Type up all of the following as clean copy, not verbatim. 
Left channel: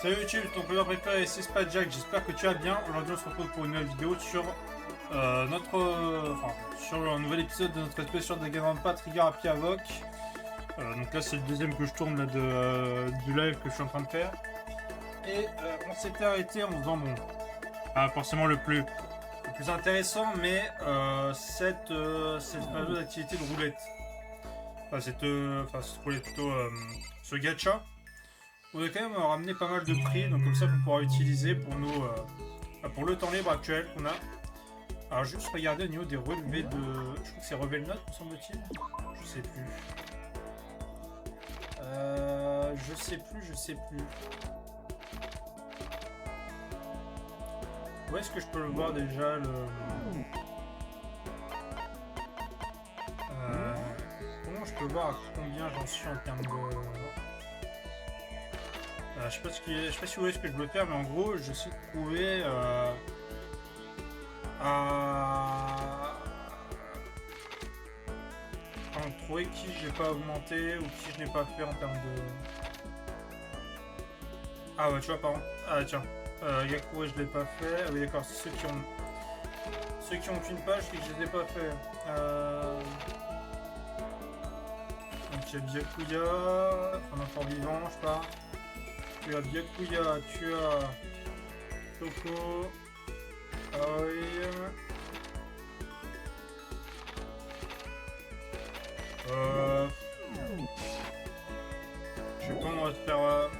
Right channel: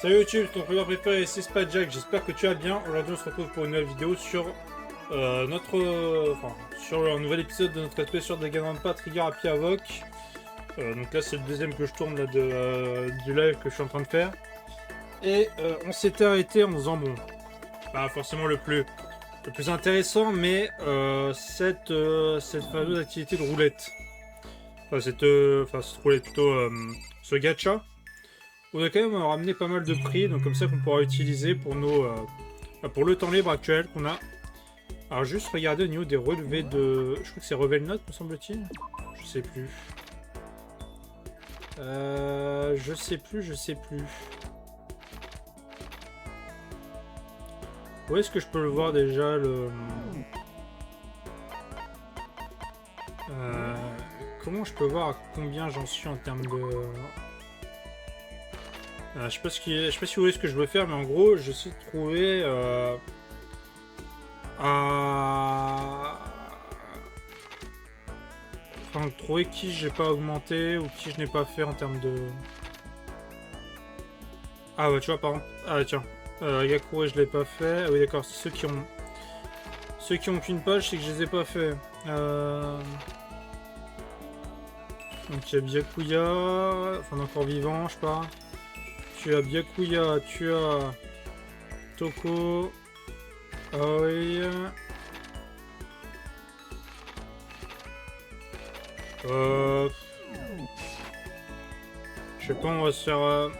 Salut YouTube, ton programme préféré, c'est Spadjack, j'espère que tu vas bien. Aujourd'hui on se retrouve pour une nouvelle vidéo sur sur un nouvel épisode de notre spécial de Danganronpa Trigger Happy Havoc. Donc là c'est le deuxième que je tourne là, du live que je suis en train de faire. Et on s'était arrêté en faisant bon, pas forcément le plus intéressant, mais cette fameuse activité de roulette. Cette roulette plutôt, ce gacha. On a quand même ramené pas mal de prix, donc comme ça qu'on pourra utiliser pour nos pour le temps libre actuel qu'on a. Alors juste regarder au niveau des relevés de... Je crois que c'est relevé de notes, me semble-t-il. Je sais plus. Je sais plus. Où est-ce que je peux le voir déjà le... Comment je peux voir à combien j'en suis en termes de... je sais pas si vous voyez ce que je veux faire, mais en gros, j'essaie de trouver trouver qui j'ai pas augmenté ou qui je n'ai pas fait en termes de... Ah ouais, tu vois, par exemple... Ah tiens, Yakure, je l'ai pas fait. Ah oui, d'accord, ceux qui ont qu'une page, c'est que je les ai pas fait. Donc il y a Byakuya, enfin encore vivant, je sais pas. Tu as Byakuya, tu as Toko, Aoi, je sais pas, on va se faire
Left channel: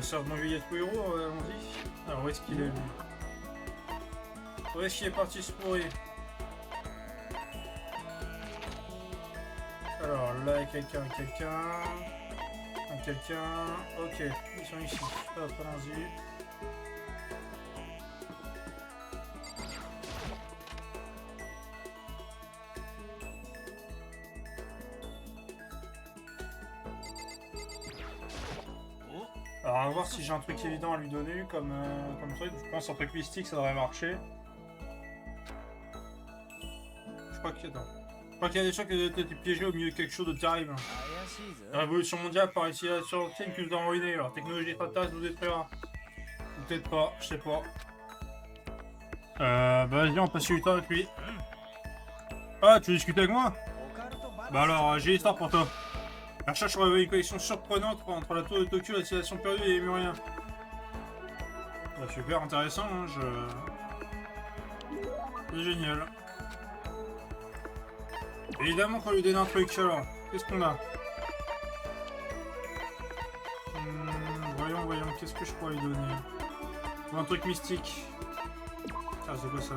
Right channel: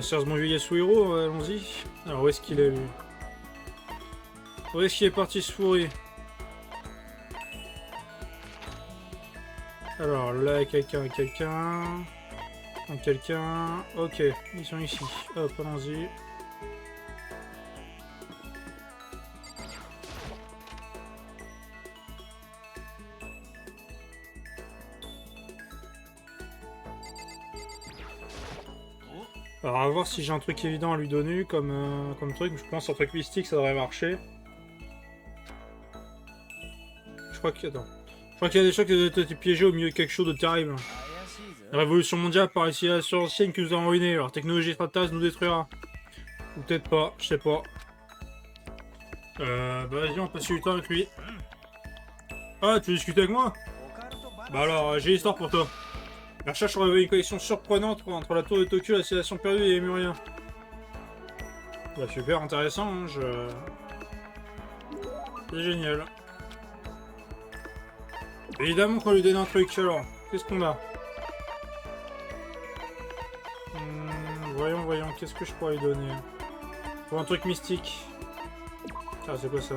ce bon vieux Yasuhiro, allons-y. Alors où est-ce qu'il est lui? Où est-ce qu'il est parti se fourrer? Alors là, quelqu'un, ok, ils sont ici, hop, allons-y. Alors à voir si j'ai un truc évident à lui donner comme truc. Je pense un truc mystique ça devrait marcher. Je crois qu'il y a des choses qui doivent être piégées au milieu de quelque chose de terrible. La révolution mondiale par ici la science ancienne qui nous a ruinés. Leur technologie extraterrestre nous détruira. Ou peut-être pas, je sais pas. Bah vas-y, on passe du temps avec lui. Ah, tu veux discuter avec moi? Bah alors, j'ai l'histoire pour toi. La recherche aurait une connexion surprenante entre la tour de Tokyo et la civilisation perdue et les Lémuriens. Bah super intéressant, hein, c'est génial. Évidemment qu'on lui donne un truc, alors, qu'est-ce qu'on a? Voyons, qu'est-ce que je pourrais lui donner? Pour un truc mystique. Ah, c'est quoi ça?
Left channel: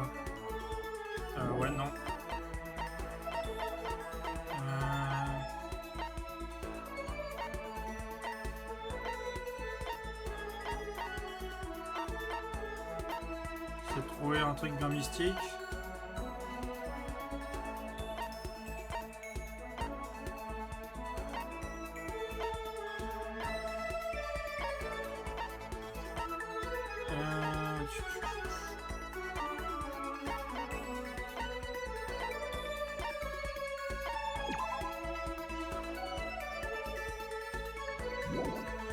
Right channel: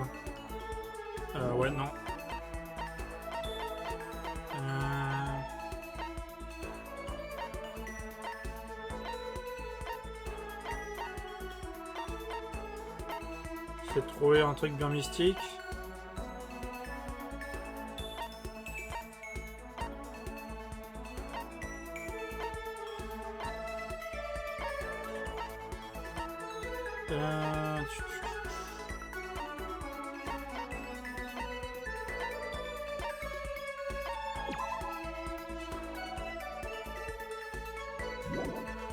Ouais, non. J'ai trouvé un truc bien mystique.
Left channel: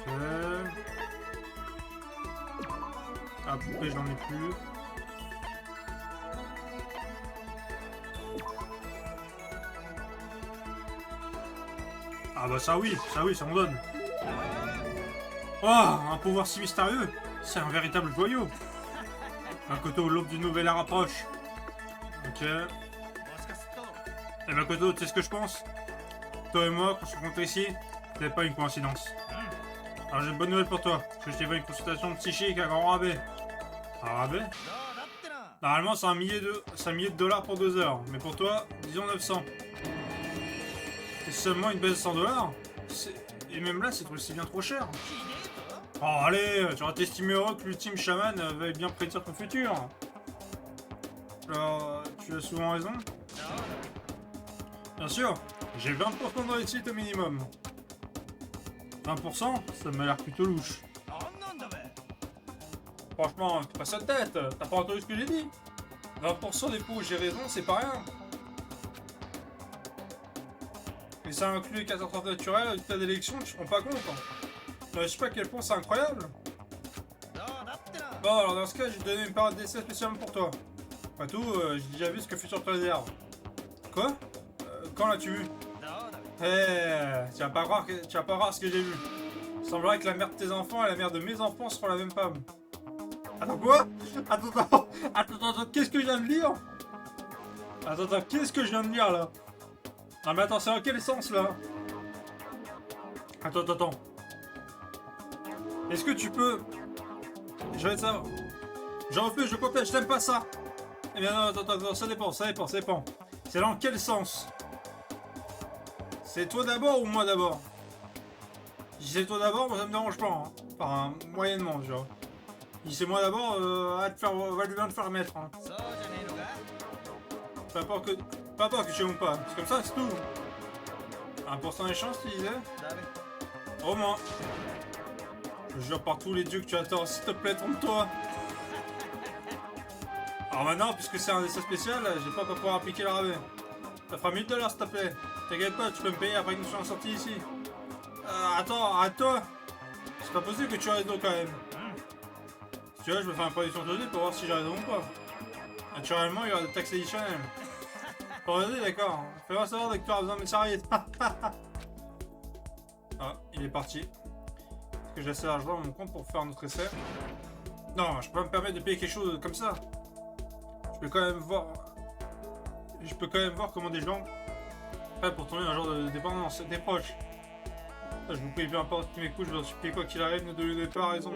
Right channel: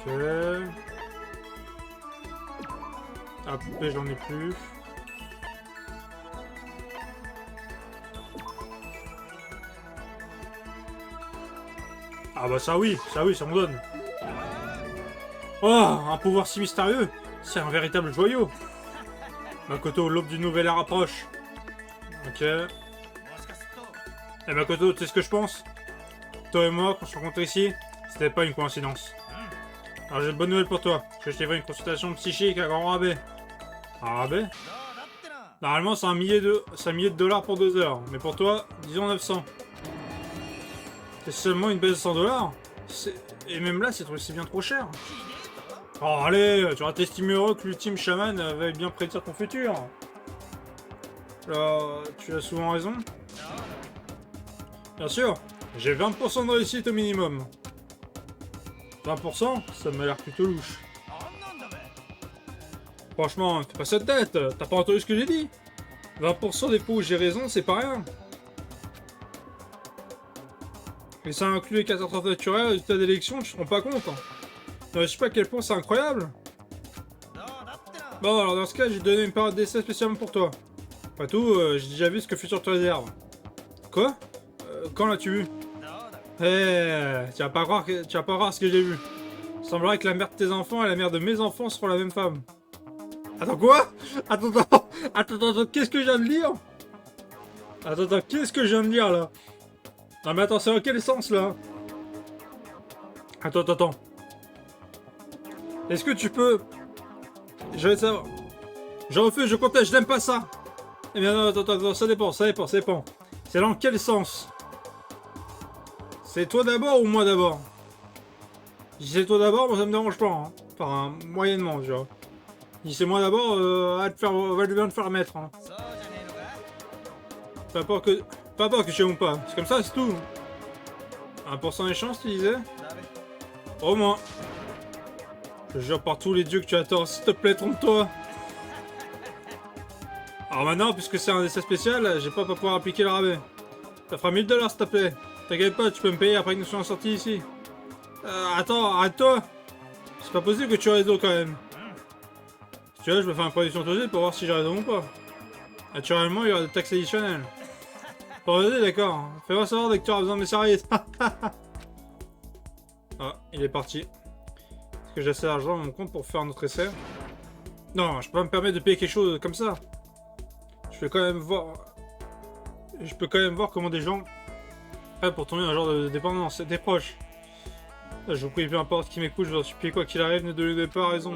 Ok. Ah, poupée, j'en ai plus. Ah bah ça oui, ça me donne. Oh, un pouvoir si mystérieux. C'est un véritable joyau. Makoto, l'aube d'une nouvelle ère approche. Ok. Eh Makoto, tu sais ce que je pense? Toi et moi, quand on se rencontre ici, c'était pas une coïncidence. Alors j'ai une bonne nouvelle pour toi. Je t'ai fait une consultation psychique à grand rabais. Un rabais? Normalement c'est un millier de dollars pour 2 heures. Mais pour toi, disons 900. C'est seulement une baisse de 100 dollars? Et même là, c'est bien trop cher. Oh allez, tu vas t'estimer heureux que l'ultime chaman veuille bien prédire ton futur. Alors, tu as souvent raison. Bien sûr, j'ai 20% de réussite au minimum. 20%, ça m'a l'air plutôt louche. Franchement, fais pas ça de tête, t'as pas entendu ce que j'ai dit? 20% des fois où j'ai raison, c'est pas rien. Et ça inclut les catastrophes naturelles, résultats d'élection, tu te rends pas compte. Hein. Je sais pas à quel point c'est incroyable. Bon, alors dans ce cas, j'ai donné une période d'essai spécialement pour toi. Après tout, j'ai déjà vu ce que fut sur ton réserve. Quoi? Quand l'as-tu vu? Tu vas pas croire ce que j'ai vu. Il semblerait que la mère de tes enfants et la mère de mes enfants seront la même femme. Attends, quoi? Attends, qu'est-ce que je viens de lire? Attends, qu'est-ce que je viens de lire là? Non mais attends, c'est dans quel sens là? Attends. Est-ce que tu peux... Je vais savoir. Je refuse, je conteste, je n'aime pas ça. Eh bien non, attends, ça dépend. C'est dans quel sens? C'est toi d'abord ou moi d'abord? Si c'est toi d'abord, moi ça me dérange pas. Hein. Enfin, moyennement, tu vois. Si c'est moi d'abord, va bien te faire mettre. Hein. Pas peur que je sais ou pas. C'est comme ça, c'est tout. 1% des chances, tu disais? Au moins. Je jure par tous les dieux que tu as tort. S'il te plaît, trompe-toi. Alors maintenant, puisque c'est un essai spécial, j'ai pas pouvoir appliquer le rabais. Ça fera 1000 $, s'il te plaît. T'inquiète pas, tu peux me payer après que nous soyons sortis ici. Attends, arrête-toi. C'est pas possible que tu aies raison quand même. Si tu veux, je me fais une production tosée pour voir si j'ai raison ou pas. Naturellement, il y aura des taxes additionnelles. Pour aider, d'accord. Fais-moi savoir dès que tu auras besoin de mes services. Ah, il est parti. Est-ce que j'ai assez d'argent dans mon compte pour faire notre essai? Non, je peux pas me permettre de payer quelque chose comme ça. Je peux quand même voir comment des gens pour tomber dans un genre de dépendance. C'est des proches. Je vous prie, peu importe qui m'écoute, je vous en supplie, quoi qu'il arrive, ne donnez pas raison.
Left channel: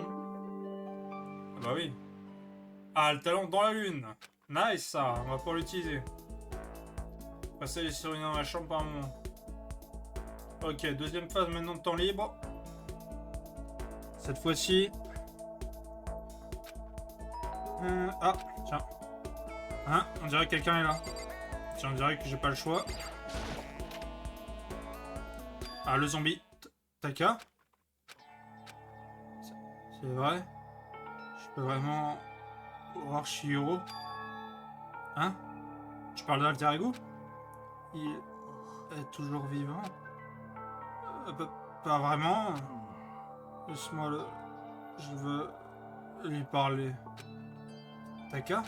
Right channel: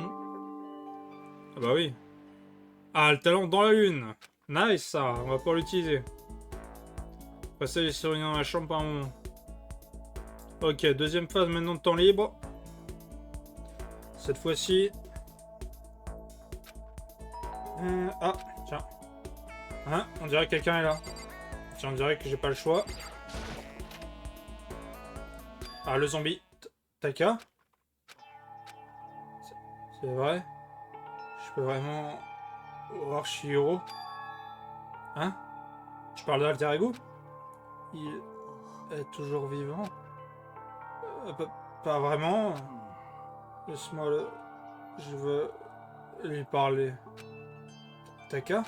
Ah bah oui. Ah, le talent dans la lune. Nice, ça, on va pouvoir l'utiliser. Passer les surveillants dans la chambre par un moment. Ok, deuxième phase maintenant de temps libre. Cette fois-ci... ah, tiens. Hein, on dirait que quelqu'un est là. Tiens, on dirait que j'ai pas le choix. Ah, le zombie. Taka? C'est vrai? Je peux vraiment voir Shihiro? Hein? Tu parles d'Alter Ego? Il est toujours vivant? Pas vraiment. Laisse-moi le... Je veux lui parler. Taka?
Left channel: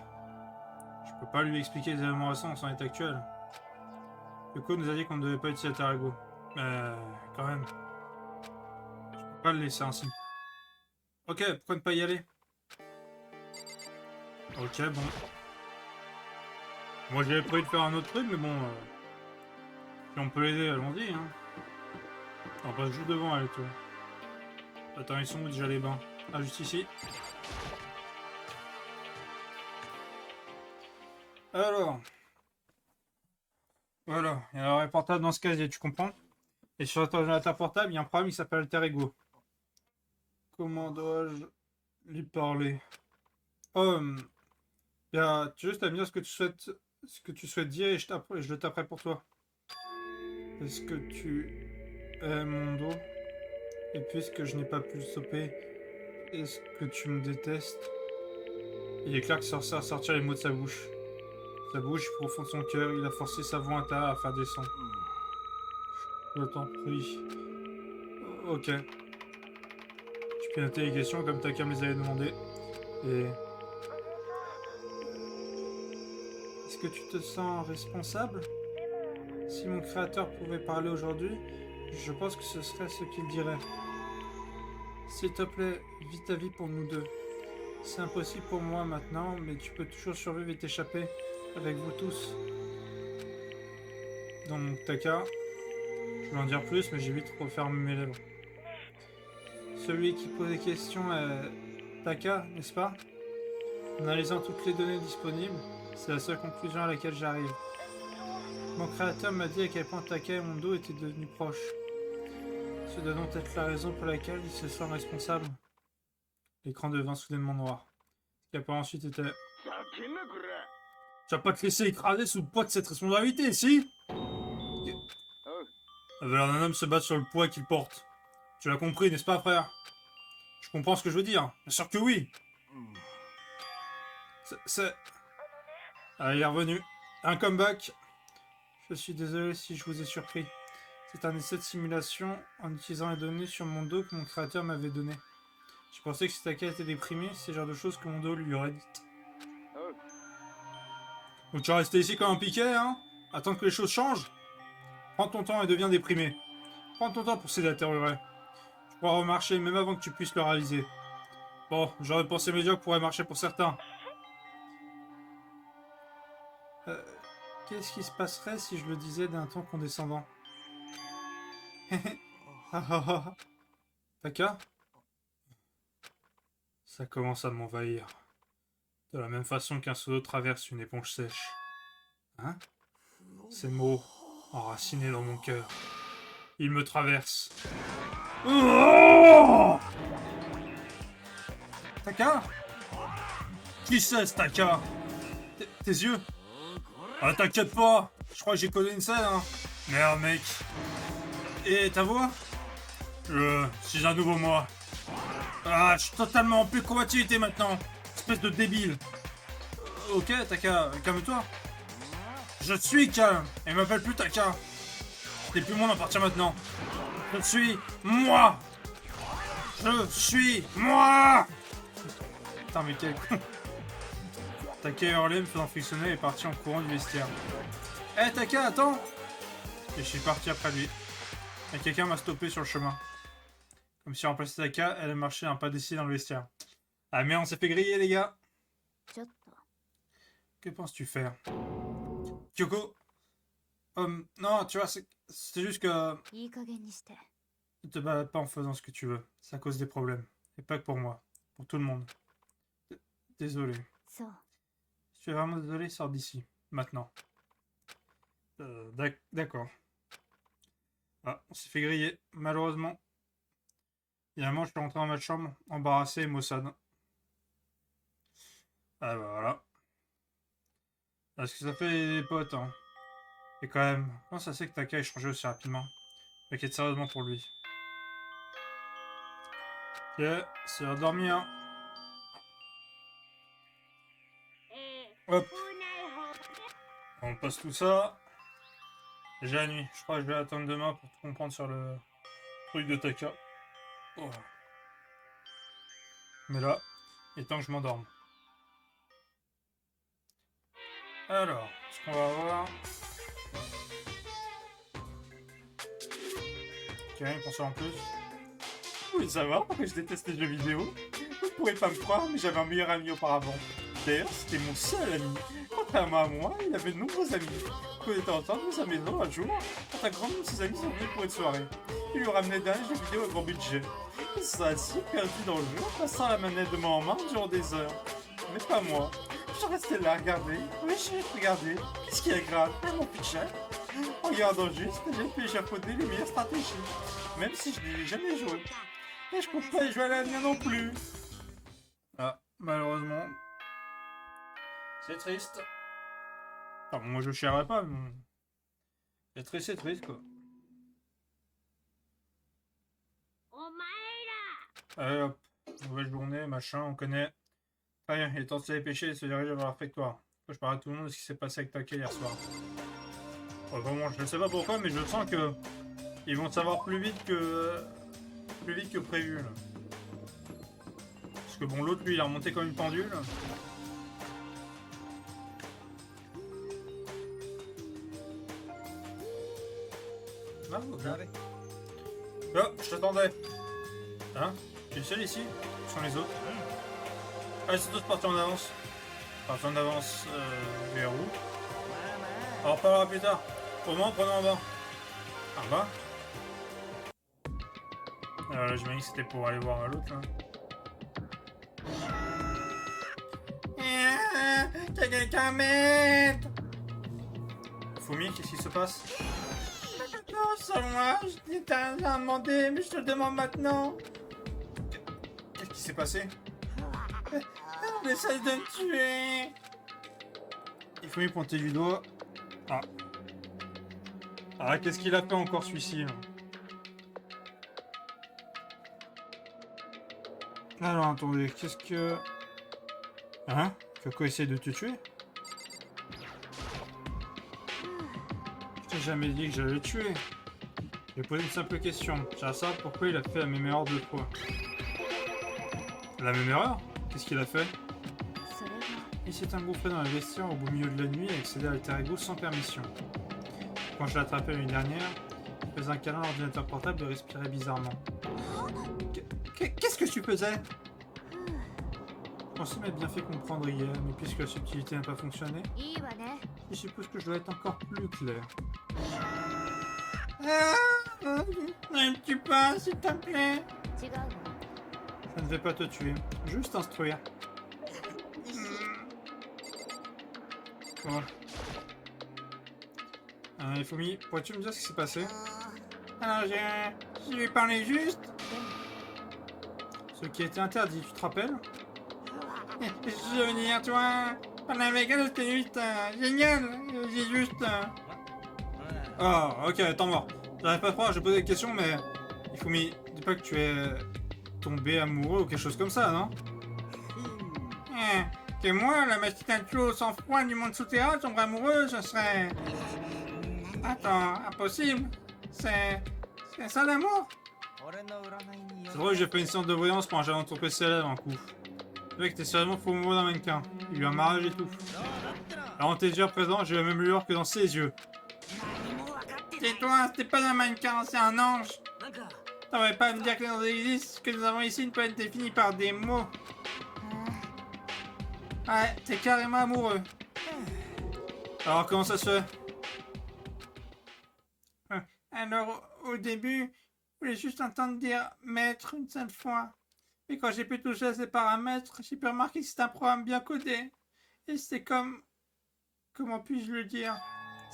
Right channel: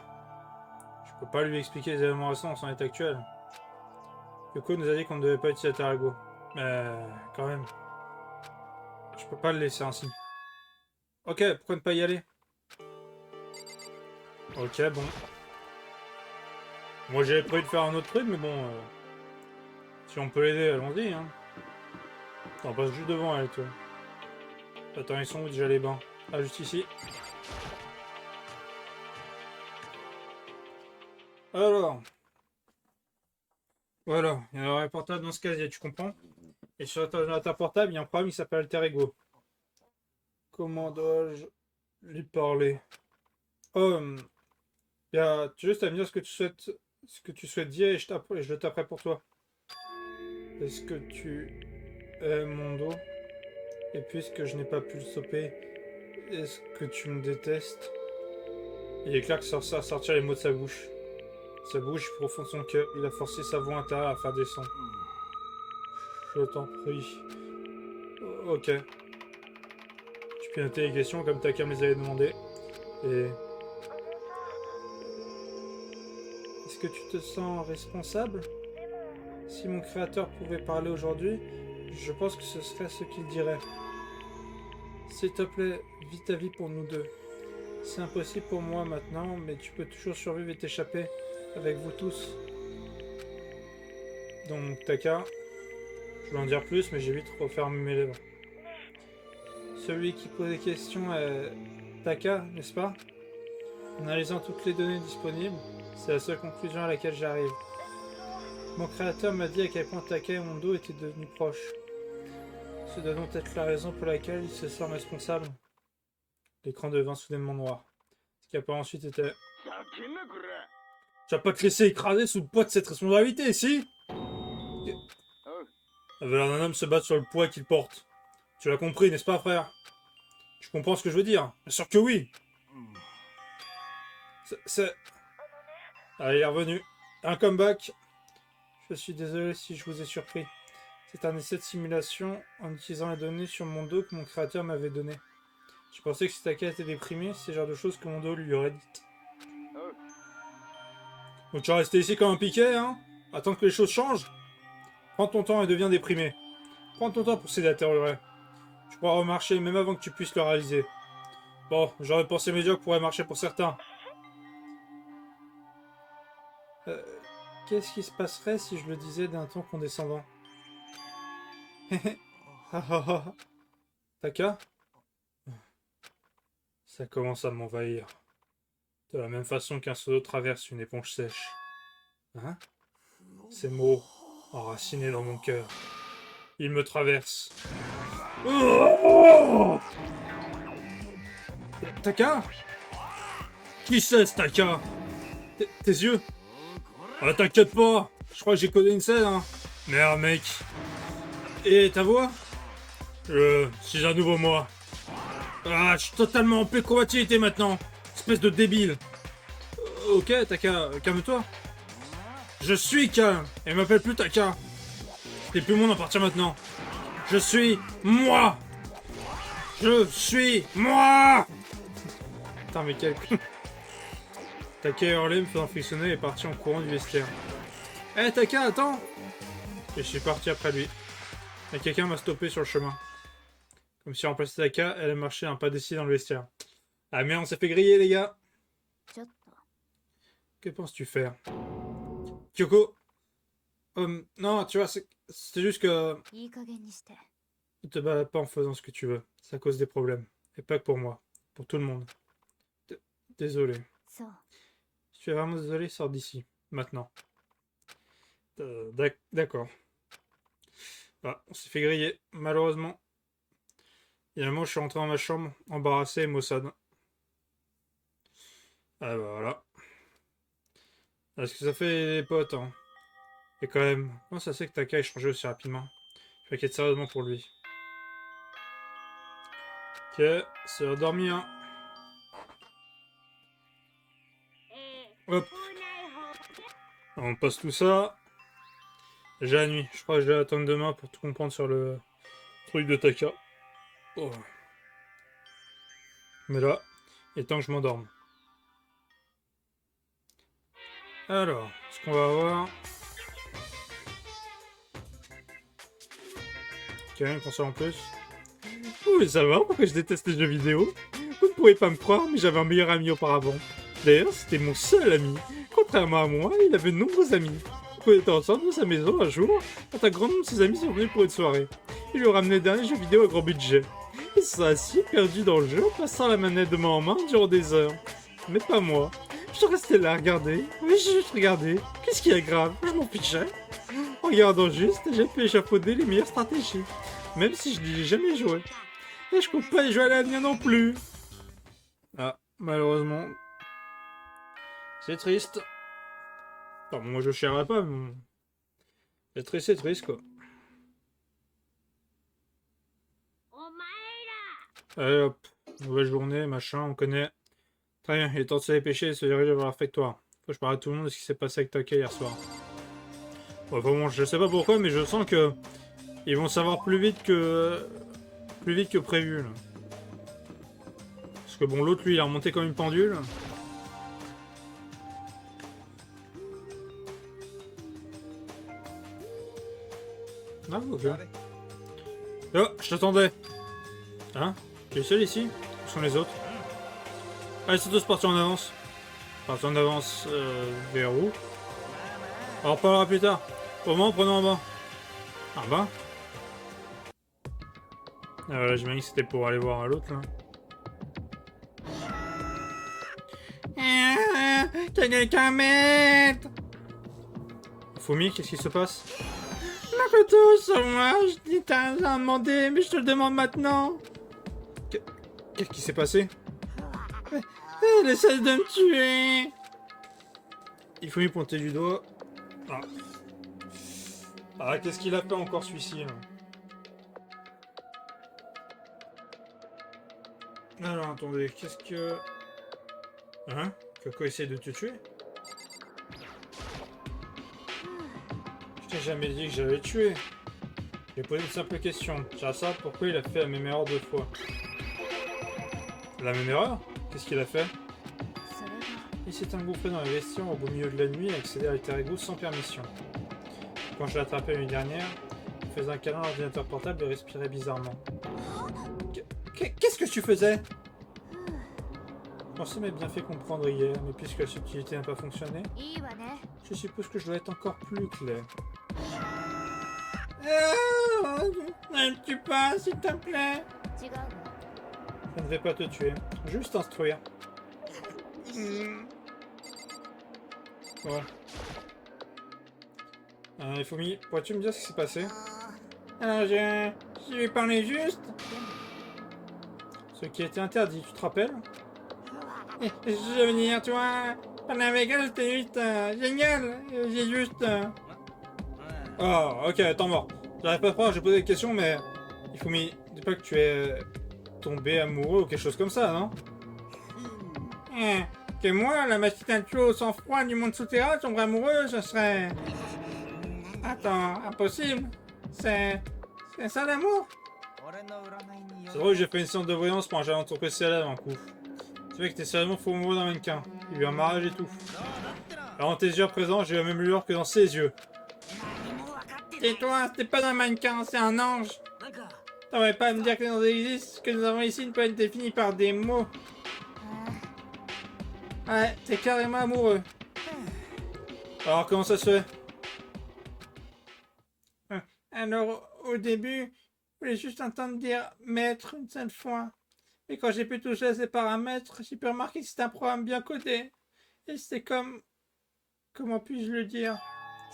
Je peux pas lui expliquer les éléments récents dans son état actuel. Yoko nous a dit qu'on ne devait pas utiliser Alter Ego. Mais quand même. Je peux pas le laisser ainsi. Ok, pourquoi ne pas y aller? Ok, bon. Moi j'avais prévu de faire un autre truc, mais bon... si on peut l'aider, allons-y, hein. On passe juste devant elle, toi. Attends, ils sont où déjà les bains? Ah, juste ici. Alors... Voilà, il y a un portable dans ce casier, tu comprends? Et sur ton ordinateur portable, il y a un programme qui s'appelle Alter Ego. Comment dois-je lui parler? Oh, tu as juste à me dire ce que tu souhaites dire et je le taperai pour toi. Est-ce que tu aimes mon dos? Et puisque je n'ai pas pu le stopper, est-ce que tu me détestes? Il est clair que ça à sortir les mots de sa bouche. Sa bouche profonde de son cœur, il a forcé sa voix intérieure à faire descendre. Je t'en prie. Ok. Tu peux noter les questions comme Taka me les avait demandé. Et... Est-ce que tu te sens responsable? Si mon créateur pouvait parler aujourd'hui, je pense que ce serait ce qu'il dirait. S'il te plaît, vis ta vie pour nous deux. C'est impossible pour moi maintenant, mais tu peux toujours survivre et t'échapper avec vous tous. Donc Taka, je vais en dire plus, mais j'ai vite refermé mes lèvres. Celui qui pose des questions est Taka, n'est-ce pas? En analysant toutes les données disponibles, c'est la seule conclusion à laquelle j'arrive. Mon créateur m'a dit à quel point Taka et Mondo étaient devenus proches. Ce doit donc être la raison pour laquelle il se sent responsable. L'écran devint soudainement noir. Ce qui a par ensuite été... Tu vas pas te laisser écraser sous le poids de cette responsabilité, si? Avait l'air d'un homme se battre sur le poids qu'il porte. Tu l'as compris, n'est-ce pas, frère? Tu comprends ce que je veux dire? Bien sûr que oui! C'est... Ah, il est revenu. Un comeback. Je suis désolé si je vous ai surpris. C'est un essai de simulation en utilisant les données sur mon dos que mon créateur m'avait donné. Je pensais que si Taka était déprimé, c'est le genre de choses que mon dos lui aurait dites. Donc tu vas rester ici comme un piquet, hein? Attendre que les choses changent? Prends ton temps et deviens déprimé. Prends ton temps pour s'aider à détériorer. Tu pourras remarcher même avant que tu puisses le réaliser. Bon, j'aurais pensé médiocre pourrait marcher pour certains. Qu'est-ce qui se passerait si je le disais d'un ton condescendant? Taka? Ça commence à m'envahir. De la même façon qu'un seau d'eau traverse une éponge sèche. Hein? Ces mots, enracinés dans mon cœur. Ils me traversent. Oh! Taka? Qui c'est ce Taka? Tes yeux? Ah, t'inquiète pas! Je crois que j'ai codé une scène, hein. Merde, mec. Et ta voix? Je suis un nouveau moi. Ah, je suis totalement en pleine combativité maintenant. Espèce de débile. Ok, Taka, calme-toi. Je suis calme. Et m'appelle plus Taka. T'es plus mon à partir maintenant. Je suis moi. Je suis moi. Putain, mais quel con. Taka a hurlé, me faisant frictionner et est parti en courant du vestiaire. Eh, Taka, attends. Et je suis parti après lui. Et quelqu'un m'a stoppé sur le chemin. Comme si remplaçait Taka, elle a marché un pas décidé dans le vestiaire. Ah merde, on s'est fait griller, les gars. Que penses-tu faire? Kyoko? Non, tu vois, c'est juste que... Ne te balade pas en faisant ce que tu veux. Ça cause des problèmes. Et pas que pour moi. Pour tout le monde. Désolé. Si tu es vraiment désolé, sors d'ici. Maintenant. D'accord. Ah, on s'est fait griller, malheureusement. Finalement, je suis rentré dans ma chambre, embarrassé et maussade. Ah bah voilà. Est-ce que ça fait des potes, hein? Et quand même, comment ça c'est que Taka ait changé aussi rapidement? Je m'inquiète sérieusement pour lui. Ok, c'est l'heure de dormir. Hop. On passe tout ça. J'ai la nuit. Je crois que je vais attendre demain pour tout comprendre sur le truc de Taka. Oh. Mais là, il est temps que je m'endorme. Alors, ce qu'on va voir... Ok, rien qu'on sait en plus. Vous voulez savoir pourquoi je déteste les jeux vidéo? Vous ne pourrez pas me croire, mais j'avais un meilleur ami auparavant. D'ailleurs, c'était mon seul ami. Contrairement à moi, il avait de nombreux amis. On était ensemble dans sa maison un jour, quand un grand nombre de ses amis sont venus pour une soirée. Il lui ramenait d'un jeu vidéo à grand budget. Ils se sont assis, perdus dans le jeu, en passant la manette de main en main durant des heures. Mais pas moi. Je restais là à regarder. Oui, j'ai juste regardé. Qu'est-ce qui est grave? Je m'en fichais. En regardant juste, j'ai pu échafauder les meilleures stratégies. Même si je n'y ai jamais joué. Et je compte pas y jouer à l'avenir non plus. Ah, malheureusement. C'est triste. Enfin, moi je chierai pas, mais... c'est triste quoi. Allez hop, nouvelle journée, machin, on connaît. Très bien, il est temps de se dépêcher et de se diriger vers le réfectoire. Faut que je parle à tout le monde de ce qui s'est passé avec Taka hier soir. Ouais, vraiment, je sais pas pourquoi, mais je sens que... ils vont savoir plus vite que prévu, là. Parce que bon, l'autre, lui, il a remonté comme une pendule. Ah, ok. Oh, je t'attendais. Hein? Tu es seul ici? Où sont les autres? Allez, c'est tous partis en avance. Partis en avance, vers où? On en reparlera plus tard. Au moment, prenons en bas. En bas? Ah, là, j'imagine que c'était pour aller voir l'autre, là. Quelqu'un m'aide! Fumi, qu'est-ce qui se passe? Ma photo sur moi, je t'ai demandé, mais je te le demande maintenant. Qu'est-ce qui s'est passé? Elle essaie de me tuer. Il faut lui pointer du doigt. Ah, qu'est-ce qu'il a fait encore celui-ci? Alors, attendez, qu'est-ce que... Hein? Kyoko essaie de te tuer? Je t'ai jamais dit que j'allais le tuer. Je vais poser une simple question. J'aimerais savoir pourquoi il a fait la même erreur 2 fois. La même erreur? Qu'est-ce qu'il a fait? Il s'est engouffré dans les vestiaires au beau milieu de la nuit et accédé à Alter Ego sans permission. Quand je l'ai attrapé l'année dernière, il faisait un câlin à l'ordinateur portable et respirait bizarrement. Qu'est-ce que tu faisais? Je pensais m'être bien fait comprendre hier, mais puisque la subtilité n'a pas fonctionné, je suppose que je dois être encore plus clair. Tu pas, s'il te plaît. Je ne vais pas te tuer, juste instruire. Bon. Fumi, pourrais-tu me dire ce qui s'est passé? Alors, je lui parlais juste. Ce qui était interdit, tu te rappelles? Je veux dire, toi, parler avec elle, c'était juste génial. J'ai juste. Oh, ok, attends, mort. J'arrive pas à croire, j'ai posé des questions, mais. Fumi, dis pas que tu es tombé amoureux ou quelque chose comme ça, non? Que moi, la machine à tuer au sang-froid du monde souterrain, tomber amoureux, ce serait... Attends, impossible. C'est ça l'amour? C'est vrai que j'ai fait une séance de voyance pour un jalon de ton PCL en coup. C'est vrai que t'es sérieusement fou amoureux d'un mannequin. Il y a eu un mariage et tout. Alors dans tes yeux à présent, j'ai la même lueur que dans ses yeux. Tais-toi, c'est pas un mannequin, c'est un ange. T'aurais pas à me dire que nous existe, que nous avons ici une planète définie par des mots. Ouais, t'es carrément amoureux. Alors comment ça se fait? Alors au début, je voulais juste entendre dire maître une seule fois. Mais quand j'ai pu toucher à ces paramètres, j'ai pu remarquer que c'était un programme bien codé. Et c'était comme... Comment puis-je le dire?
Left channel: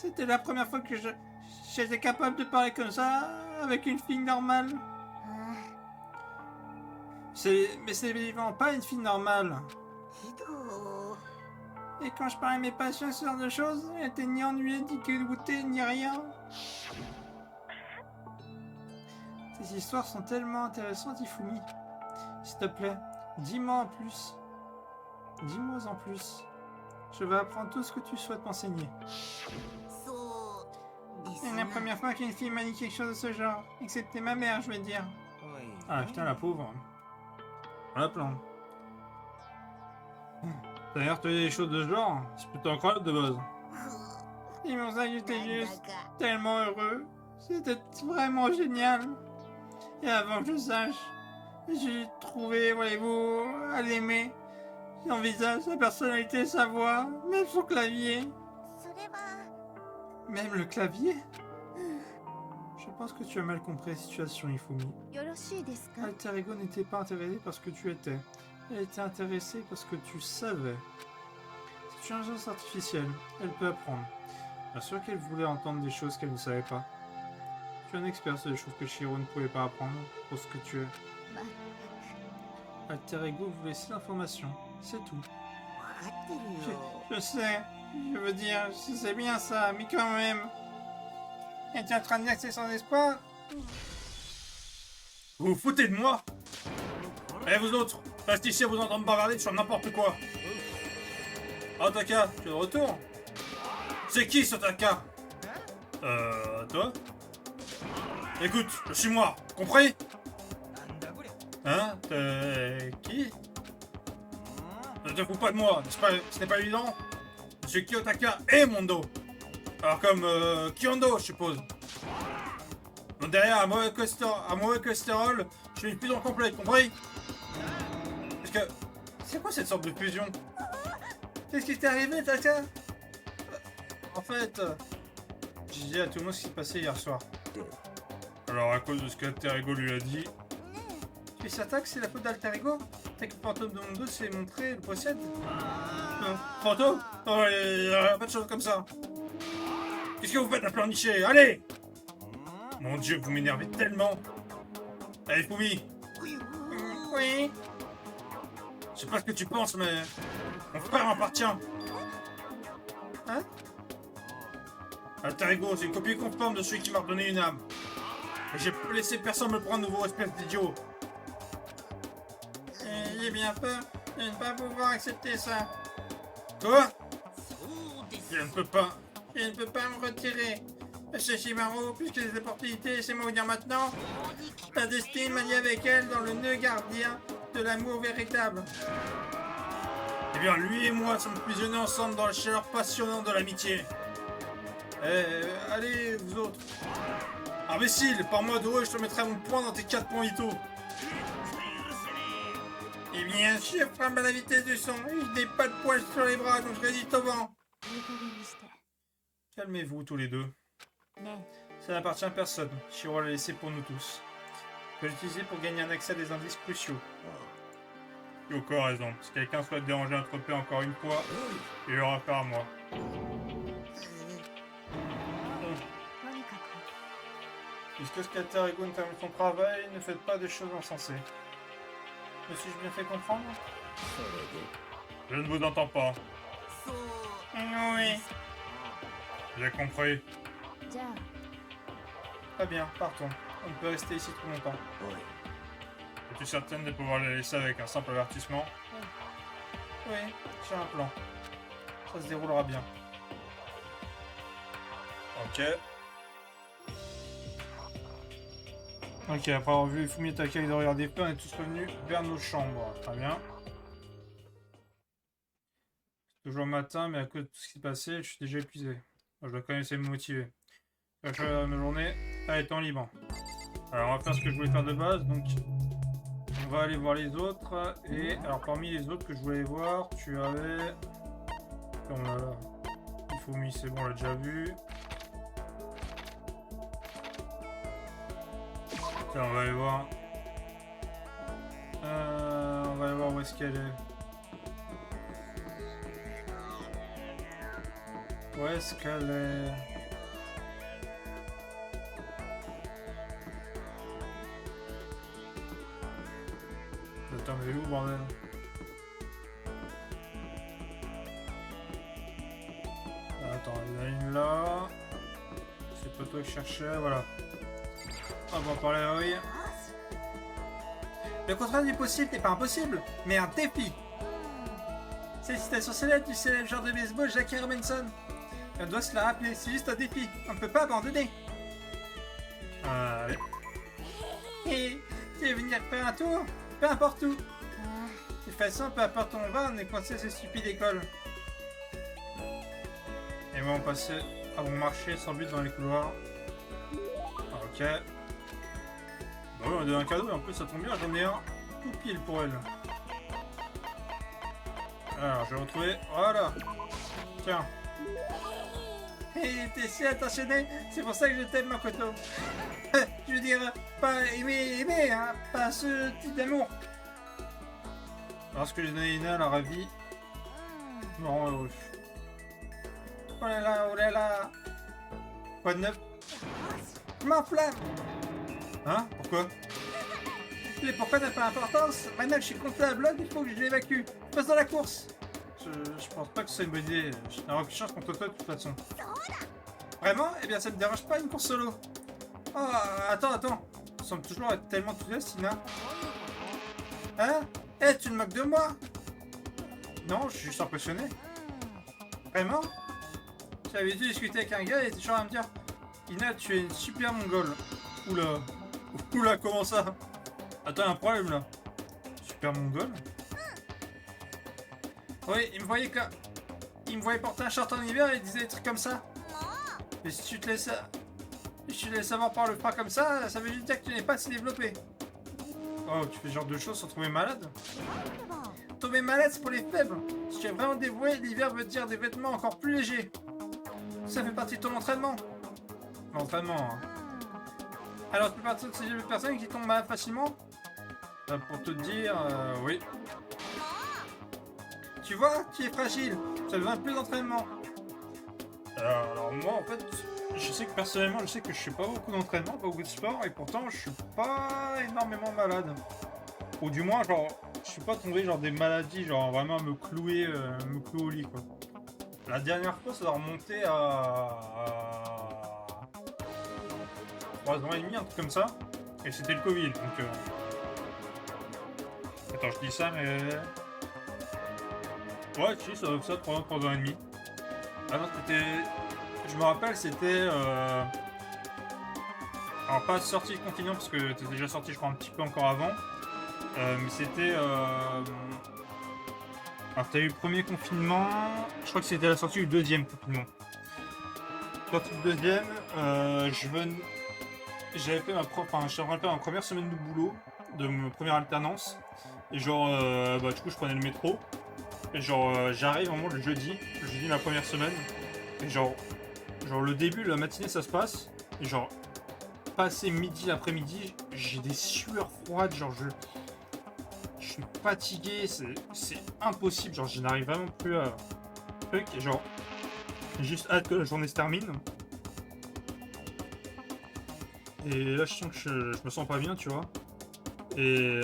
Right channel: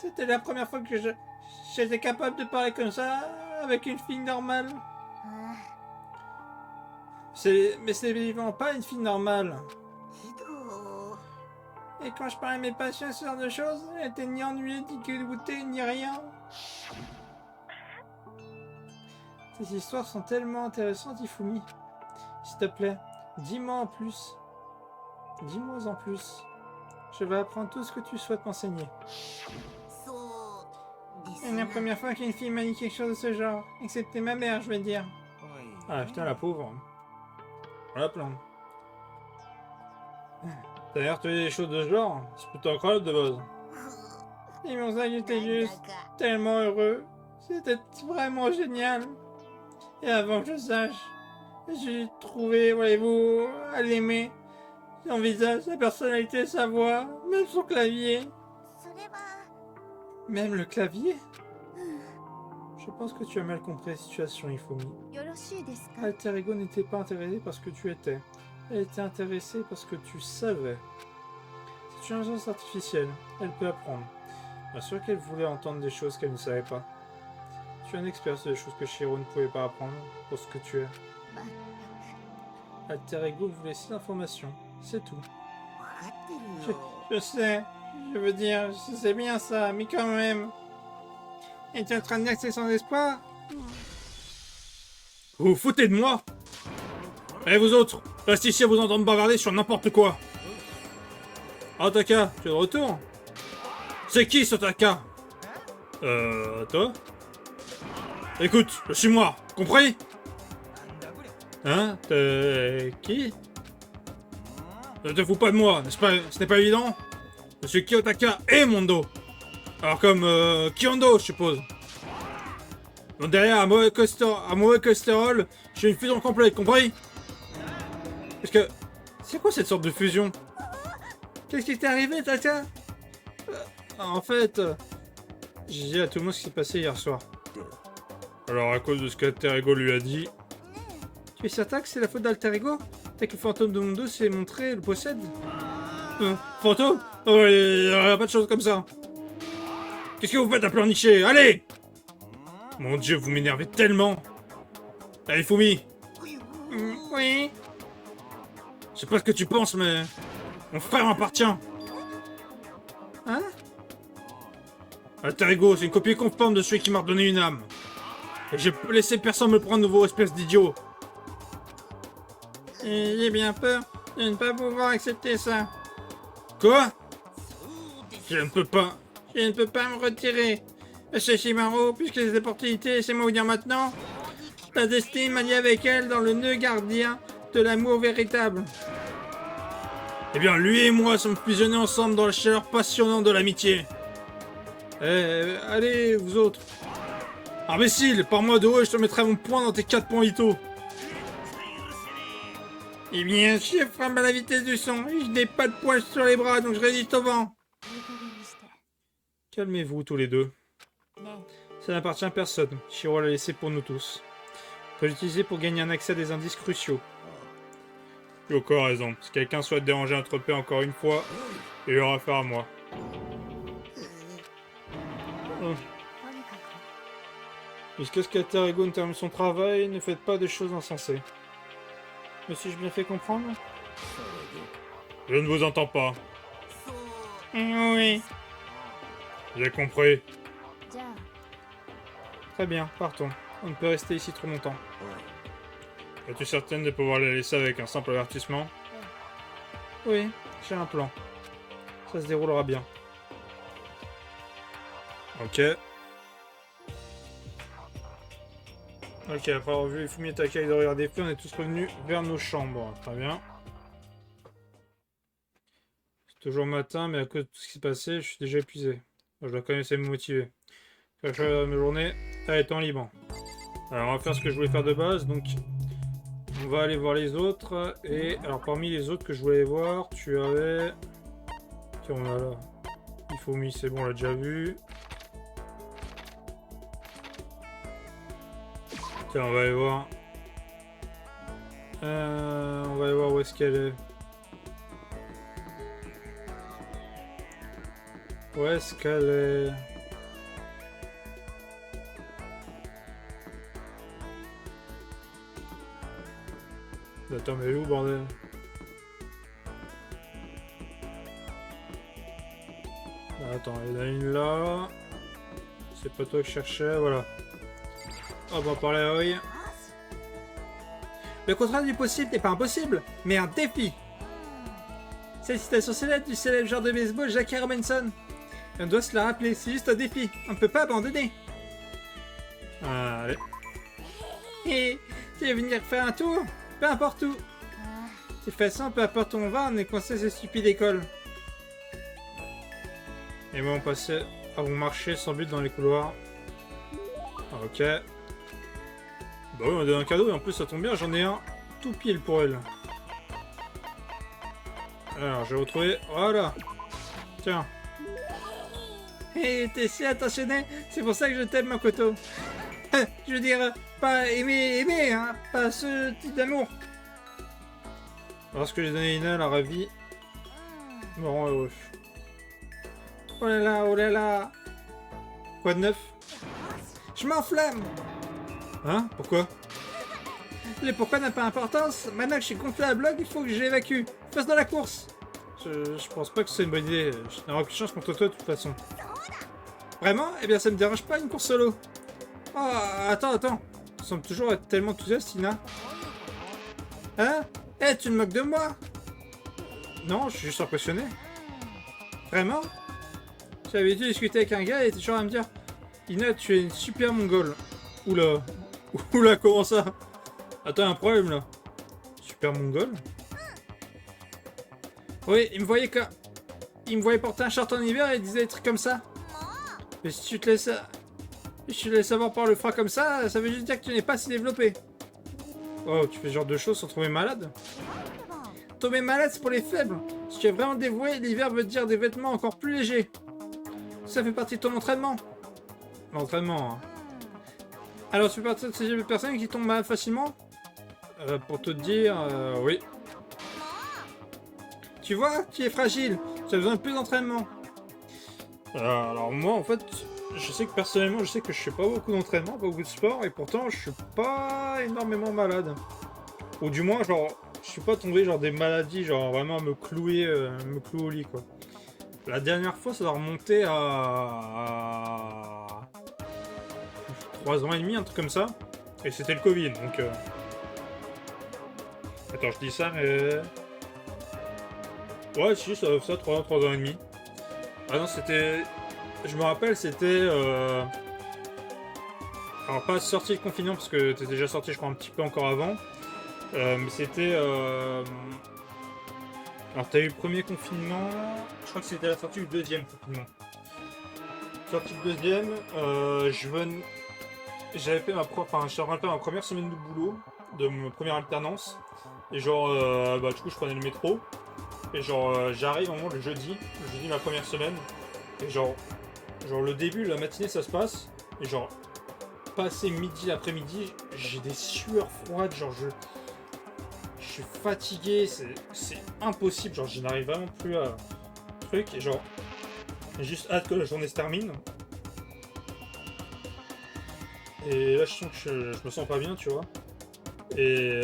C'était la première fois que j'étais capable de parler comme ça avec une fille normale. Mais c'est évidemment pas une fille normale. Et quand je parlais à mes patients ce genre de choses, elle était ni ennuyée, ni dégoûtée, ni rien. Ces histoires sont tellement intéressantes, Ifumi. S'il te plaît, dis-moi en plus. Dis-moi en plus. Je vais apprendre tout ce que tu souhaites m'enseigner. C'est la première fois qu'une fille m'a dit quelque chose de ce genre. Excepté ma mère, je veux dire. Ah putain, la pauvre. Voilà plein. D'ailleurs, tu as des choses de ce genre, c'est plutôt incroyable de base. Et mon ça, j'étais juste tellement heureux. C'était vraiment génial. Et avant que je sache, j'ai trouvé, voyez-vous, à l'aimer. Son visage, sa personnalité, sa voix, même son clavier. Même le clavier? Je pense que tu as mal compris la situation, Ifumi. Alter Ego n'était pas intéressé parce que tu étais. Elle était intéressée parce que tu savais. C'est une intelligence artificielle. Elle peut apprendre. Bien sûr qu'elle voulait entendre des choses qu'elle ne savait pas. Tu es un expert sur des choses que Shiro ne pouvait pas apprendre pour ce que tu es. Alter Ego voulait ces informations. C'est tout. Je sais. Je veux dire, je sais bien ça, mais quand même. Es-tu en train de dire que c'est sans espoir? Vous vous foutez de moi? Et vous autres, restez ici à vous entendre bavarder sur n'importe quoi. Ah, Taka, tu es de retour? C'est qui ce Taka? Toi? Écoute, je suis moi, compris? Hein? Qui? Ne te fous pas de moi, n'est-ce pas? Ce n'est pas évident? Je suis Kiyotaka et Mondo. Alors comme Kyondo, je suppose. Donc derrière, à mauvais cholestérol, je suis une fusion complète, compris? Parce que... C'est quoi cette sorte de fusion? Qu'est-ce qui t'est arrivé, Taka? En fait... J'ai dit à tout le monde ce qui s'est passé hier soir. Alors à cause de ce qu'Alter Ego lui a dit... Tu es certain que c'est la faute d'Alter Ego? Dès que le fantôme de Mondo s'est montré et le possède? Fantôme? Oh, il n'y a pas de choses comme ça. Qu'est-ce que vous faites à pleurnicher? Allez! Mon dieu, vous m'énervez tellement. Allez, Fumi. Oui. Je sais pas ce que tu penses, mais... Mon frère m'appartient. Hein? Alter Ego, c'est une copie conforme de celui qui m'a redonné une âme. Et j'ai laissé personne me prendre nouveau, espèce d'idiot. J'ai bien peur de ne pas pouvoir accepter ça. Quoi? Je ne peux pas me retirer. C'est Shimaro, puisque les opportunités, laissez-moi vous dire maintenant. La destinée m'a lié avec elle dans le nœud gardien de l'amour véritable. Eh bien, lui et moi sommes fusionnés ensemble dans la chaleur passionnante de l'amitié. Allez, vous autres. Imbécile, par moi de haut, je te mettrai mon poing dans tes 4 points Ito. Eh bien, je frappe à la vitesse du son. Je n'ai pas de poils sur les bras, donc je résiste au vent. Calmez-vous tous les deux. Ça n'appartient à personne. Shiro l'a laissé pour nous tous. On peut l'utiliser pour gagner un accès à des indices cruciaux. Yoko a raison. Si quelqu'un souhaite déranger notre paix encore une fois, il aura affaire à moi. Puisque Skatarego termine son travail, ne faites pas des choses insensées. Me suis-je bien fait comprendre? Je ne vous entends pas. Oui. J'ai compris. Très bien, partons. On ne peut rester ici trop longtemps. Es-tu certaine de pouvoir les laisser avec un simple avertissement? Oui, j'ai un plan. Ça se déroulera bien. Ok. Ok, après avoir vu Fumi Takai de regarder feu, on est tous revenus vers nos chambres. Très bien. C'est toujours matin, mais à cause de tout ce qui s'est passé, je suis déjà épuisé. Je dois quand même essayer de me motiver. Faire ma journée à étant libre. Alors, on va faire ce que je voulais faire de base, donc... On va aller voir les autres. Et alors, parmi les autres que je voulais voir, tu avais... Tiens, on a là. Ifumi, c'est bon, on l'a déjà vu. Tiens, on va aller voir. On va aller voir où est-ce qu'elle est. Où est-ce qu'elle est? Attends, mais où, bordel? Attends, il y en a une là. C'est pas toi que je cherchais, voilà. On va en parler à Oi. Le contraire du possible n'est pas impossible, mais un défi. C'est une citation célèbre du célèbre joueur de baseball Jackie Robinson. Et on doit se la rappeler, c'est juste un défi. On ne peut pas abandonner. Allez. Et tu veux venir faire un tour? Peu importe où. De toute façon, peu importe où on va, on est coincé cette stupide école. Et moi, on passait à bon marché sans but dans les couloirs. Ok. Bah oui, on a donné un cadeau et en plus ça tombe bien, j'en ai un tout pile pour elle. Alors, je vais retrouver. Voilà. Tiens. Hé, t'es si attentionné, c'est pour ça que je t'aime, Makoto. Je veux dire, pas aimer, hein, pas ce type d'amour. Lorsque j'ai donné Ina, elle a ravi. Bon, heureux. Oh là là, oh là là. Quoi de neuf? Je m'enflamme. Hein? Pourquoi? Les pourquoi n'a pas d'importance. Maintenant que je suis gonflé à bloc, il faut que je l'évacue. Fasse dans la course. Je pense pas que c'est une bonne idée. Je n'aurai aucune chance contre toi de toute façon. Vraiment? Eh bien ça me dérange pas une course solo. Oh, attends. Tu sembles toujours être tellement enthousiaste, Ina. Hein? Eh, tu te moques de moi? Non, je suis juste impressionné. Vraiment? J'avais dû discuter avec un gars et il était toujours à me dire Ina, tu es une super mongole. Oula. Oula, comment ça? Attends, un problème là. Super mongole? Oui, il me voyait porter un short en hiver et il disait des trucs comme ça. Mais si tu te laisses avoir par le froid comme ça veut juste dire que tu n'es pas assez développé. Oh, tu fais ce genre de choses sans tomber malade? Tomber malade, c'est pour les faibles. Si tu es vraiment dévoué, l'hiver veut dire des vêtements encore plus légers. Ça fait partie de ton entraînement. L'entraînement, hein. Alors, tu fais partie de ces personnes qui tombent malades facilement? Pour te dire, oui. Tu vois, tu es fragile. Tu as besoin de plus d'entraînement. Alors moi, en fait, je sais que personnellement, je sais que je fais pas beaucoup d'entraînement, pas beaucoup de sport, et pourtant, je suis pas énormément malade. Ou du moins, genre, je suis pas tombé genre des maladies, genre vraiment me clouer au lit, quoi. La dernière fois, ça doit remonter à 3 ans et demi, un truc comme ça. Et c'était le Covid, donc... Attends, je dis ça, mais... Ouais, si, ça 3 ans et demi. Ah non, c'était... Je me rappelle, c'était... Alors pas sorti de confinement parce que t'es déjà sorti je crois un petit peu encore avant. Mais c'était... Alors t'as eu le premier confinement, je crois que c'était la sortie du deuxième confinement. Sortie du deuxième, j'avais fait j'étais en train de faire ma première semaine de boulot, de ma première alternance. Et genre, bah du coup je prenais le métro. Et genre, j'arrive vraiment le jeudi de ma première semaine. Et genre le début, la matinée ça se passe. Et genre, passé midi, après-midi, j'ai des sueurs froides, genre je suis fatigué, c'est impossible, genre je n'arrive vraiment plus à truc, et genre j'ai juste hâte que la journée se termine. Et là je sens que je me sens pas bien, tu vois. Et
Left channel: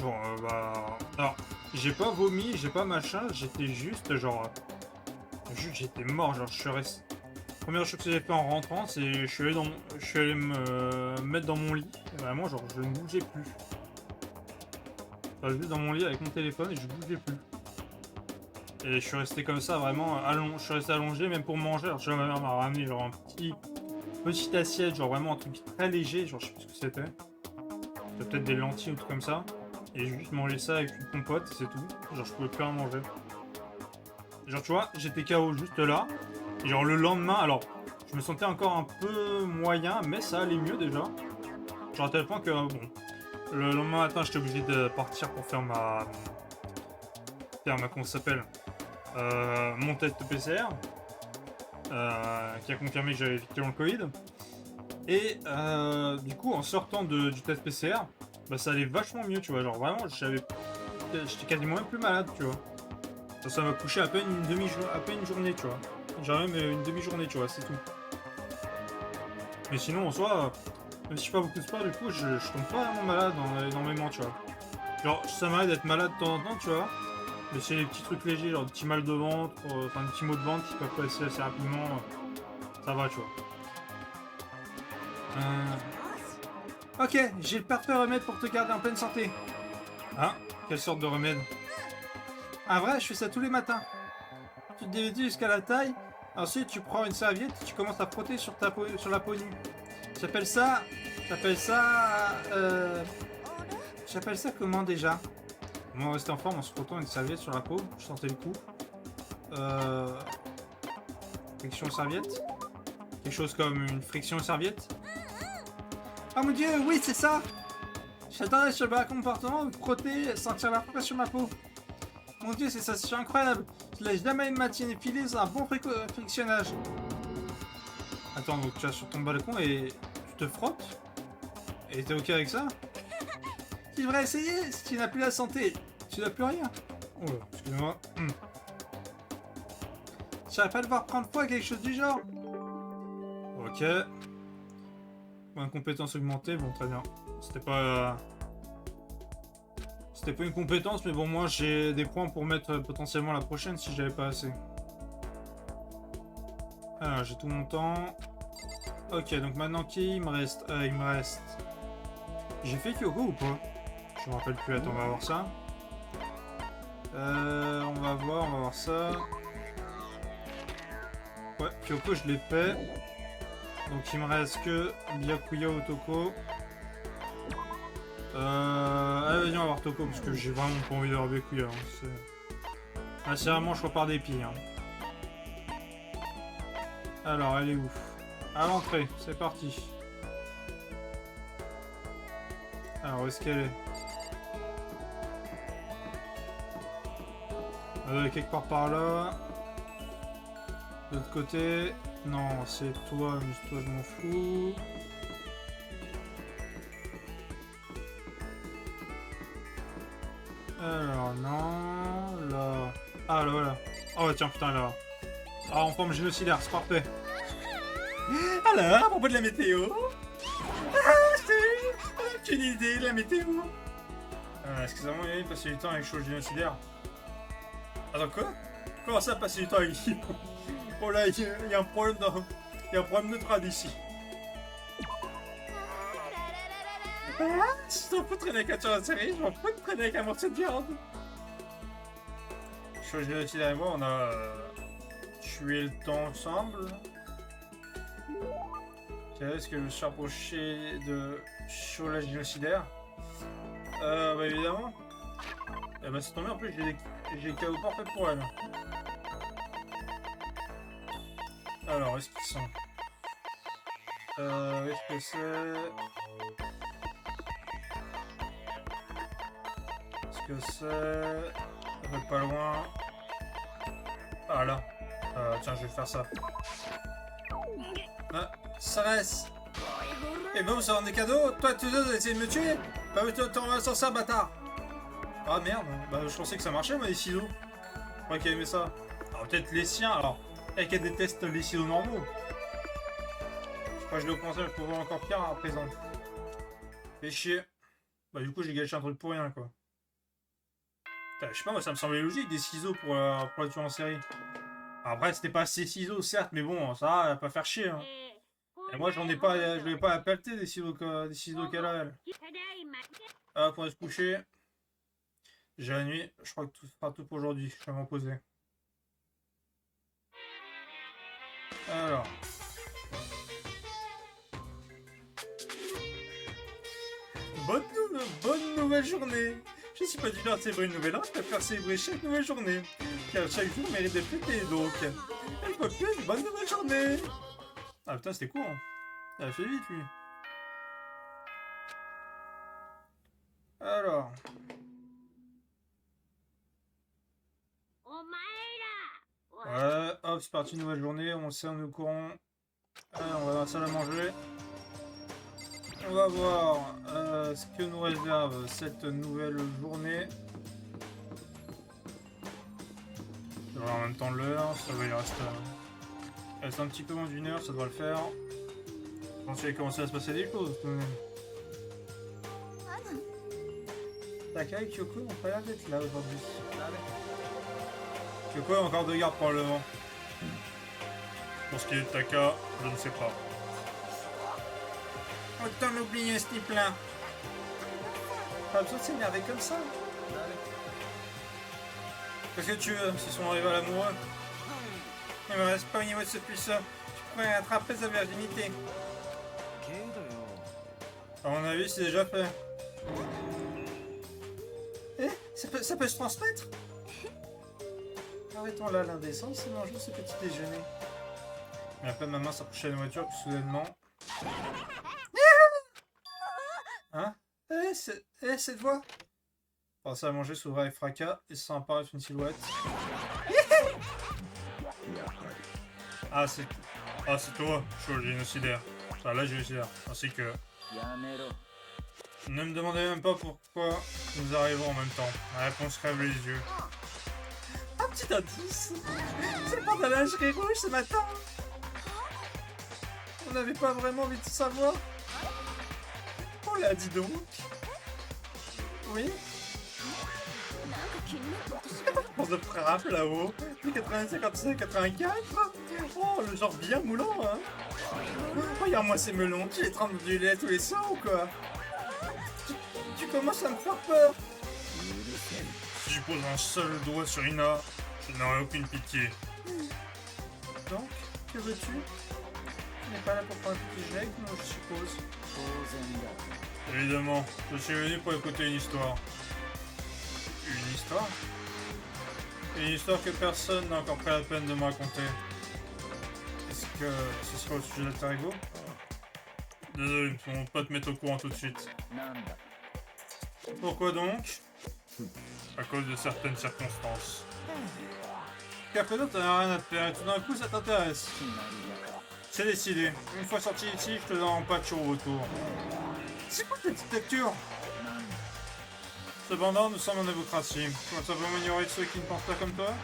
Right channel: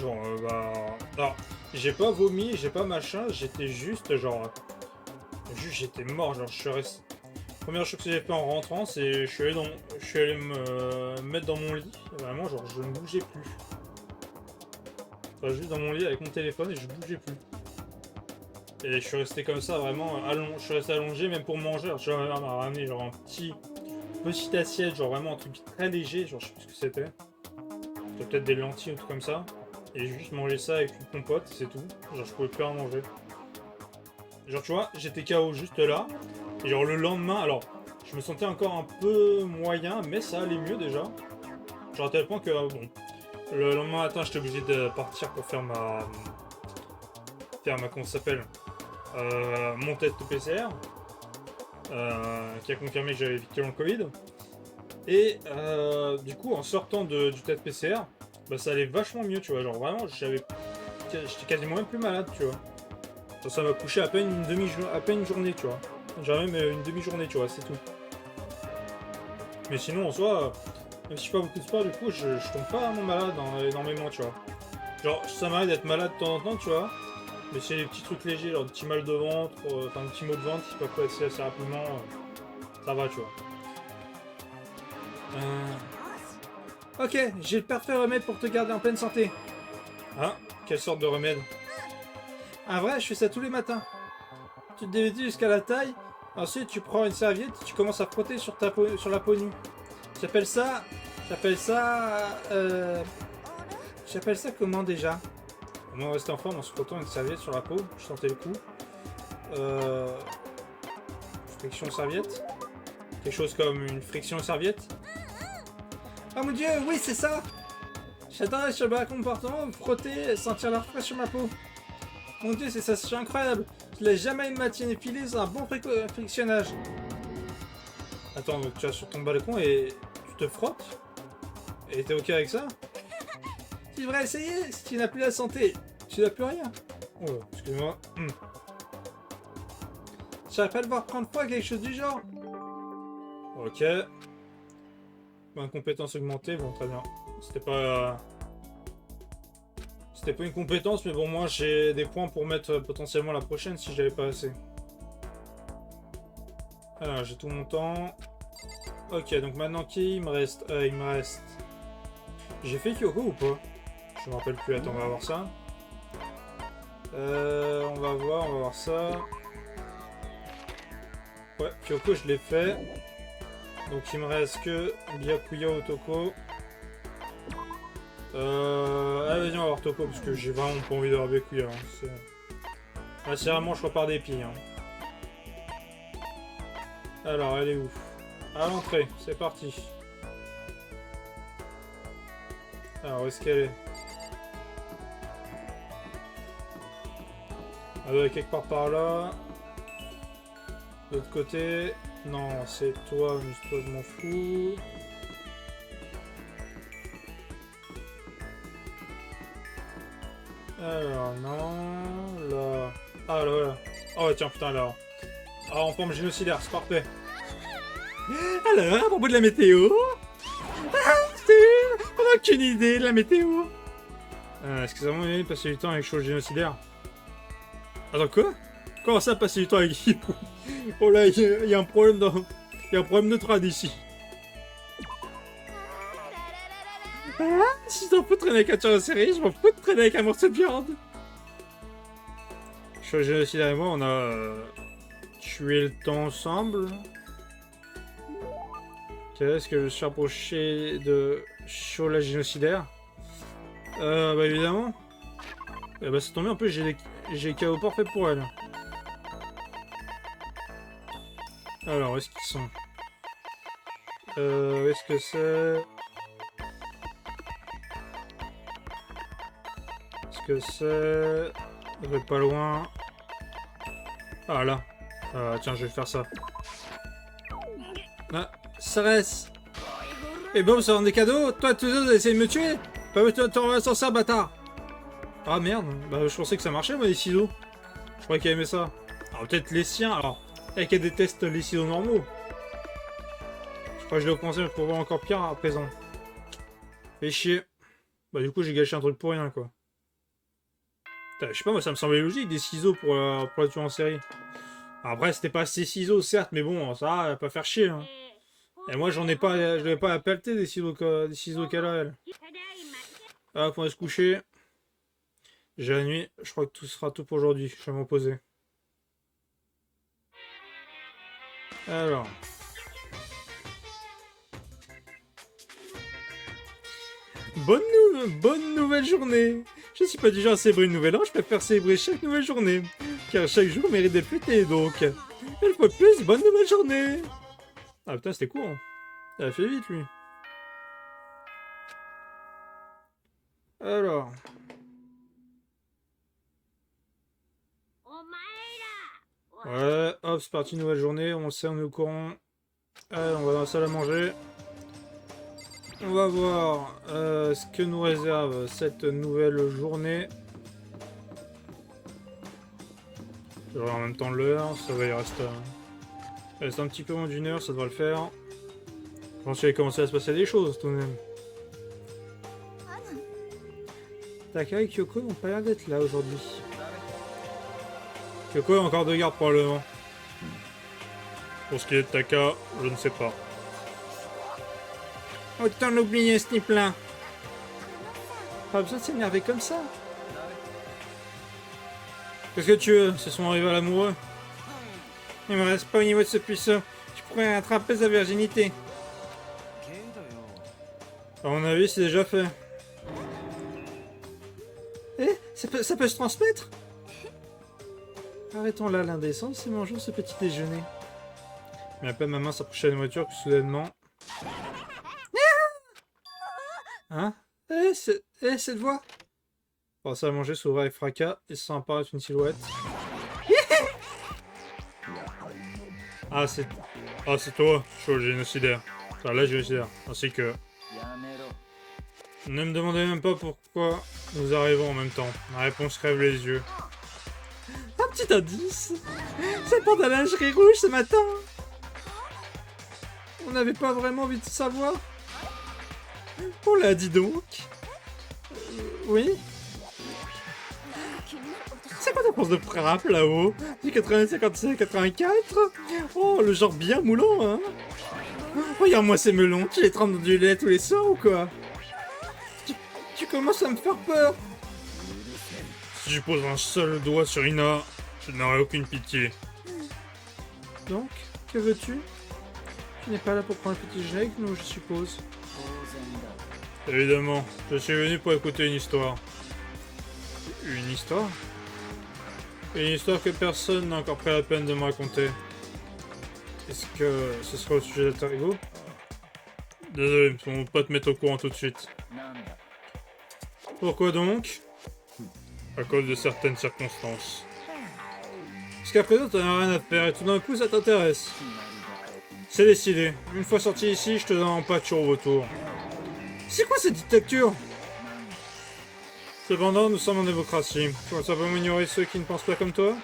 genre bah alors j'ai pas vomi, j'ai pas machin, j'étais juste genre j'étais mort, genre je suis resté. Première chose que j'ai fait en rentrant, c'est je suis allé me mettre dans mon lit, et vraiment genre je ne bougeais plus. Juste dans mon lit avec mon téléphone et je bougeais plus. Et je suis resté comme ça vraiment je suis resté allongé même pour manger. Alors, ma mère m'a ramené genre un petite assiette, genre vraiment un truc très léger, genre je sais plus ce que c'était. C'était peut-être des lentilles ou tout comme ça. Et j'ai juste mangé ça avec une compote, c'est tout. Genre je pouvais plus rien manger. Genre tu vois, j'étais KO juste là. Et genre le lendemain, alors je me sentais encore un peu moyen, mais ça allait mieux déjà. Genre à tel point que bon. Le lendemain matin, j'étais obligé de partir pour faire comment ça s'appelle, mon test de PCR, qui a confirmé que j'avais effectivement le Covid. Et du coup, en sortant du test PCR, bah ça allait vachement mieux, tu vois. Genre vraiment, j'étais quasiment même plus malade, tu vois. Ça m'a couché à peine une journée, tu vois. Genre même une demi-journée, tu vois, c'est tout. Mais sinon, en soi, même si je fais pas beaucoup de sport, du coup, je tombe pas vraiment malade énormément, tu vois. Genre, ça m'arrive d'être malade de temps en temps, tu vois. Mais c'est des petits trucs légers, genre des petits mal de ventre, enfin des petits maux de ventre qui peuvent passer assez rapidement. Ça va, tu vois. Ok, j'ai le parfait remède pour te garder en pleine santé. Ah, quelle sorte de remède? Ah vrai, je fais ça tous les matins. Tu te dévêtis jusqu'à la taille, ensuite tu prends une serviette et tu commences à frotter sur la peau nue. J'appelle ça... J'appelle ça comment déjà? On va rester en forme en se frottant une serviette sur la peau. Je sentais le coup. Friction serviette. Quelque chose comme une friction serviette. Oh mon dieu, oui c'est ça. J'adorais ce bas comportement, me frotter, sentir l'air frais sur ma peau. Mon dieu, c'est ça, c'est incroyable. Je laisse jamais une matinée filer sans un bon frictionnage. Attends, donc tu vas sur ton balcon et tu te frottes? Et t'es ok avec ça? Tu devrais essayer, si tu n'as plus la santé, tu n'as plus rien. Oh, excuse-moi. J'arrive pas à devoir prendre foi, quelque chose du genre. Ok. Bonne compétence augmentée, bon très bien. C'était pas une compétence, mais bon moi j'ai des points pour mettre potentiellement la prochaine si j'avais pas assez. Alors j'ai tout mon temps. Ok, donc maintenant qui il me reste? J'ai fait Kyoko ou pas? Je me rappelle plus, attends, on va voir ça. On va voir ça. Ouais, Kyoko je l'ai fait. Donc il me reste que Byakuya Otoko. Allez, vas-y, on va voir Toko parce que j'ai vraiment pas envie d'avoir Byakuya. Hein. Là, c'est vraiment, je repars des pieds. Hein. Alors, elle est où? À l'entrée, c'est parti. Alors, où est-ce qu'elle est? Elle doit être quelque part par là. De l'autre côté. Non, c'est toi, mais toi, je m'en fous. Alors, non. Là. Ah, là, voilà. Oh, tiens, putain, là. Ah, en forme génocidaire, c'est parfait. Alors, à propos de la météo. Ah, on n'a aucune idée de la météo. Est-ce que ça va m'ennuyer de passer du temps avec chose génocidaire? Attends, quoi? Comment ça, passer du temps avec Hippo? Oh là, il y a un problème dans... Il y a un problème de trad ici. Ah, si je m'en fous de traîner avec un tueur en série, je m'en fous de traîner avec un morceau de viande. Chose génocidaire et moi, on a tué le temps ensemble. Qu'est-ce que je suis rapproché de Shola génocidaire? Bah évidemment. Eh bah c'est tombé, en plus j'ai KO parfait pour elle. Alors, où est-ce qu'ils sont? Où est-ce que c'est? Est-ce que c'est? Ça va être pas loin. Ah là. Tiens, je vais faire ça. Ah, ça reste. Et bon, ça rend des cadeaux. Toi, tu veux essayer de me tuer? Bah, t'en vas sans ça, bâtard. Ah merde. Bah, je pensais que ça marchait, moi, les ciseaux. Je croyais qu'elle aimait ça. Alors, peut-être les siens, alors. Elle qu'elle déteste les ciseaux normaux. Je crois que je l'ai commencé, mais je peux voir encore pire à présent. Fait chier. Bah, du coup, j'ai gâché un truc pour rien, quoi. Putain, je sais pas, moi, ça me semblait logique, des ciseaux pour la tuer en série. Après, c'était pas ses ciseaux, certes, mais bon, ça va pas faire chier, hein. Et moi, j'en ai pas, je devais pas la pelleter des ciseaux qu'elle a, elle. Hop, on va se coucher. J'ai la nuit, je crois que tout sera tout pour aujourd'hui. Je vais m'en poser. Alors. Bonne nouvelle journée. Je suis pas du genre à célébrer une nouvelle an, je préfère célébrer chaque nouvelle journée. Car chaque jour mérite d'être fêté, donc. Une fois de plus, bonne nouvelle journée. Ah putain, c'était court. Hein. Ça a fait vite, lui. Alors. Ouais, hop, c'est parti, nouvelle journée. On le sait, on est au courant. Allez, on va dans la salle à manger. On va voir ce que nous réserve cette nouvelle journée. Je regarde en même temps l'heure, ça va y rester. Il reste un petit peu moins d'une heure, ça devrait le faire. Je pense qu'il va commencer à se passer des choses tout de même. Taka et Kyoko n'ont pas l'air d'être là aujourd'hui. Kyoko a encore de garde probablement. Pour ce qui est de Taka, je ne sais pas. Autant l'oublier ce type-là. Pas besoin de s'énerver comme ça. Qu'est-ce que tu veux? C'est son rival amoureux. Il me reste pas au niveau de ce puceau. Tu pourrais attraper sa virginité. À mon avis, c'est déjà fait. Eh, ça peut se transmettre? Arrêtons là l'indécence et mangeons ce petit déjeuner. Mais à peine ma main s'approchait de la nourriture que soudainement... Hein? Cette voix? Penser à manger s'ouvre avec fracas et sans apparaître une silhouette. Ah, c'est toi, Show génocidaire. Enfin, la génocidaire. Ainsi que... Ne me demandez même pas pourquoi nous arrivons en même temps. La réponse crève les yeux. Un petit indice. C'est le de la lingerie rouge ce matin. On n'avait pas vraiment envie de savoir. On l'a dit donc. Oui. C'est quoi ta pense de frappe là-haut? Du 80, 57, 84. Oh, le genre bien moulant, hein. Regarde-moi ces melons, tu les trempes dans du lait tous les soirs ou quoi? Tu commences à me faire peur. Si je pose un seul doigt sur Ina, je n'aurai aucune pitié. Donc, que veux-tu? Tu n'es pas là pour prendre un petit déjeuner avec nous, je suppose. Évidemment, je suis venu pour écouter une histoire. Une histoire? Une histoire que personne n'a encore pris la peine de me raconter. Est-ce que ce sera au sujet d'Alter Ego? Désolé, on va pas te mettre au courant tout de suite. Pourquoi donc? À cause de certaines circonstances. Parce qu'à présent, t'en as rien à te faire et tout d'un coup, ça t'intéresse. C'est décidé. Une fois sorti ici, je te donne un patch au retour. C'est quoi cette dictature? Cependant, nous sommes en démocratie. Tu vas simplement ignorer ceux qui ne pensent pas comme toi?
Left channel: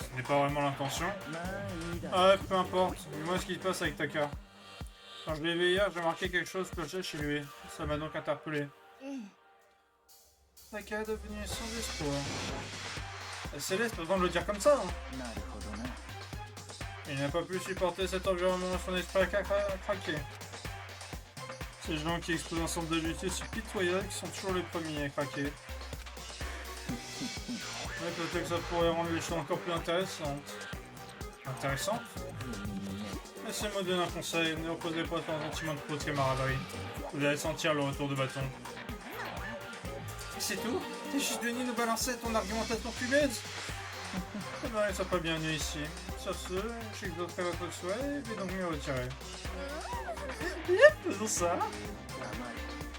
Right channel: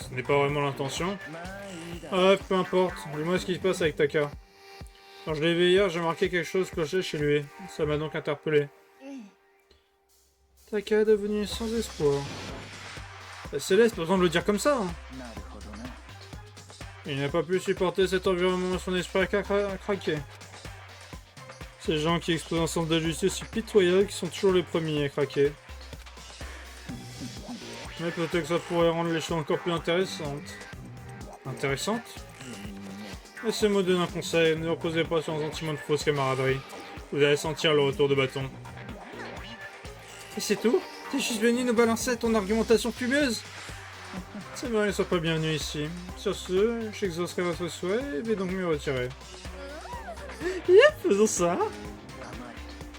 Ce n'est pas vraiment l'intention. Ah, peu importe. Dis-moi ce qui se passe avec Taka. Quand je l'ai vu hier, j'ai remarqué quelque chose clocher chez lui. Ça m'a donc interpellé. Taka est devenu sans espoir. Céleste, pas besoin de le dire comme ça. Hein. Il n'a pas pu supporter cet environnement, son esprit a craqué. Ces gens qui exposent un centre de justice si pitoyable qui sont toujours les premiers à craquer. Mais peut-être que ça pourrait rendre les choses encore plus intéressantes. Intéressantes? Laissez-moi donner un conseil, ne reposez pas sur un sentiment de fausse camaraderie. Vous allez sentir le retour de bâton. Et c'est tout? T'es juste venu nous balancer ton argumentation fumeuse? C'est vrai, sois pas bienvenu ici. Sur ce, j'exaucerai votre souhait et vais donc me retirer. Yep, faisons ça.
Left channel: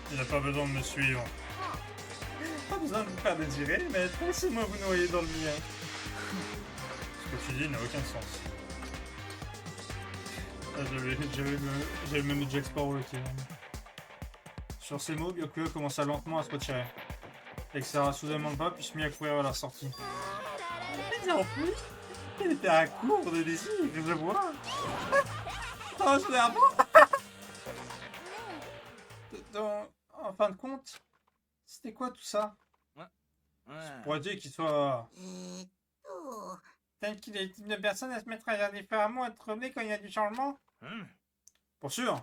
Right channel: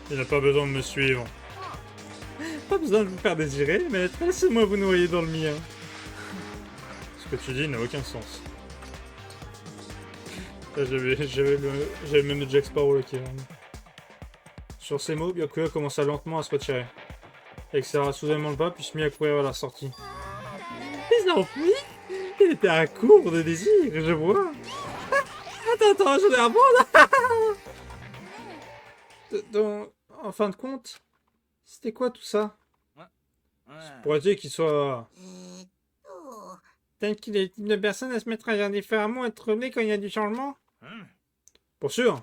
Il n'a pas besoin de me suivre. Pas besoin de vous faire désirer, mais laissez-moi vous noyer dans le mien. Ce que tu dis n'a aucun sens. J'avais même le Jack Sparrow là qui est... Sur ces mots, Byakuya commença lentement à se retirer. Et serra soudainement le pas, puis se mit à courir vers la sortie. Les enfuis? Il était à court de désir, je vois. Attends, j'en ai un bon là. Donc, en fin de compte, c'était quoi tout ça? Pour dire qu'il soit... Peut-être qu'il est le type de personne à se mettre à agir différemment, être remis quand il y a du changement? Pour sûr.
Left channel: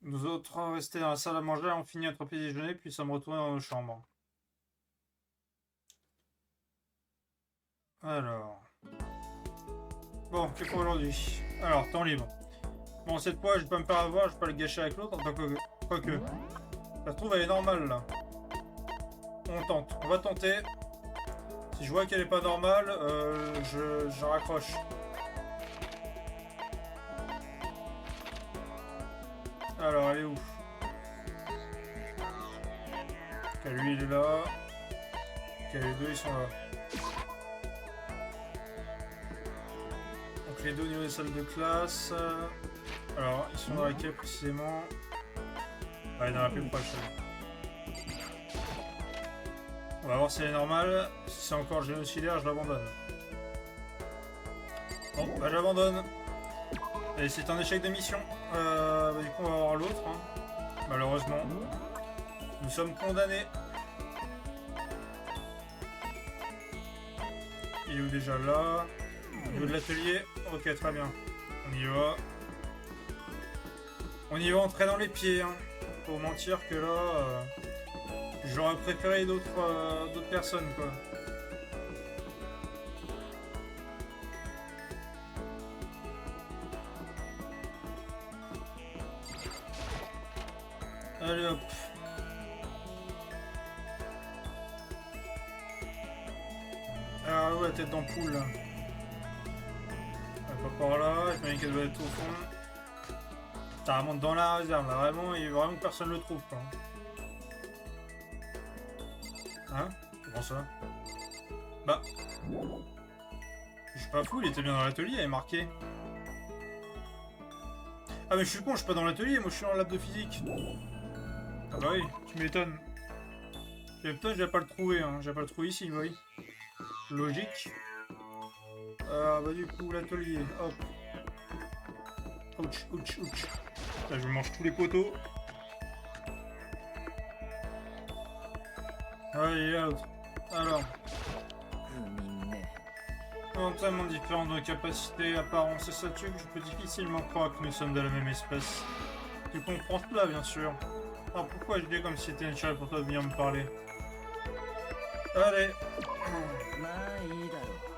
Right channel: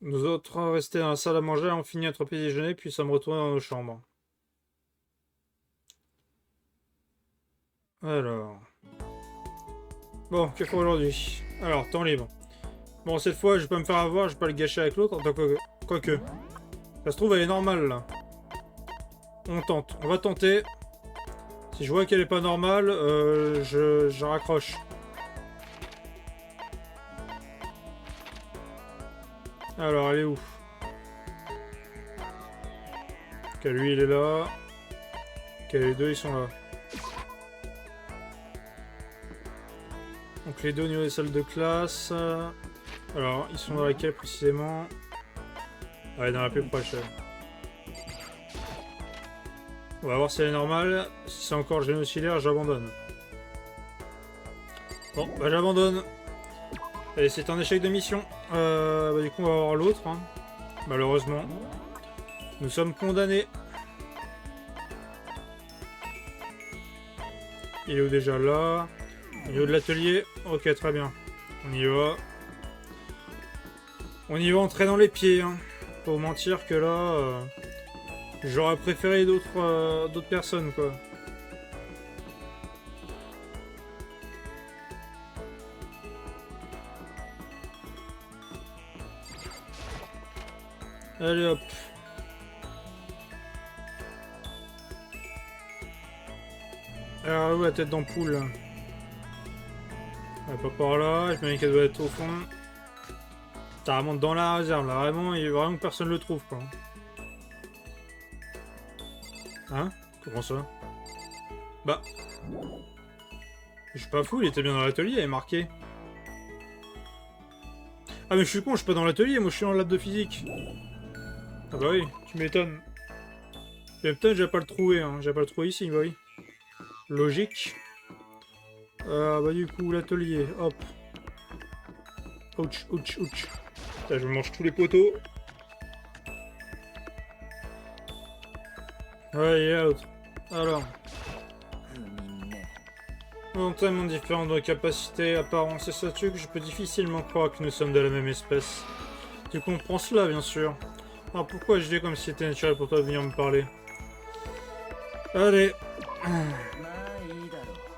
Nous autres restés dans la salle à manger, on finit notre petit déjeuner, puis sommes retournés dans nos chambres. Alors... Bon, que pour aujourd'hui? Alors, temps libre. Bon, cette fois, je vais pas me faire avoir, je vais pas le gâcher avec l'autre, quoique. Ça se trouve, elle est normale, là. On tente, on va tenter. Si je vois qu'elle est pas normale, je raccroche. Alors, elle est où? Ok, lui, il est là. Ok, les deux, ils sont là. Donc, les deux au niveau des salles de classe. Alors, ils sont dans laquelle précisément? Ouais, dans la plus proche. On va voir si elle est normale. Si c'est encore génocidaire, j'abandonne. Bon, bah j'abandonne. Et c'est un échec de mission. Du coup, on va voir l'autre. Hein. Malheureusement. Nous sommes condamnés. Il est où déjà là? Au niveau de l'atelier. Ok, très bien. On y va. On y va entrer dans les pieds. Hein. Faut mentir que là... J'aurais préféré d'autres personnes, quoi. Allez hop. Alors où la tête d'ampoule? Elle est pas par là, je me dis qu'elle doit être au fond. Ça remonte dans la réserve là, vraiment, il y a vraiment que personne le trouve quoi. Hein? Comment ça? Bah. Je suis pas fou, il était bien dans l'atelier, il est marqué. Ah mais je suis con, je suis pas dans l'atelier, moi je suis en lab de physique. Ah bah oui, tu m'étonnes. Mais putain, j'ai pas le trouvé, hein. J'ai pas le trouvé ici, bah oui. Logique. Ah bah du coup, l'atelier, hop. Ouch, ouch, ouch. Là, je mange tous les poteaux. Ouais, il est out. Alors. Tellement différents de capacités, apparence et statut que je peux difficilement croire que nous sommes de la même espèce. Tu comprends cela, bien sûr. Alors pourquoi je dis comme si c'était naturel pour toi de venir me parler? Allez.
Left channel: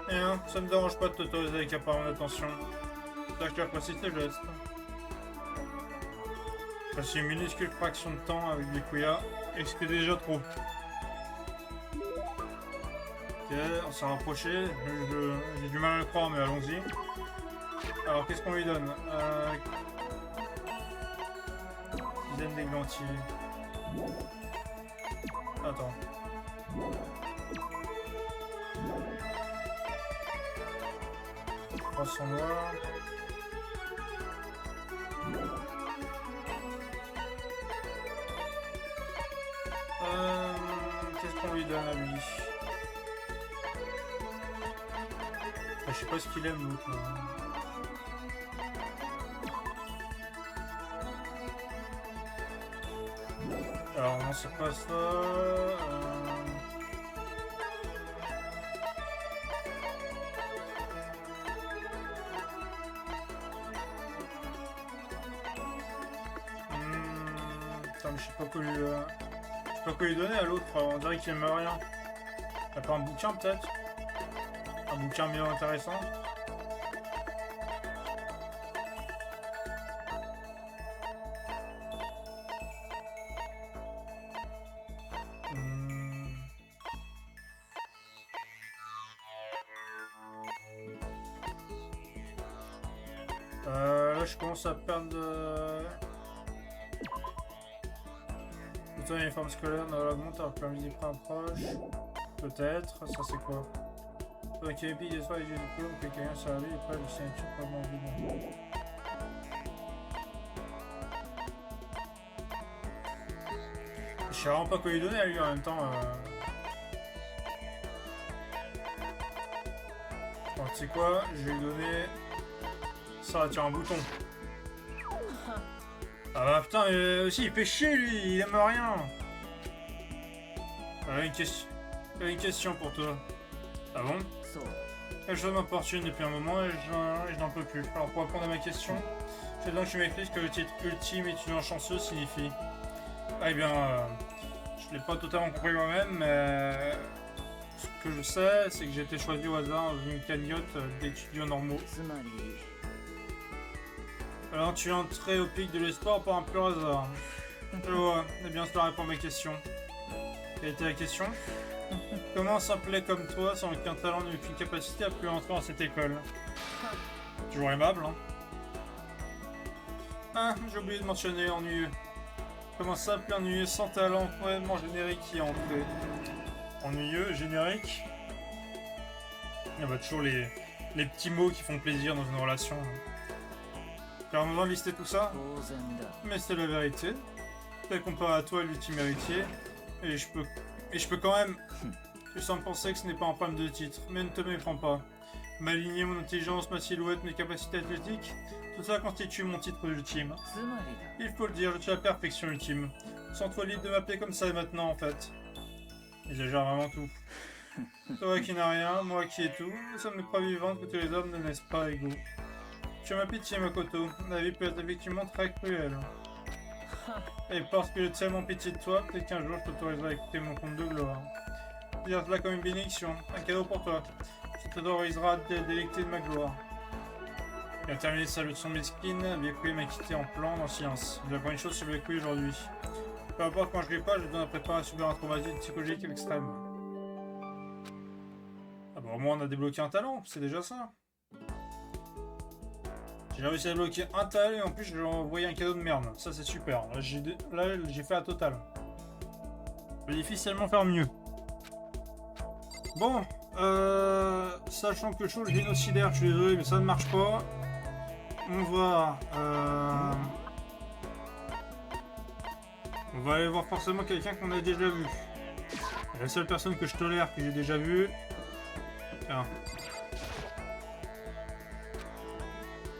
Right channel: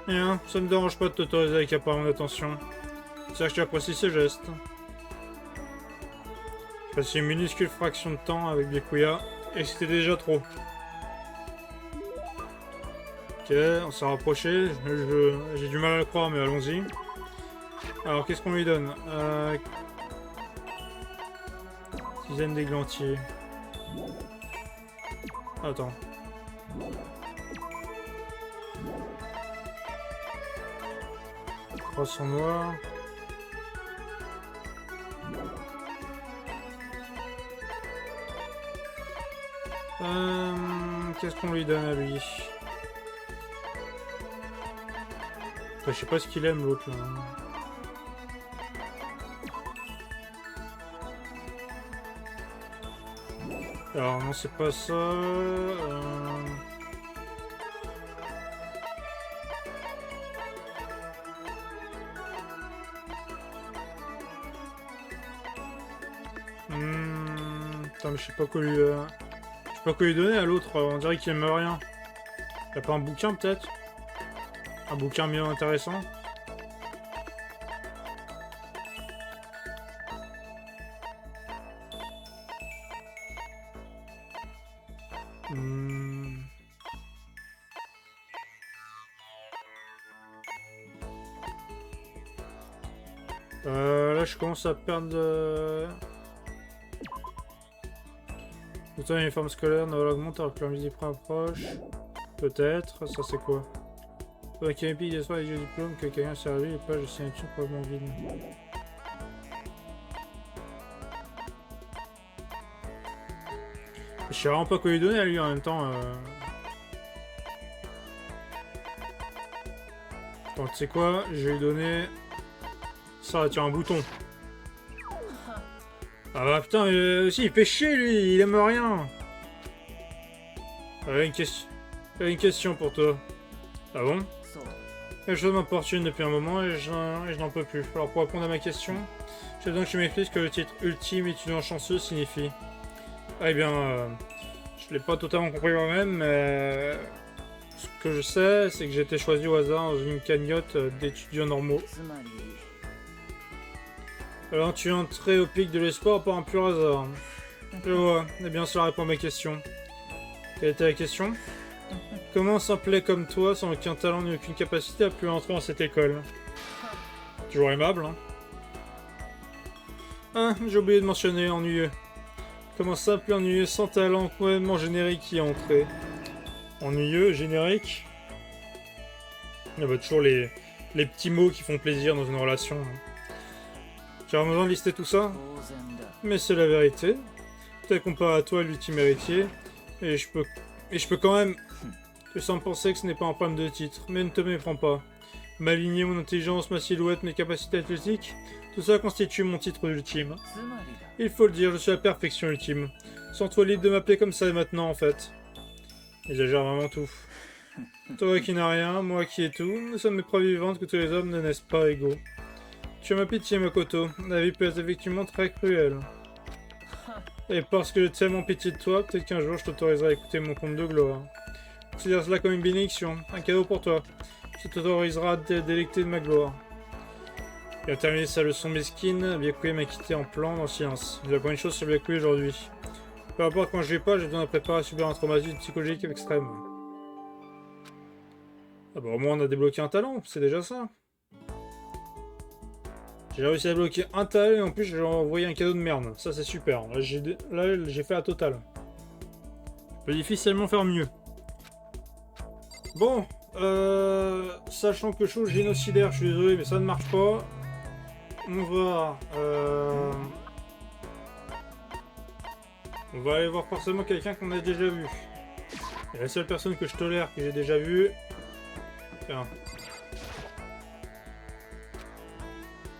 Bien, ça me dérange pas de t'autoriser avec apparemment d'attention. C'est que tu apprécies ce geste. J'ai passé une minuscule fraction de temps avec Byakuya et c'était déjà trop. Ok, on s'est rapproché. J'ai du mal à le croire, mais allons-y. Alors, qu'est-ce qu'on lui donne? Tisane d'églantier. Attends. Croissant noir. Qu'est-ce qu'on lui donne à lui? Je sais pas ce qu'il aime l'autre là. Alors non c'est pas ça. Putain mais je sais pas quoi lui. Je sais pas quoi lui donner à l'autre. On dirait qu'il aime rien. T'as pas un bouquin peut-être? Un bouquin bien intéressant. Hmm. Là, je commence à perdre. Autant l'uniforme scolaire augmente alors que leur musique approche. Peut-être. Ça, c'est quoi? Ok, épique d'espoir et du diplôme que quelqu'un a servi et pas de signature probablement vide. Je sais vraiment pas quoi lui donner à lui en même temps. Attends, tu sais quoi? Je vais lui donner. Ça, tiens, un bouton. Ah bah putain, aussi il fait chier lui, il aime rien. Une question pour toi. Ah bon? Quelque chose m'importune depuis un moment et je n'en peux plus. Alors pour répondre à ma question, je veux donc que tu m'expliques ce que le titre ultime étudiant chanceux signifie. Ah, eh bien, je l'ai pas totalement compris moi-même, mais ce que je sais, c'est que j'ai été choisi au hasard dans une cagnotte d'étudiants normaux. Alors tu es entré au pic de l'espoir par un pur hasard. Je vois, eh bien cela répond à ma question. Quelle était la question? Comment un simplet comme toi, sans aucun talent ni aucune capacité, a pu entrer dans cette école? Toujours aimable, hein? Ah, j'ai oublié de mentionner, ennuyeux. Comment simple et ennuyeux, sans talent, complètement générique qui est entré. Ennuyeux, générique? Il y a toujours les petits mots qui font plaisir dans une relation. Tu as besoin de lister tout ça? Mais c'est la vérité. Peut-être comparé à toi, l'ultime héritier. Et je peux quand même... Tu sembles penser que ce n'est pas un problème de titre, mais ne te méprends pas. Ma lignée, mon intelligence, ma silhouette, mes capacités athlétiques, tout ça constitue mon titre ultime. Il faut le dire, je suis la perfection ultime. Sens-toi libre de m'appeler comme ça maintenant, en fait. J'exagère vraiment tout. Toi qui n'as rien, moi qui ai tout, nous sommes des preuves vivantes que tous les hommes ne naissent pas égaux. Tu as ma pitié, Makoto. La vie peut être effectivement très cruelle. Et parce que j'ai tellement pitié de toi, peut-être qu'un jour je t'autoriserai à écouter mon conte de gloire. Considère cela comme une bénédiction, un cadeau pour toi. Tu t'autoriseras à te délecter de ma gloire. Il a terminé sa leçon mesquine, Byakuya m'a quitté en plan en silence. Je vais apprendre une chose sur Byakuya aujourd'hui. Peu importe quand je vais pas, j'ai besoin de préparer à subir un traumatisme psychologique extrême. Ah bah au moins on a débloqué un talent, c'est déjà ça. J'ai réussi à débloquer un talent et en plus j'ai envoyé un cadeau de merde. Ça c'est super. Là j'ai fait la totale. Je peux difficilement faire mieux. Bon, sachant que chose génocidaire, je suis désolé, mais ça ne marche pas. On va aller voir forcément quelqu'un qu'on a déjà vu. Et la seule personne que je tolère que j'ai déjà vue. Tiens.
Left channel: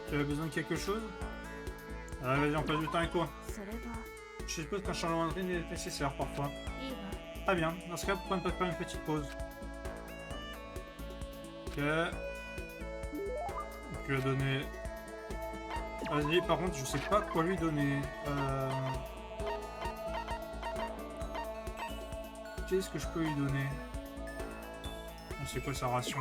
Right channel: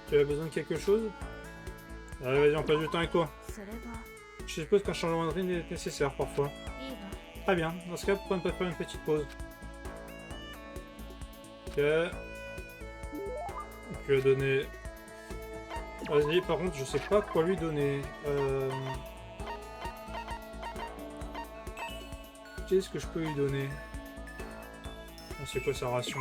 Tu as besoin de quelque chose? Allez, vas-y, on passe du temps avec toi. Je suppose qu'un changement de rythme est nécessaire parfois. Très bien, dans ce cas, pourquoi ne pas faire une petite pause? Ok. Tu lui as donné... Vas-y, par contre, je sais pas quoi lui donner. Qu'est-ce que je peux lui donner? C'est quoi sa ration?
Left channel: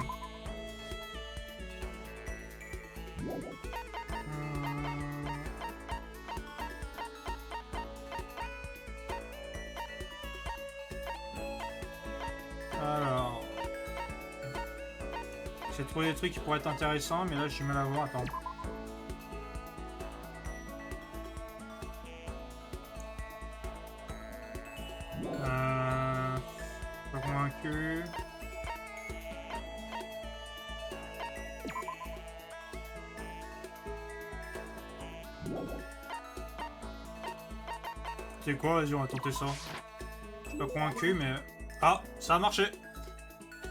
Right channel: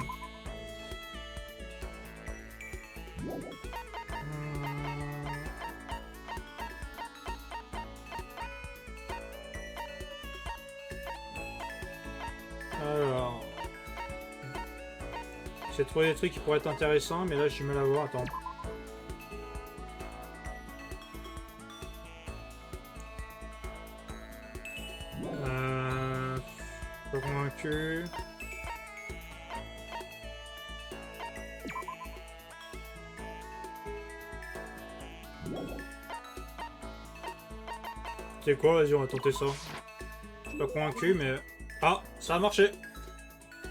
Alors... J'ai trouvé des trucs qui pourraient être intéressants, mais là j'ai du mal à voir. Attends. Pas convaincu. C'est quoi? Vas-y, on va tenter ça. Je suis pas convaincu, mais... Ah, ça a marché!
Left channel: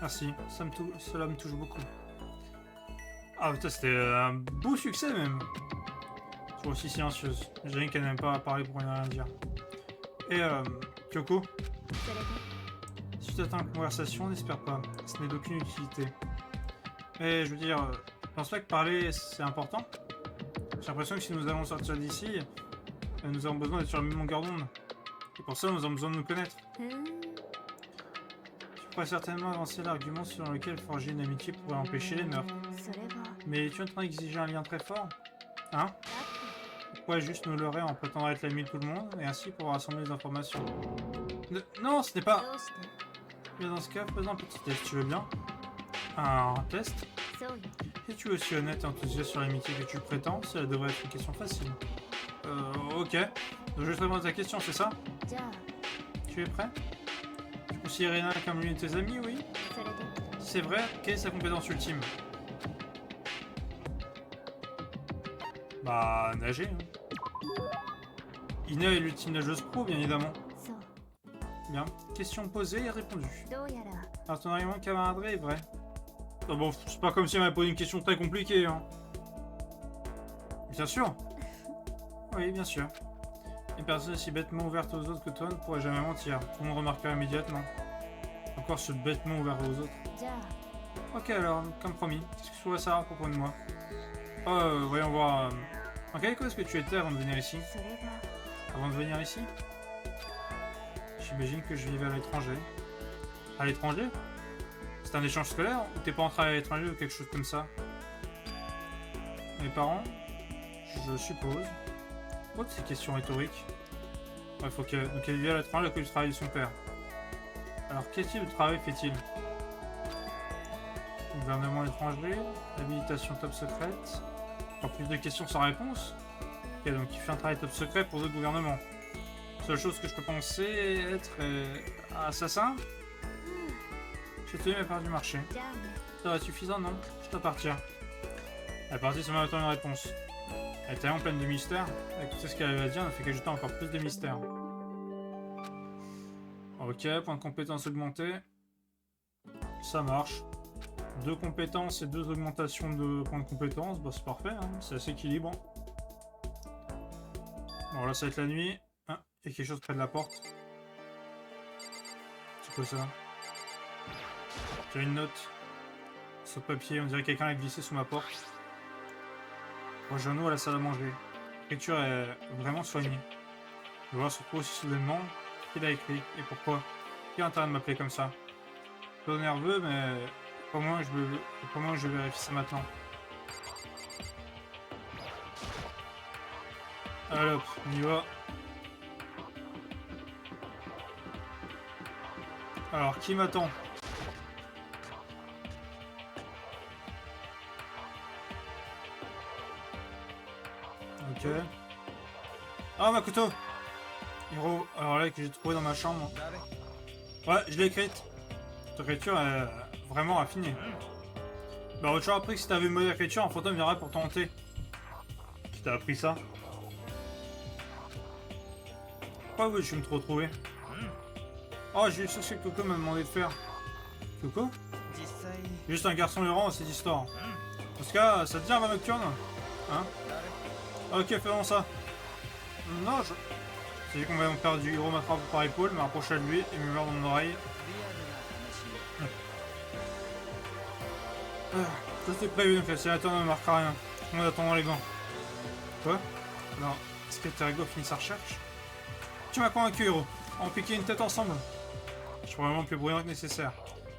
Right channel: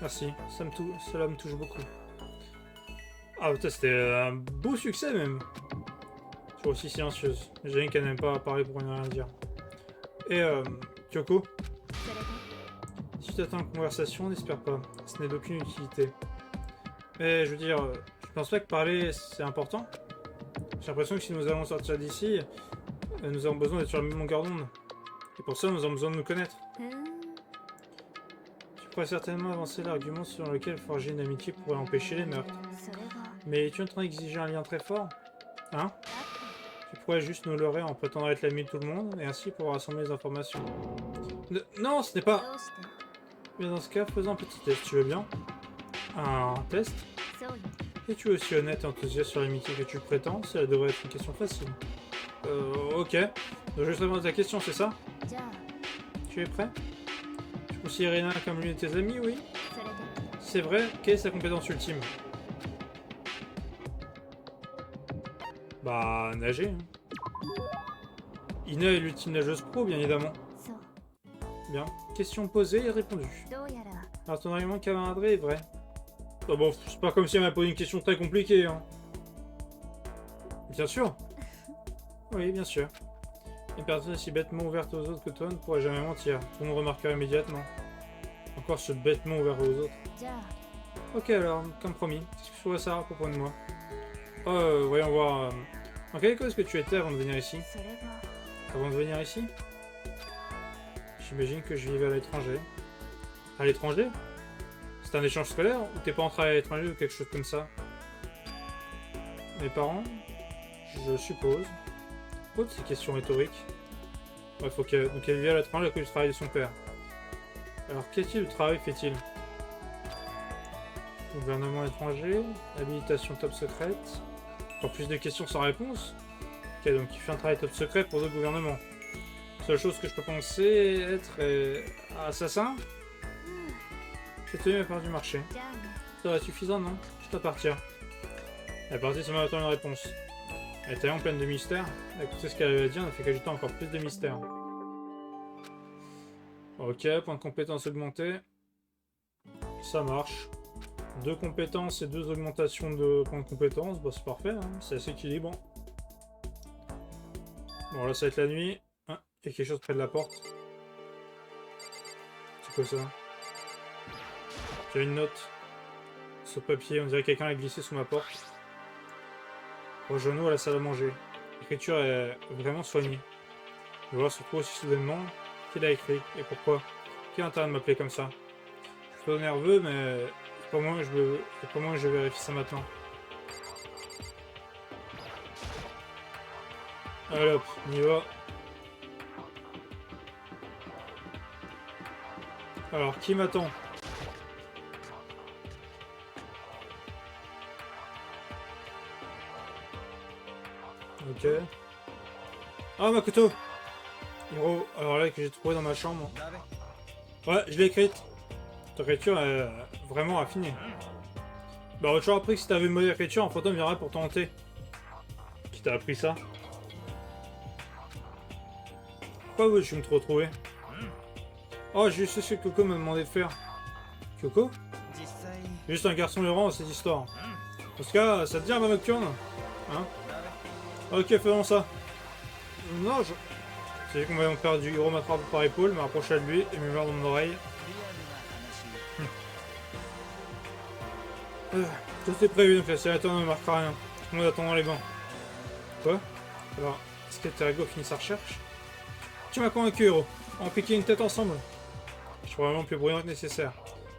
Merci, cela me touche beaucoup. Ah putain, c'était un beau succès même. Toujours aussi silencieuse. J'ai qu'elle n'aime pas parler pour rien dire. Et Kyoko, si tu t'attends à une conversation, n'espère pas. Ce n'est d'aucune utilité. Mais je veux dire, je pense pas que parler c'est important. J'ai l'impression que si nous allons sortir d'ici, nous avons besoin d'être sur le même longueur d'onde. Et pour ça, nous avons besoin de nous connaître. Tu pourrais certainement avancer l'argument selon lequel forger une amitié pourrait empêcher les meurtres. Mais tu es en train d'exiger un lien très fort? Hein? Tu pourrais juste me leurrer en prétendant être l'ami de tout le monde, et ainsi pouvoir rassembler les informations. Non, ce n'est pas... どうして Mais dans ce cas, faisons un petit test, tu veux bien? Un test? そうよ Es-tu aussi honnête et enthousiaste sur l'amitié que tu le prétends? Cela devrait être une question facile. Ok. Donc je te demande ta question, c'est ça? じゃあ Tu es prêt? Tu considères Irina comme l'une de tes amies, oui? それで C'est vrai, quelle est sa compétence ultime? Bah, nager. Hein. Ina est l'ultime nageuse pro, bien évidemment. そう Bien. Question posée et répondue. どうやら Alors ton argument de camaraderie est vrai. Oh bon, c'est pas comme si elle m'avait posé une question très compliquée, hein. Bien sûr. Oui, bien sûr. Une personne aussi bêtement ouverte aux autres que toi ne pourrait jamais mentir. Vous me remarquerez immédiatement. Encore ce bêtement ouvert aux autres. じゃあ Ok alors, comme promis, qu'est-ce que tu voudrais savoir à propos de moi? Voyons voir. En quelle école est-ce que tu étais avant de venir ici? それが Avant de venir ici? J'imagine que je vivais à l'étranger. À l'étranger? C'est un échange scolaire ou t'es pas entré à l'étranger ou quelque chose comme ça? Mes parents? Je suppose. Oh, c'est une question rhétorique. Ouais, faut qu'elle... Donc elle vit à l'étranger à cause du travail de son père. Alors quel type de travail fait-il? Gouvernement étranger, habilitation top secrète. Encore plus de questions sans réponse. Ok, donc il fait un travail top secret pour d'autres gouvernements. Seule chose que je peux penser être assassin. J'ai tenu à part du marché. じゃあね Ça va être suffisant, non? Je dois partir. Elle est partie sans même attendre une réponse. Elle était en pleine de mystère. Écoutez ce qu'elle avait à dire, ne fait qu'ajouter encore plus de mystère. Ok, point de compétence augmenté. Ça marche. 2 compétences et 2 augmentations de points de compétence, bah c'est parfait, hein, c'est assez équilibre. Bon là ça va être la nuit. Ah, il y a quelque chose près de la porte. C'est quoi ça? J'ai une note. Sur le papier, on dirait que quelqu'un l'a glissé sous ma porte. Rejoins-nous à la salle à manger. L'écriture est vraiment soignée. Je vois surtout aussi soudainement qui l'a écrit et pourquoi. Qui a intérêt de m'appeler comme ça? Je suis pas nerveux, mais pour moi je vérifie ça maintenant. Allez hop, on y va. Alors, qui m'attend? Ok. Ah, Makoto! Hiro, alors là que j'ai trouvé dans ma chambre. Ouais, je l'ai écrite. Cette écriture est vraiment affinée. Bah, on a toujours appris que si t'avais une mauvaise écriture, un fantôme viendrait pour t'hanter. Qui t'a appris ça? Pourquoi oui, je vais me retrouver? Oh, j'ai juste ce que Coco m'a demandé de faire. Coco? Juste un garçon errant à cette histoire. En tout cas, ça te dit un nocturne? Hein? Ok, faisons ça. Non, je... C'est vu qu'on va donc perdre du Hiro m'attrape par l'épaule, me rapprocher de lui et me murmure dans mon oreille. Ça c'était prévu, donc la sénateur ne marquera rien. Tout le monde attend dans les bancs. Quoi? Alors, est-ce que Terego finit sa recherche? Tu m'as convaincu, Hiro. On piquait une tête ensemble. Je suis probablement plus bruyant que nécessaire.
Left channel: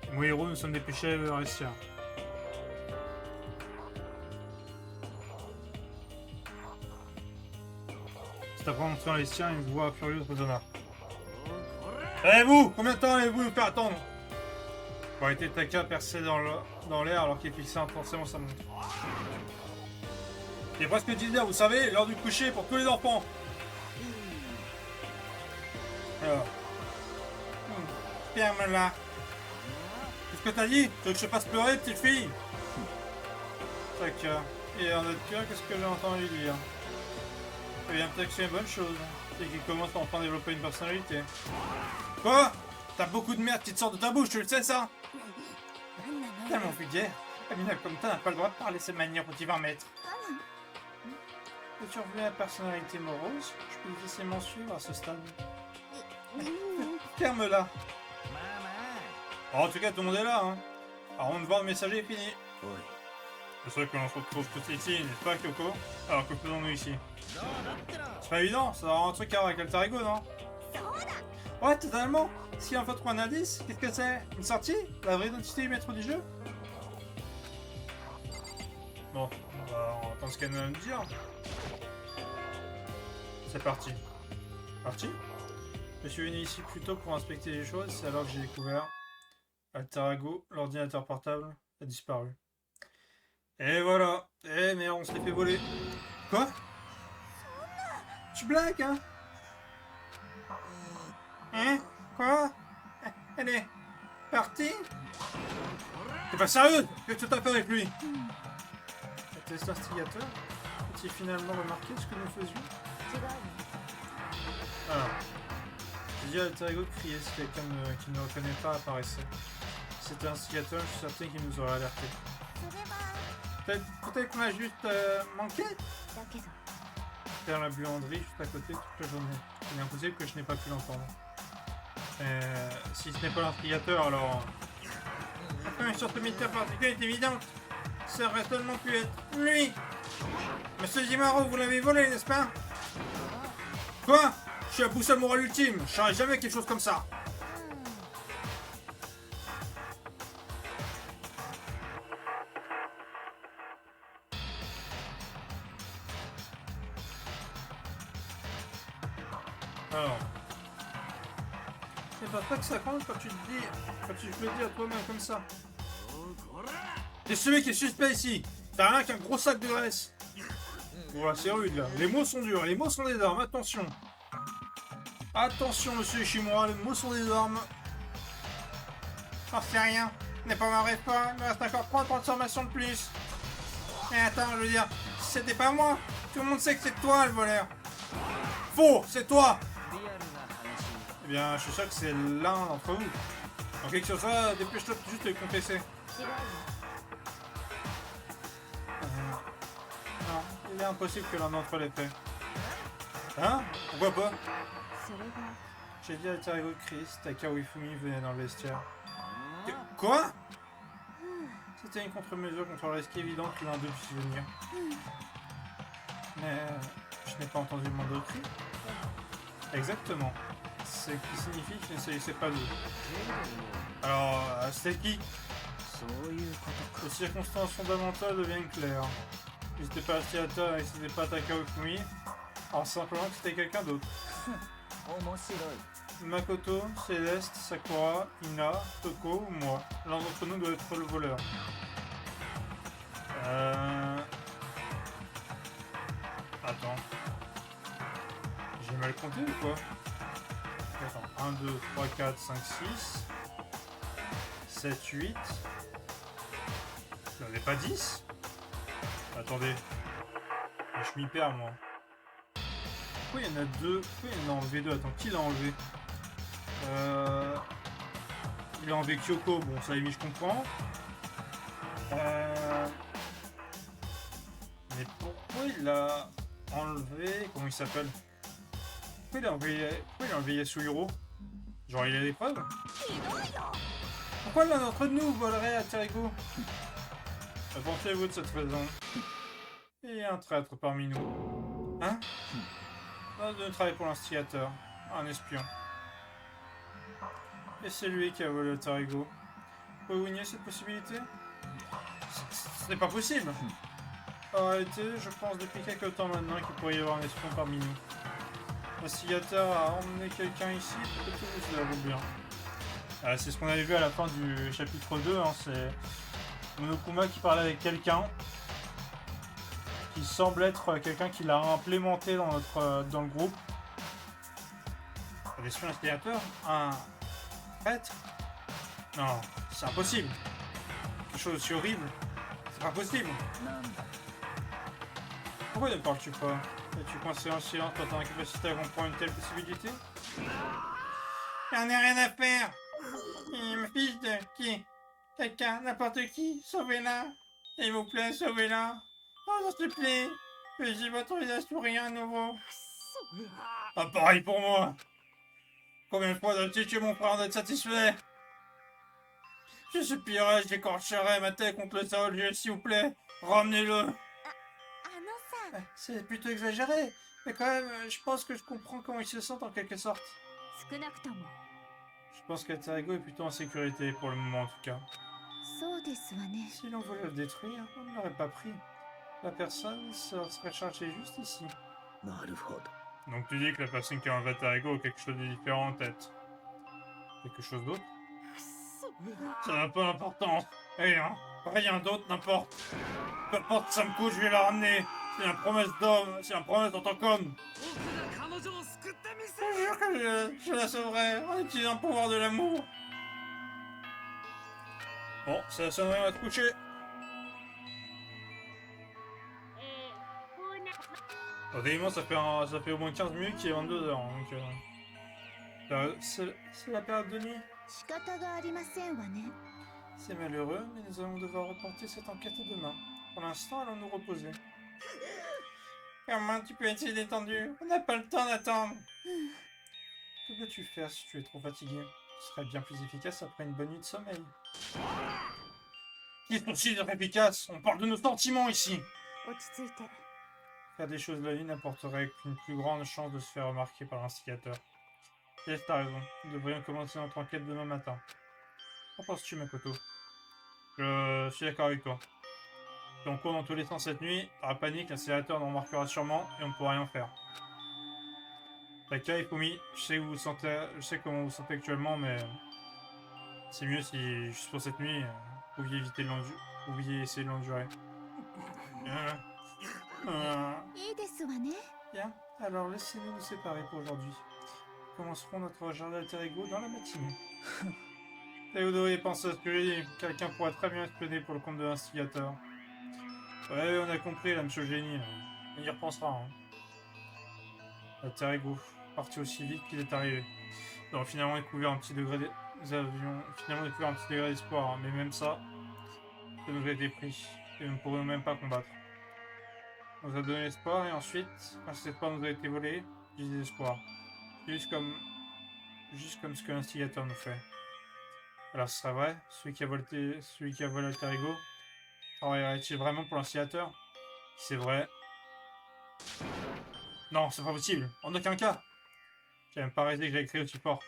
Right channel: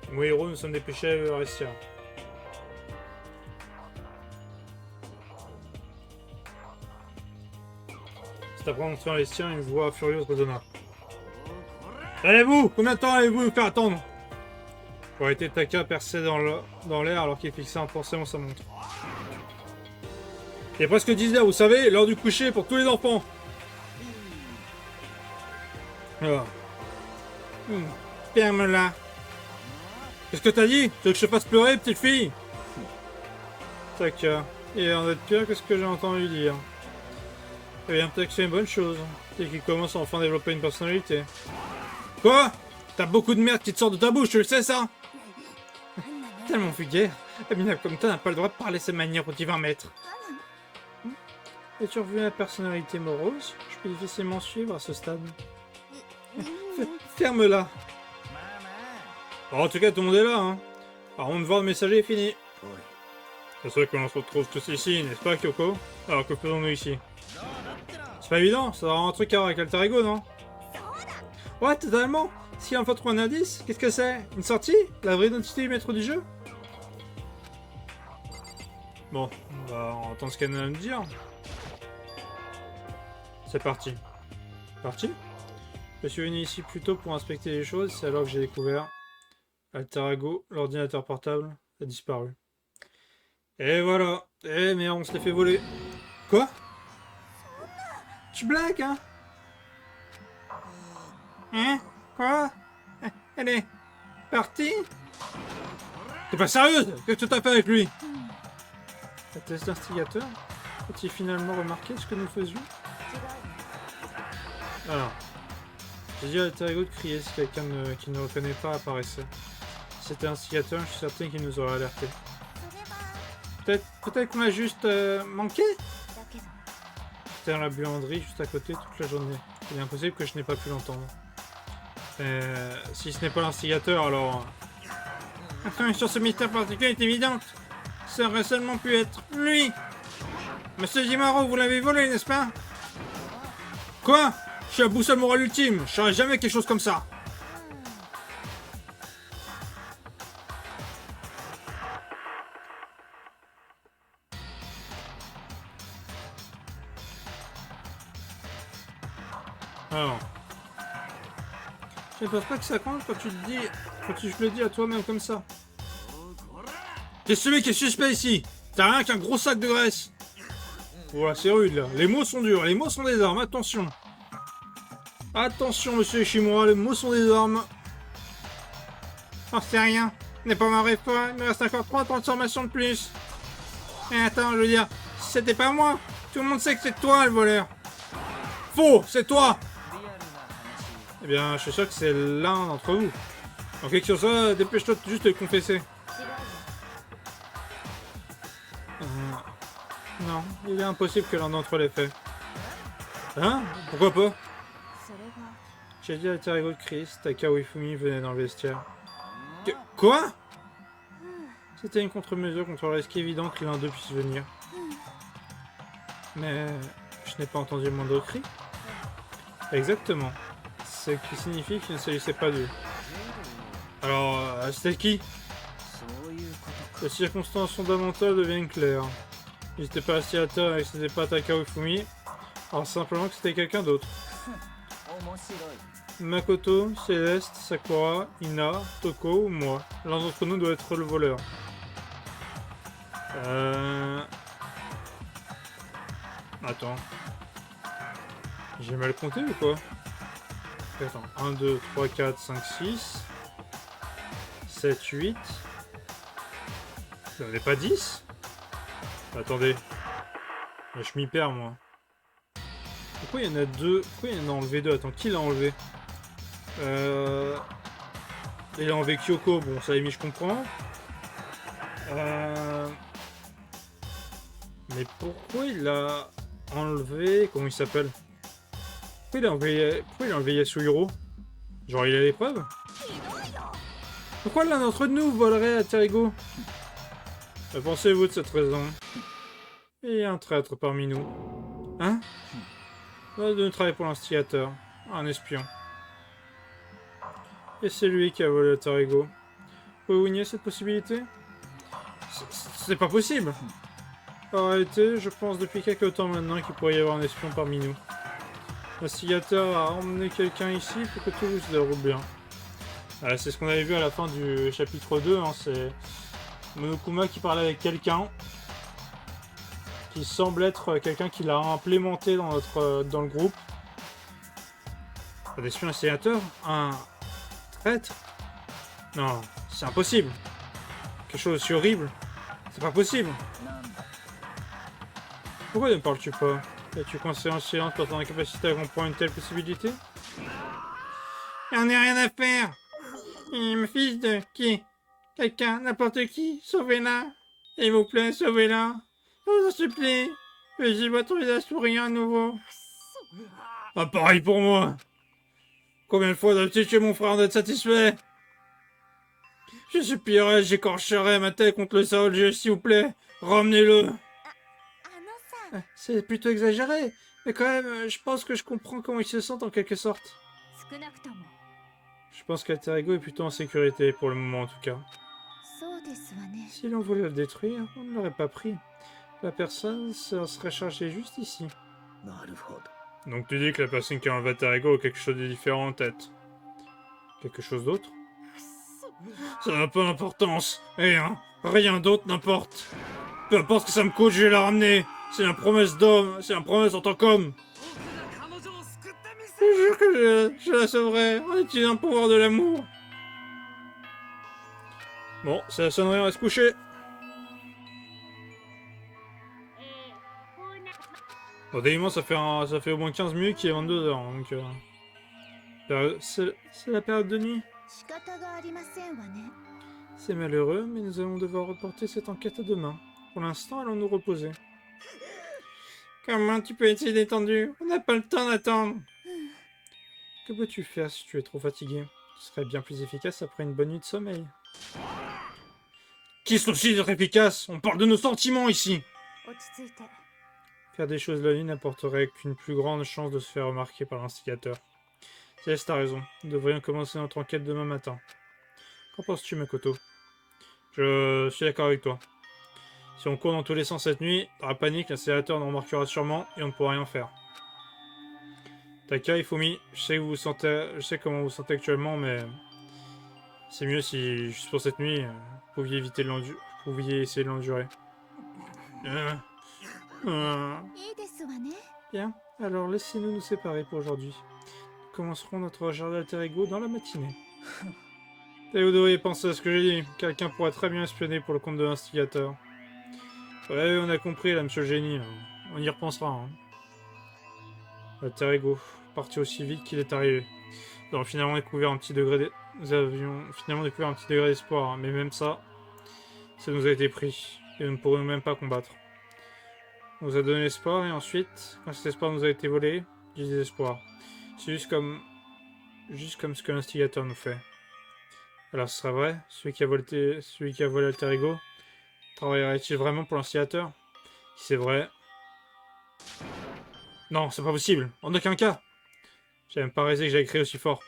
Et moi et Hiro, nous sommes dépêchés à le vestiaire. C'est après entrer dans les siens, une voix furieuse résonna. Allez-vous! Combien de temps allez-vous nous faire attendre? Pour arrêter Taka percé dans l'air alors qu'il fixait intensément sa montre. Il est presque 10h, vous savez, l'heure du coucher pour tous les enfants. Alors. Ferme-la. Qu'est-ce que t'as dit? Tu veux que je te fasse pleurer, petite fille? Taka. Et en être pire, qu'est-ce que j'ai entendu dire? Eh bien, peut-être que c'est une bonne chose. C'est qu'il commence à enfin développer une personnalité. Quoi? T'as beaucoup de merde qui te sort de ta bouche, tu le sais ça? Tellement vulgaire. Un minable comme toi n'a pas le droit de parler de cette manière au divin maître. As-tu revu la personnalité morose? Je peux difficilement suivre à ce stade. Ferme-la. Bon, en tout cas, tout le monde est là, hein. Par contre, voir le messager est fini. C'est sûr que l'on se retrouve tous ici, n'est-ce pas, Kyoko? Alors, que faisons-nous ici? C'est pas évident, ça doit avoir un truc à voir avec Alter Ego, non? Ouais, totalement. S'il en faut trouver un indice, qu'est-ce que c'est? Une sortie? La vraie identité du maître du jeu? Bon, on va entendre ce qu'elle a à nous dire. C'est parti. Parti. Je suis venu ici plus tôt pour inspecter les choses, c'est alors que j'ai découvert Alter Ego, l'ordinateur portable a disparu. Et voilà. Eh mais on se l'est fait voler. Quoi? Tu blagues, hein? Hein? Quoi? Elle est partie? T'es pas sérieuse? Qu'est-ce que t'as fait avec lui? Était-ce l'instigateur? A-t-il finalement remarqué ce que nous faisions? Alors, j'ai dit à Alter Ego de crier si quelqu'un qui ne reconnaît pas apparaissait. Si c'était l'instigateur, je suis certain qu'il nous aurait alerté. Peut-être qu'on a juste manqué? J'étais dans la buanderie juste à côté toute la journée. Il est impossible que je n'ai pas pu l'entendre. Si ce n'est pas l'instigateur, alors... La connexion sur ce mystère particulier est évidente. Ça aurait seulement pu être lui. Monsieur Jimaro, vous l'avez volé, n'est-ce pas? Quoi? Je suis à boussole morale ultime. Je ferai jamais quelque chose comme ça. Alors... Je ne pense pas que ça compte quand tu te dis... Quand tu le dis à toi-même comme ça. T'es celui qui est suspect ici. T'as rien qu'un gros sac de graisse. Voilà, c'est rude là. Les mots sont durs, les mots sont des armes, attention. Attention, monsieur Ishimura, les mots sont des armes. J'en sais rien. N'est pas ma réponse. Il me reste encore 3 transformations de plus. Et attends, je veux dire, c'était pas moi. Tout le monde sait que c'est toi le voleur. Faux, c'est toi. Eh bien, je suis sûr que c'est l'un d'entre vous. En quelque chose, ça, dépêche-toi de juste de le confesser. Non, il est impossible que l'un d'entre eux l'ait fait. Hein? Pourquoi pas? J'ai dit à Alter Ego de Chris, Takao Ifumi venait dans le vestiaire. Quoi? C'était une contre-mesure contre le risque évident que l'un d'eux puisse venir. Mais je n'ai pas entendu le moindre cri. Exactement. Ce qui signifie qu'il ne s'agissait pas d'eux. Alors, c'était qui? Les circonstances fondamentales deviennent claires. Si c'était pas l'instigateur et que c'était pas Takao Ifumi, alors simplement que c'était quelqu'un d'autre. Makoto, Céleste, Sakura, Ina, Toko ou moi. L'un d'entre nous doit être le voleur. Attends. J'ai mal compté ou quoi? Attends. 1, 2, 3, 4, 5, 6. 7, 8. Ça n'est pas 10? Attendez. Je m'y perds moi. Pourquoi il y en a deux? Pourquoi il y en a enlevé deux? Attends, qui l'a enlevé? Il a enlevé Kyoko, bon ça je comprends. Mais pourquoi il a enlevé... Comment il s'appelle? Pourquoi il a enlevé Yasuhiro? Genre il a l'épreuve? Pourquoi l'un d'entre nous volerait à Terego? Que pensez-vous de cette raison? Il y a un traître parmi nous. Hein? L'un de nous travaille pour l'instigateur. Un espion. Et c'est lui qui a volé Terego. Pouvez-vous nier cette possibilité? C'est pas possible! En réalité, je pense depuis quelques temps maintenant qu'il pourrait y avoir un espion parmi nous. L'instigateur a emmené quelqu'un ici pour que tout se déroule bien. C'est ce qu'on avait vu à la fin du chapitre 2, hein, c'est Monokuma qui parlait avec quelqu'un qui semble être quelqu'un qui l'a implémenté dans le groupe. Un espion instigateur? Un traître? Non, c'est impossible. Quelque chose d'aussi horrible. C'est pas possible. Pourquoi ne parles-tu pas? Es-tu coincé en silence pour ton incapacité à comprendre une telle possibilité? J'en ai rien à faire. Il me fiche de qui? Quelqu'un, n'importe qui, sauvez-la. S'il vous plaît, sauvez-la. Je vous en supplie. Veuillez votre visage souriant à nouveau. Ah, pareil pour moi. Combien de fois dois-tu tuer mon frère d'être satisfait? Je supplie, j'écorcherai ma tête contre le sol, s'il vous plaît. Ramenez-le. C'est plutôt exagéré, mais quand même, je pense que je comprends comment ils se sentent en quelque sorte. Je pense qu'Alter Ego est plutôt en sécurité, pour le moment en tout cas. Si l'on voulait le détruire, on ne l'aurait pas pris. La personne se serait chargée juste ici. Donc tu dis que la personne qui a un alter ego a quelque chose de différent en tête. Quelque chose d'autre? Ça n'a pas d'importance. Rien. Rien d'autre n'importe. Peu importe ce que ça me coûte, je vais la ramener. C'est une promesse d'homme. C'est une promesse en tant qu'homme. Je jure que je la sauverai en utilisant le pouvoir de l'amour. Bon, c'est la sonnerie, on va se coucher. Bon, décidément, ça fait au moins 15 minutes qu'il est 22 heures. Donc, c'est la période de nuit. C'est malheureux, mais nous allons devoir reporter cette enquête à demain. Pour l'instant, allons nous reposer. Comment tu peux être si détendu? On n'a pas le temps d'attendre. Que peux-tu faire si tu es trop fatigué? Ce serait bien plus efficace après une bonne nuit de sommeil. Qui soucie d'être efficace? On parle de nos sentiments ici. Faire des choses la nuit n'apporterait qu'une plus grande chance de se faire remarquer par l'instigateur. Céleste, t'as raison. Nous devrions commencer notre enquête demain matin. Qu'en penses-tu, Makoto? Je suis d'accord avec toi. Si on court dans tous les sens cette nuit, dans la panique, l'installateur nous remarquera sûrement et on ne pourra rien faire. Taka, Ifumi, je sais comment vous vous sentez actuellement, mais c'est mieux si, juste pour cette nuit, vous pouviez essayer de l'endurer. Bien, alors laissez-nous nous séparer pour aujourd'hui. Nous commencerons notre recherche d'alter ego dans la matinée. Et vous devriez penser à ce que j'ai dit. Quelqu'un pourrait très bien espionner pour le compte de l'instigateur. Ouais, on a compris là, monsieur le génie. On y repensera. Hein. L'alter ego, parti aussi vite qu'il est arrivé. Nous avons finalement découvert un petit degré d'espoir, hein. Mais même ça nous a été pris. Et nous ne pourrons même pas combattre. On nous a donné l'espoir et ensuite, quand cet espoir nous a été volé, du désespoir. C'est juste comme ce que l'instigateur nous fait. Alors ce serait vrai, celui qui a volé l'alter ego, travaillerait-il vraiment pour l'instigateur? Si c'est vrai... Non, c'est pas possible, en aucun cas. J'ai même pas réalisé que j'avais crié aussi fort.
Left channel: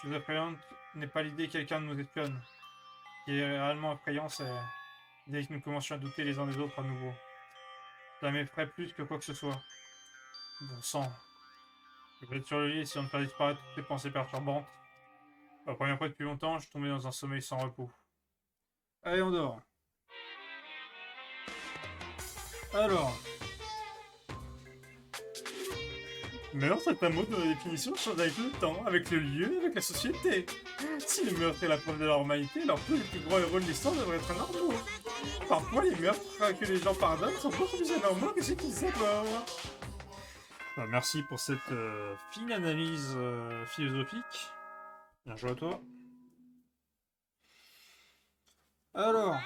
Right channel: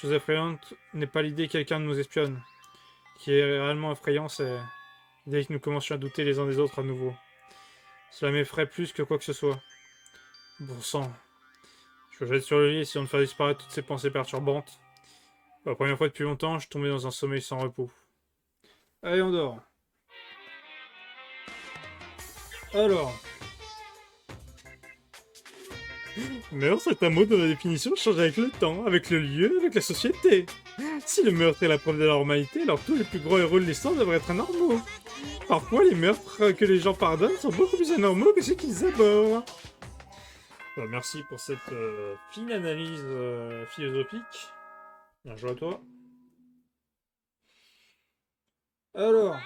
Chose effrayante n'est pas l'idée que quelqu'un nous espionne. Ce qui est réellement effrayant, c'est l'idée que nous commencions à douter les uns des autres à nouveau. Cela m'effraie plus que quoi que ce soit. Bon sang. Je jette sur le lit, essayant de faire disparaître toutes ces pensées perturbantes. Pour la première fois depuis longtemps, je tombais dans un sommeil sans repos. Allez, on dort. Alors. Meurtre est un mot dont la définition change avec le temps, avec le lieu, avec la société. Si le meurtre est la preuve de la normalité, alors tous les plus gros héros de l'histoire devraient être anormaux. Parfois, les meurtres que les gens pardonnent sont beaucoup plus anormaux que ceux qu'ils abhorrent. Bah, merci pour cette fine analyse philosophique. Bien joué à toi. Alors,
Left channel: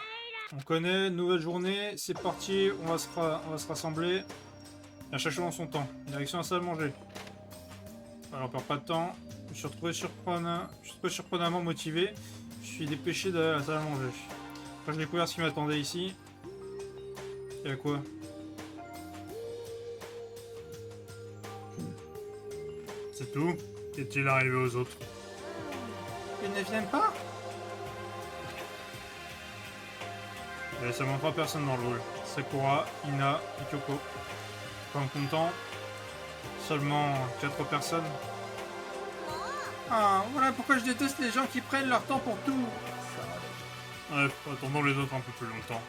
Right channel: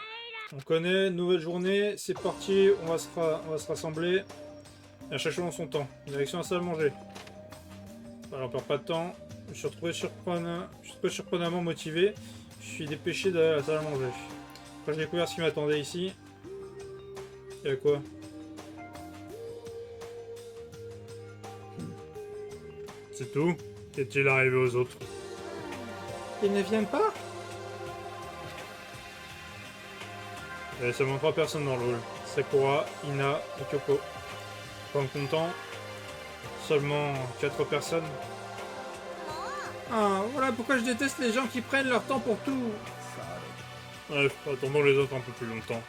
on connaît, nouvelle journée, c'est parti, on va se rassembler. À chaque chose en son temps. Direction la salle à manger. Alors, on perd pas de temps. Je suis retrouvé surprenamment motivé. Je suis dépêché d'aller à la salle à manger. Quand j'ai découvert ce qui m'attendait ici. Il y a quoi? C'est tout? Qu'est-il arrivé aux autres? Ils ne viennent pas? Il y a seulement 3 personnes dans le hall. Sakura, Ina et Kyoko. En comptant seulement 4 personnes. Ah, voilà pourquoi je déteste les gens qui prennent leur temps pour tout. Bref, attendons les autres un peu plus longtemps.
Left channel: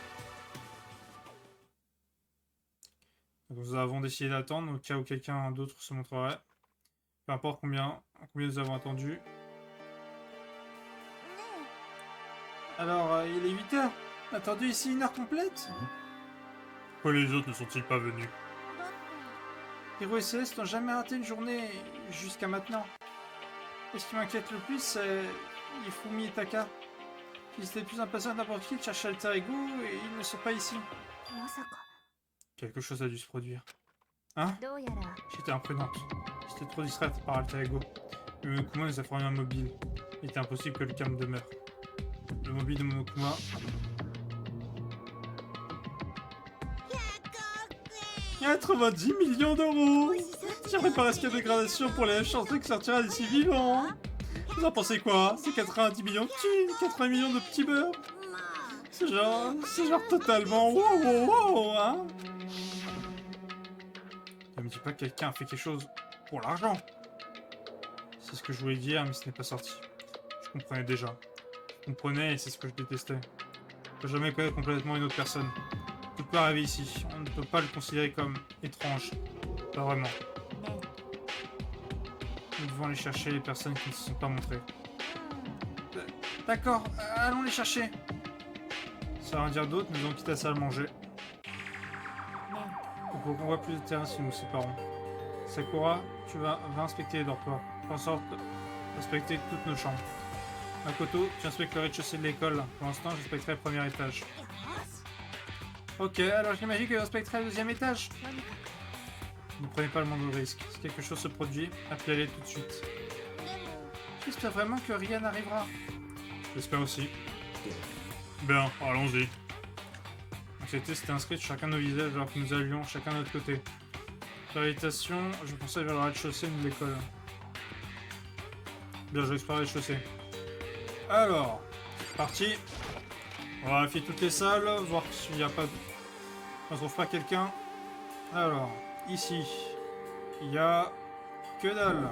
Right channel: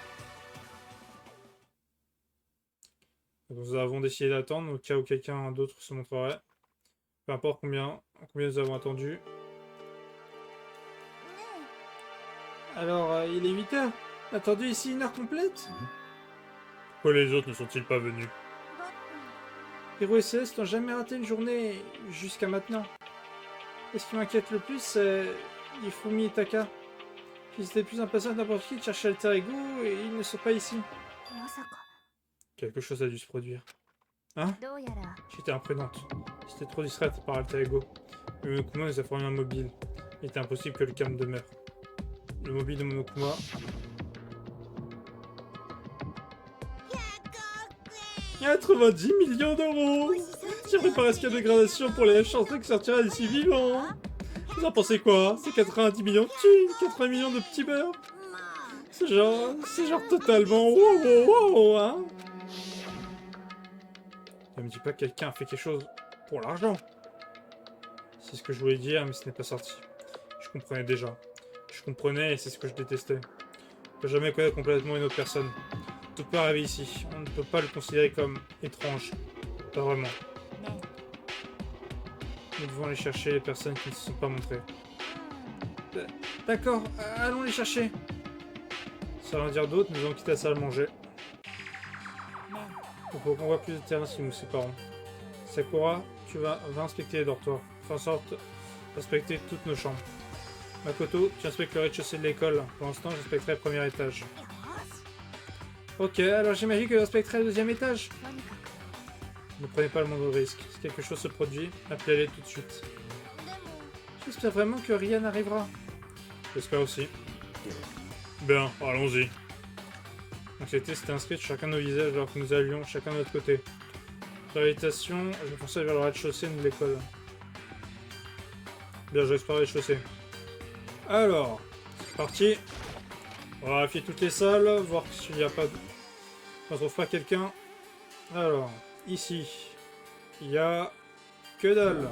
Nous avons décidé d'attendre au cas où quelqu'un d'autre se montrerait. Peu importe combien nous avons attendu. Alors, il est 8 heures. Attendu ici 1 heure complète. Pourquoi les autres ne sont-ils pas venus? Hiro et Céleste n'ont jamais raté une journée jusqu'à maintenant. Et ce qui m'inquiète le plus, c'est Ifumi et Taka. Ils étaient plus impatients que n'importe qui de chercher alter ego et ils ne sont pas ici. Quelque chose a dû se produire. Hein? J'étais imprudente. J'étais trop distraite par alter ego. Le Monokuma nous a fourni un mobile. Il était impossible que le calme demeure. Le mobile de Monokuma... 90 millions d'euros! J'ai préparé ce cas de dégradation pour les chanceux qui sortira d'ici vivant! Vous en pensez quoi? C'est 90 millions de thunes, 80 millions de petits beurres! C'est genre totalement wow, hein? Ne me dis pas que quelqu'un a fait quelque chose pour l'argent. C'est ce que je voulais dire, mais ce n'est pas sorti. Je comprenais déjà. Je comprenais et c'est ce que je détestais. On ne peut jamais connaître complètement une autre personne. Tout peut arriver ici. On ne peut pas le considérer comme étrange. Pas vraiment. Nous devons aller chercher les personnes qui ne se sont pas montrées. D'accord, allons les chercher. Sans rien dire d'autre, nous allons quitter la salle à manger. Il faut qu'on voit plus de terrain si nous nous séparons. Sakura, va inspecter les dortoirs. Fais en sorte d'inspecter toutes nos chambres. Makoto, tu inspectes le rez-de-chaussée de l'école. Pour l'instant, j'inspecterai le premier étage. Ok, alors j'imagine que j'inspecterai le deuxième étage. Ne prenez pas le moindre risque. Si quelque chose se produit, appelez-les tout de suite. J'espère vraiment que rien n'arrivera. J'espère aussi. Bien, allons-y. Donc c'était inscrit sur chacun de nos visages alors que nous allions chacun de notre côté. Par irritation, je pensais vers le rez-de-chaussée de l'école. Bien, je vais explorer le rez-de-chaussée. Alors, c'est parti. On va vérifier toutes les salles, voir s'il n'y a pas de... On ne trouve pas quelqu'un. Alors, ici, il y a... que dalle.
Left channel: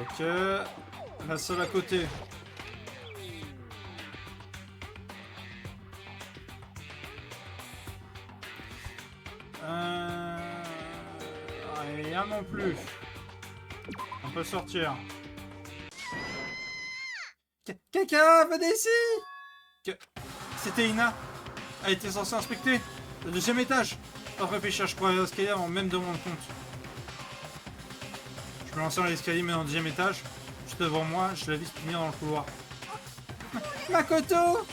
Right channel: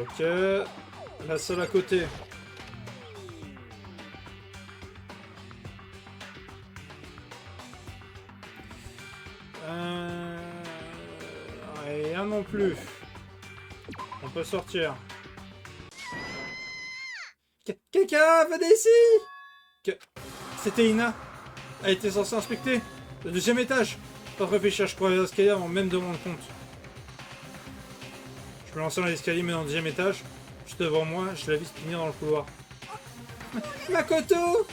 Ok. La salle à côté. Rien non plus. On peut sortir. Quelqu'un, venez ici. C'était Ina. Elle était censée inspecter le deuxième étage. Pas réfléchir, je crois à l'escalier avant même de me rendre compte. Je me lançais dans l'escalier mais dans le deuxième étage. Juste devant moi, je la vis finir dans le couloir. Makoto!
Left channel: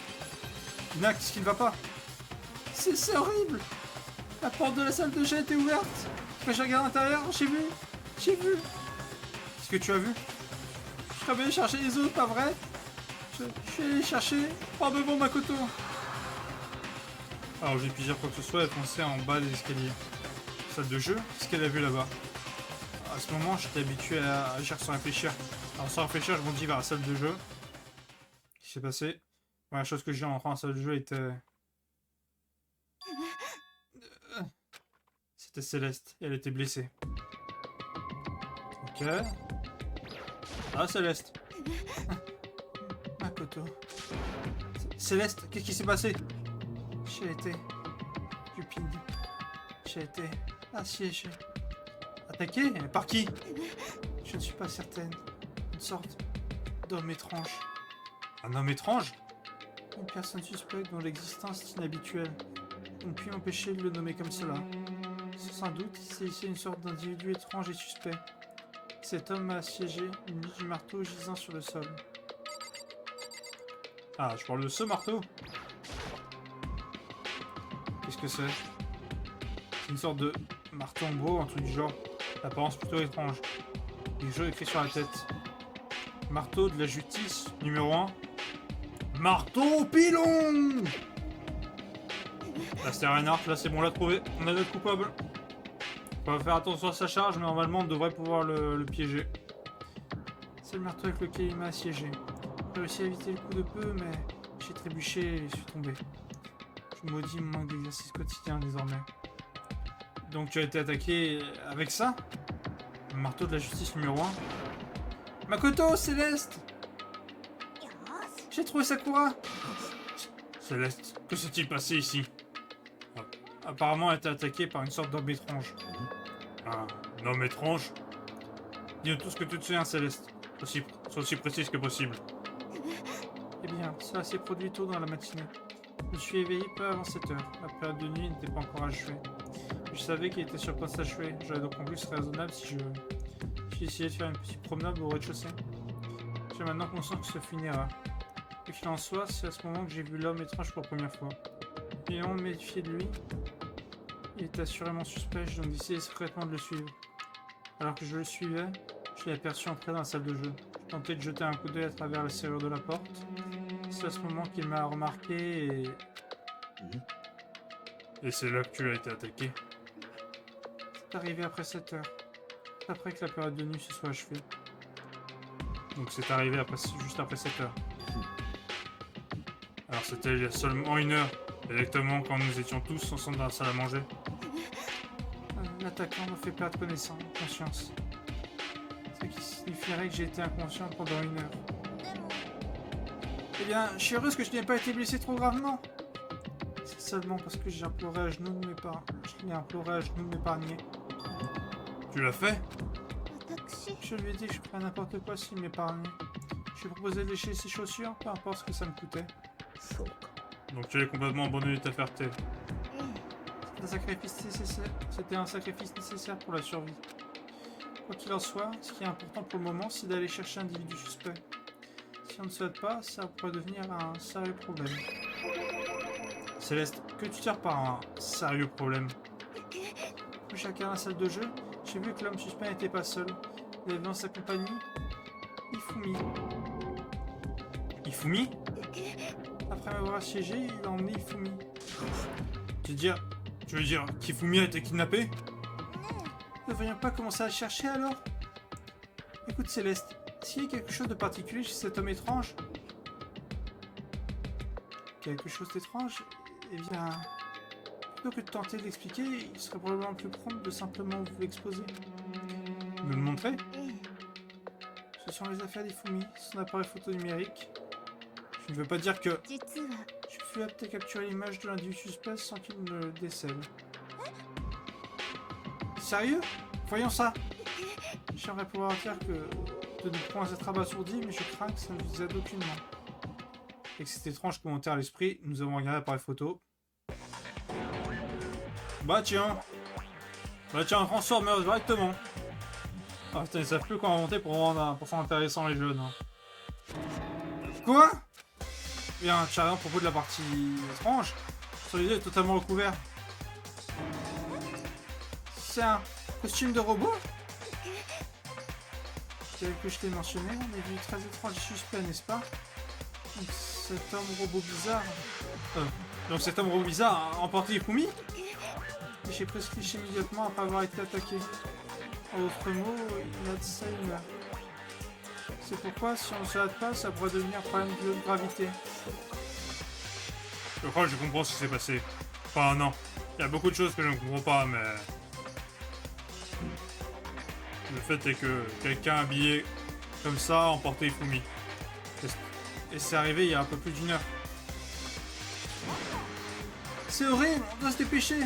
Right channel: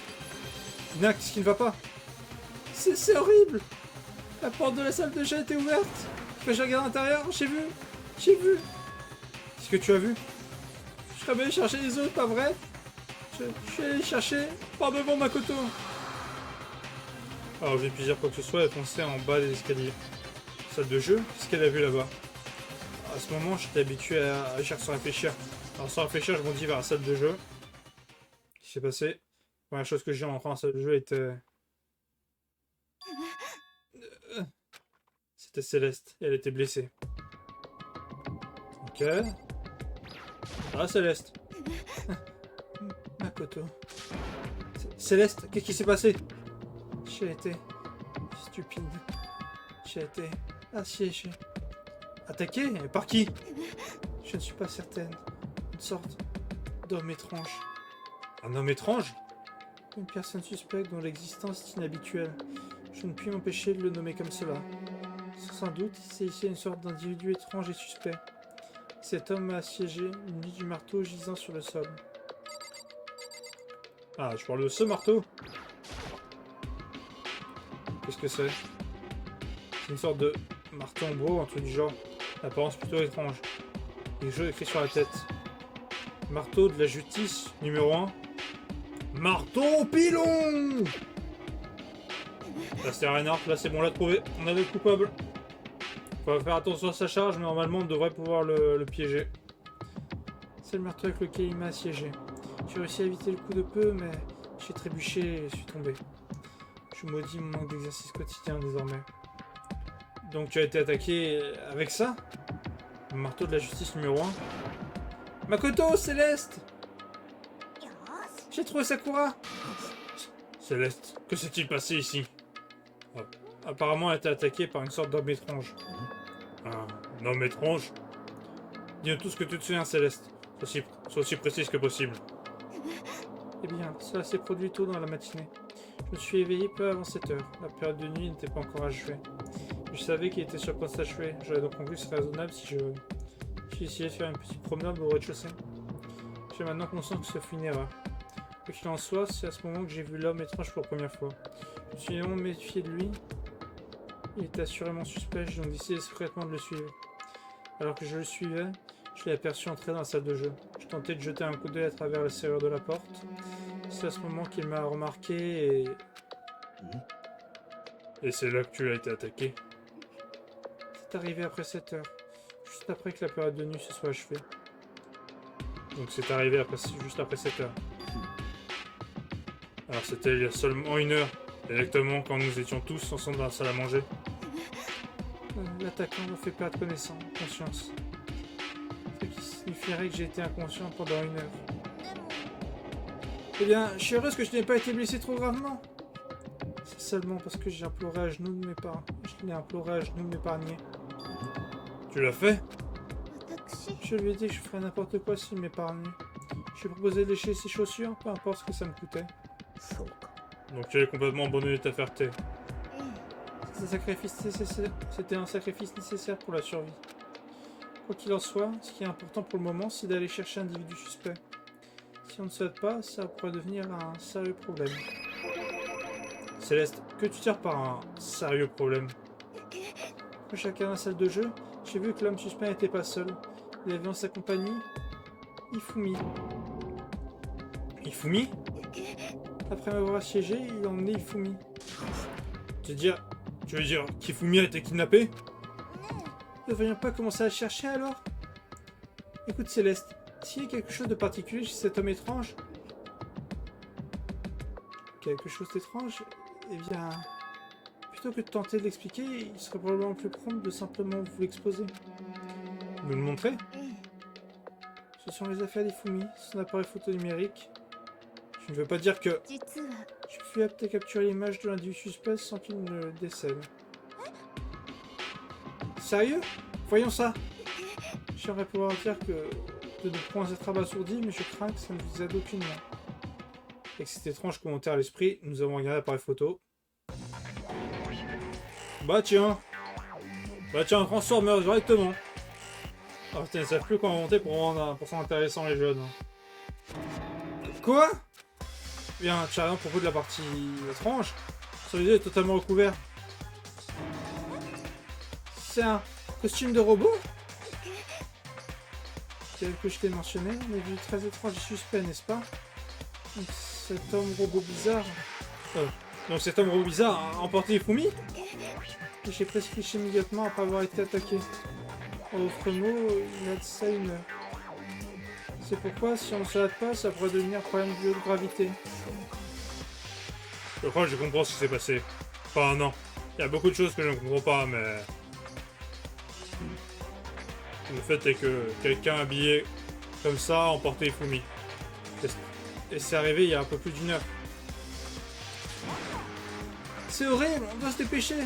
Ina, qu'est-ce qui ne va pas? C'est horrible! La porte de la salle de jeu était ouverte. Quand j'ai regardé à l'intérieur, j'ai vu. Qu'est-ce que tu as vu? Je suis allé chercher les autres, pas vrai? Je suis allé chercher. Pardon, Makoto. Alors, j'ai pu dire quoi que ce soit, elle fonçait en bas des escaliers. Salle de jeu? Qu'est-ce qu'elle a vu là-bas? À ce moment, j'étais habitué à agir sans réfléchir. Alors, sans réfléchir, je m'en dis vers la salle de jeu. Qu'est-ce qui s'est passé? La première chose que j'ai en rentrant dans la salle de jeu était... C'était Céleste, et elle était blessée. Ok. Ah, Céleste. Makoto. Céleste, qu'est-ce qui s'est passé? J'ai été... stupide. J'ai été... assiégée. Attaqué? Par qui? Je ne suis pas certaine. Une sorte d'homme étrange. Un homme étrange? Une personne suspecte dont l'existence est inhabituelle. Je ne puis m'empêcher de le nommer comme cela. Sans doute, c'est ici une sorte d'individu étrange et suspect. Cet homme m'a assiégé, muni du marteau gisant sur le sol. Ah, je parle de ce marteau. Qu'est-ce que c'est? C'est une sorte de marteau en bois, un truc du genre. L'apparence plutôt étrange. Quelque chose écrit sur la tête. Marteau de la justice, numéro 1. Marteau pilon! Là c'est Reinhardt, là c'est bon, on l'a trouvé. On a le coupable. On va faire attention à sa charge, mais normalement on devrait pouvoir le piéger. C'est le marteau avec lequel il m'a assiégé. J'ai réussi à éviter le coup de peu, mais j'ai trébuché et suis tombé. Je maudis mon manque d'exercice quotidien désormais. Donc tu as été attaqué avec ça? Le marteau de la justice numéro 1. Makoto, Céleste! J'ai trouvé Sakura! Céleste, que s'est-il passé ici? Apparemment, elle a été attaquée par une sorte d'homme étrange. Un homme étrange? Dis-nous tout ce que tu te souviens, Céleste. Sois aussi précise que possible. Eh bien, cela s'est produit tôt dans la matinée. Je me suis éveillé peu avant 7 heures. La période de nuit n'était pas encore achevée. Je savais qu'il était sur le point de s'achever. J'aurais donc conclu que ce serait raisonnable si j'ai essayé de faire une petite promenade au rez-de-chaussée. J'ai maintenant conscience que ce fut une erreur. Quoi qu'il en soit, c'est à ce moment que j'ai vu l'homme étrange pour la première fois. Je me suis évidemment méfié de lui. Il était assurément suspect, j'ai donc décidé secrètement de le suivre. Alors que je le suivais, je l'ai aperçu entrer dans la salle de jeu. Je tentais de jeter un coup d'œil à travers la serrure de la porte. C'est à ce moment qu'il m'a remarqué et... Et c'est là que tu as été attaqué? C'est arrivé après 7 heures, juste après que la période de nuit se soit achevée. Donc c'est arrivé juste après 7 heures. Alors c'était il y a seulement 1 heure, exactement quand nous étions tous ensemble dans la salle à manger. L'attaquant me fait perdre conscience. Ce qui signifierait que j'ai été inconscient pendant 1 heure. Eh bien, je suis heureuse que je n'ai pas été blessé trop gravement. C'est seulement parce que j'ai imploré à genoux de m'épargner. Je l'ai imploré à genoux de m'épargner. Tu l'as fait? Je lui ai dit que je ferais n'importe quoi s'il m'épargnait. Je lui ai proposé de lécher ses chaussures, peu importe ce que ça me coûtait. Donc tu es complètement abandonné ta fierté. C'était un sacrifice nécessaire pour la survie. Quoi qu'il en soit, ce qui est important pour le moment, c'est d'aller chercher un individu suspect. Si on ne souhaite pas, ça pourrait devenir un sérieux problème. Céleste, que tu tires par un sérieux problème? Quand j'ai regardé la salle de jeu, j'ai vu que l'homme suspect n'était pas seul. Il avait en sa compagnie Ifumi. Ifumi? Après m'avoir assiégé, il a emmené Ifumi. Tu veux dire qu'Ifumi a été kidnappé? Ne devrions pas commencer à chercher alors? Écoute Céleste, s'il y a quelque chose de particulier chez cet homme étrange... Quelque chose d'étrange? Eh bien... Plutôt que de tenter de l'expliquer, il serait probablement plus prompt de simplement vous l'exposer. Nous le montrer? Ce sont les affaires d'Ifumi, son appareil photo numérique. Je ne veux pas dire que... Je fus apte à capturer l'image de l'individu suspect sans qu'il ne le décèle. Sérieux? Voyons ça! J'aimerais pouvoir dire que de ne point être abasourdi, mais je crains que ça ne vous aide aucunement. Avec cet étrange commentaire à l'esprit, nous avons regardé l'appareil photo. Bah tiens, transformeur directement. Ah putain, ils savent plus quoi inventer pour rendre intéressant les jeunes. Quoi? Bien, tu as rien à propos de la partie étrange. Sur les yeux est totalement recouvert. C'est un costume de robot? Tel que je t'ai mentionné, on est vu très étrange et suspect, n'est-ce pas? Donc cet homme robot bizarre... a emporté Ifumi? Et j'ai presque cliché immédiatement après avoir été attaqué. En d'autres mots, il a de ça 1 heure. C'est pourquoi, si on ne se hâte pas, ça pourrait devenir un problème de gravité. Je crois que je comprends ce qui s'est passé. Enfin, non. Il y a beaucoup de choses que je ne comprends pas, mais... Le fait est que quelqu'un habillé comme ça a emporté Ifumi. Et c'est arrivé il y a un peu plus d'1 heure. C'est horrible, on doit se dépêcher.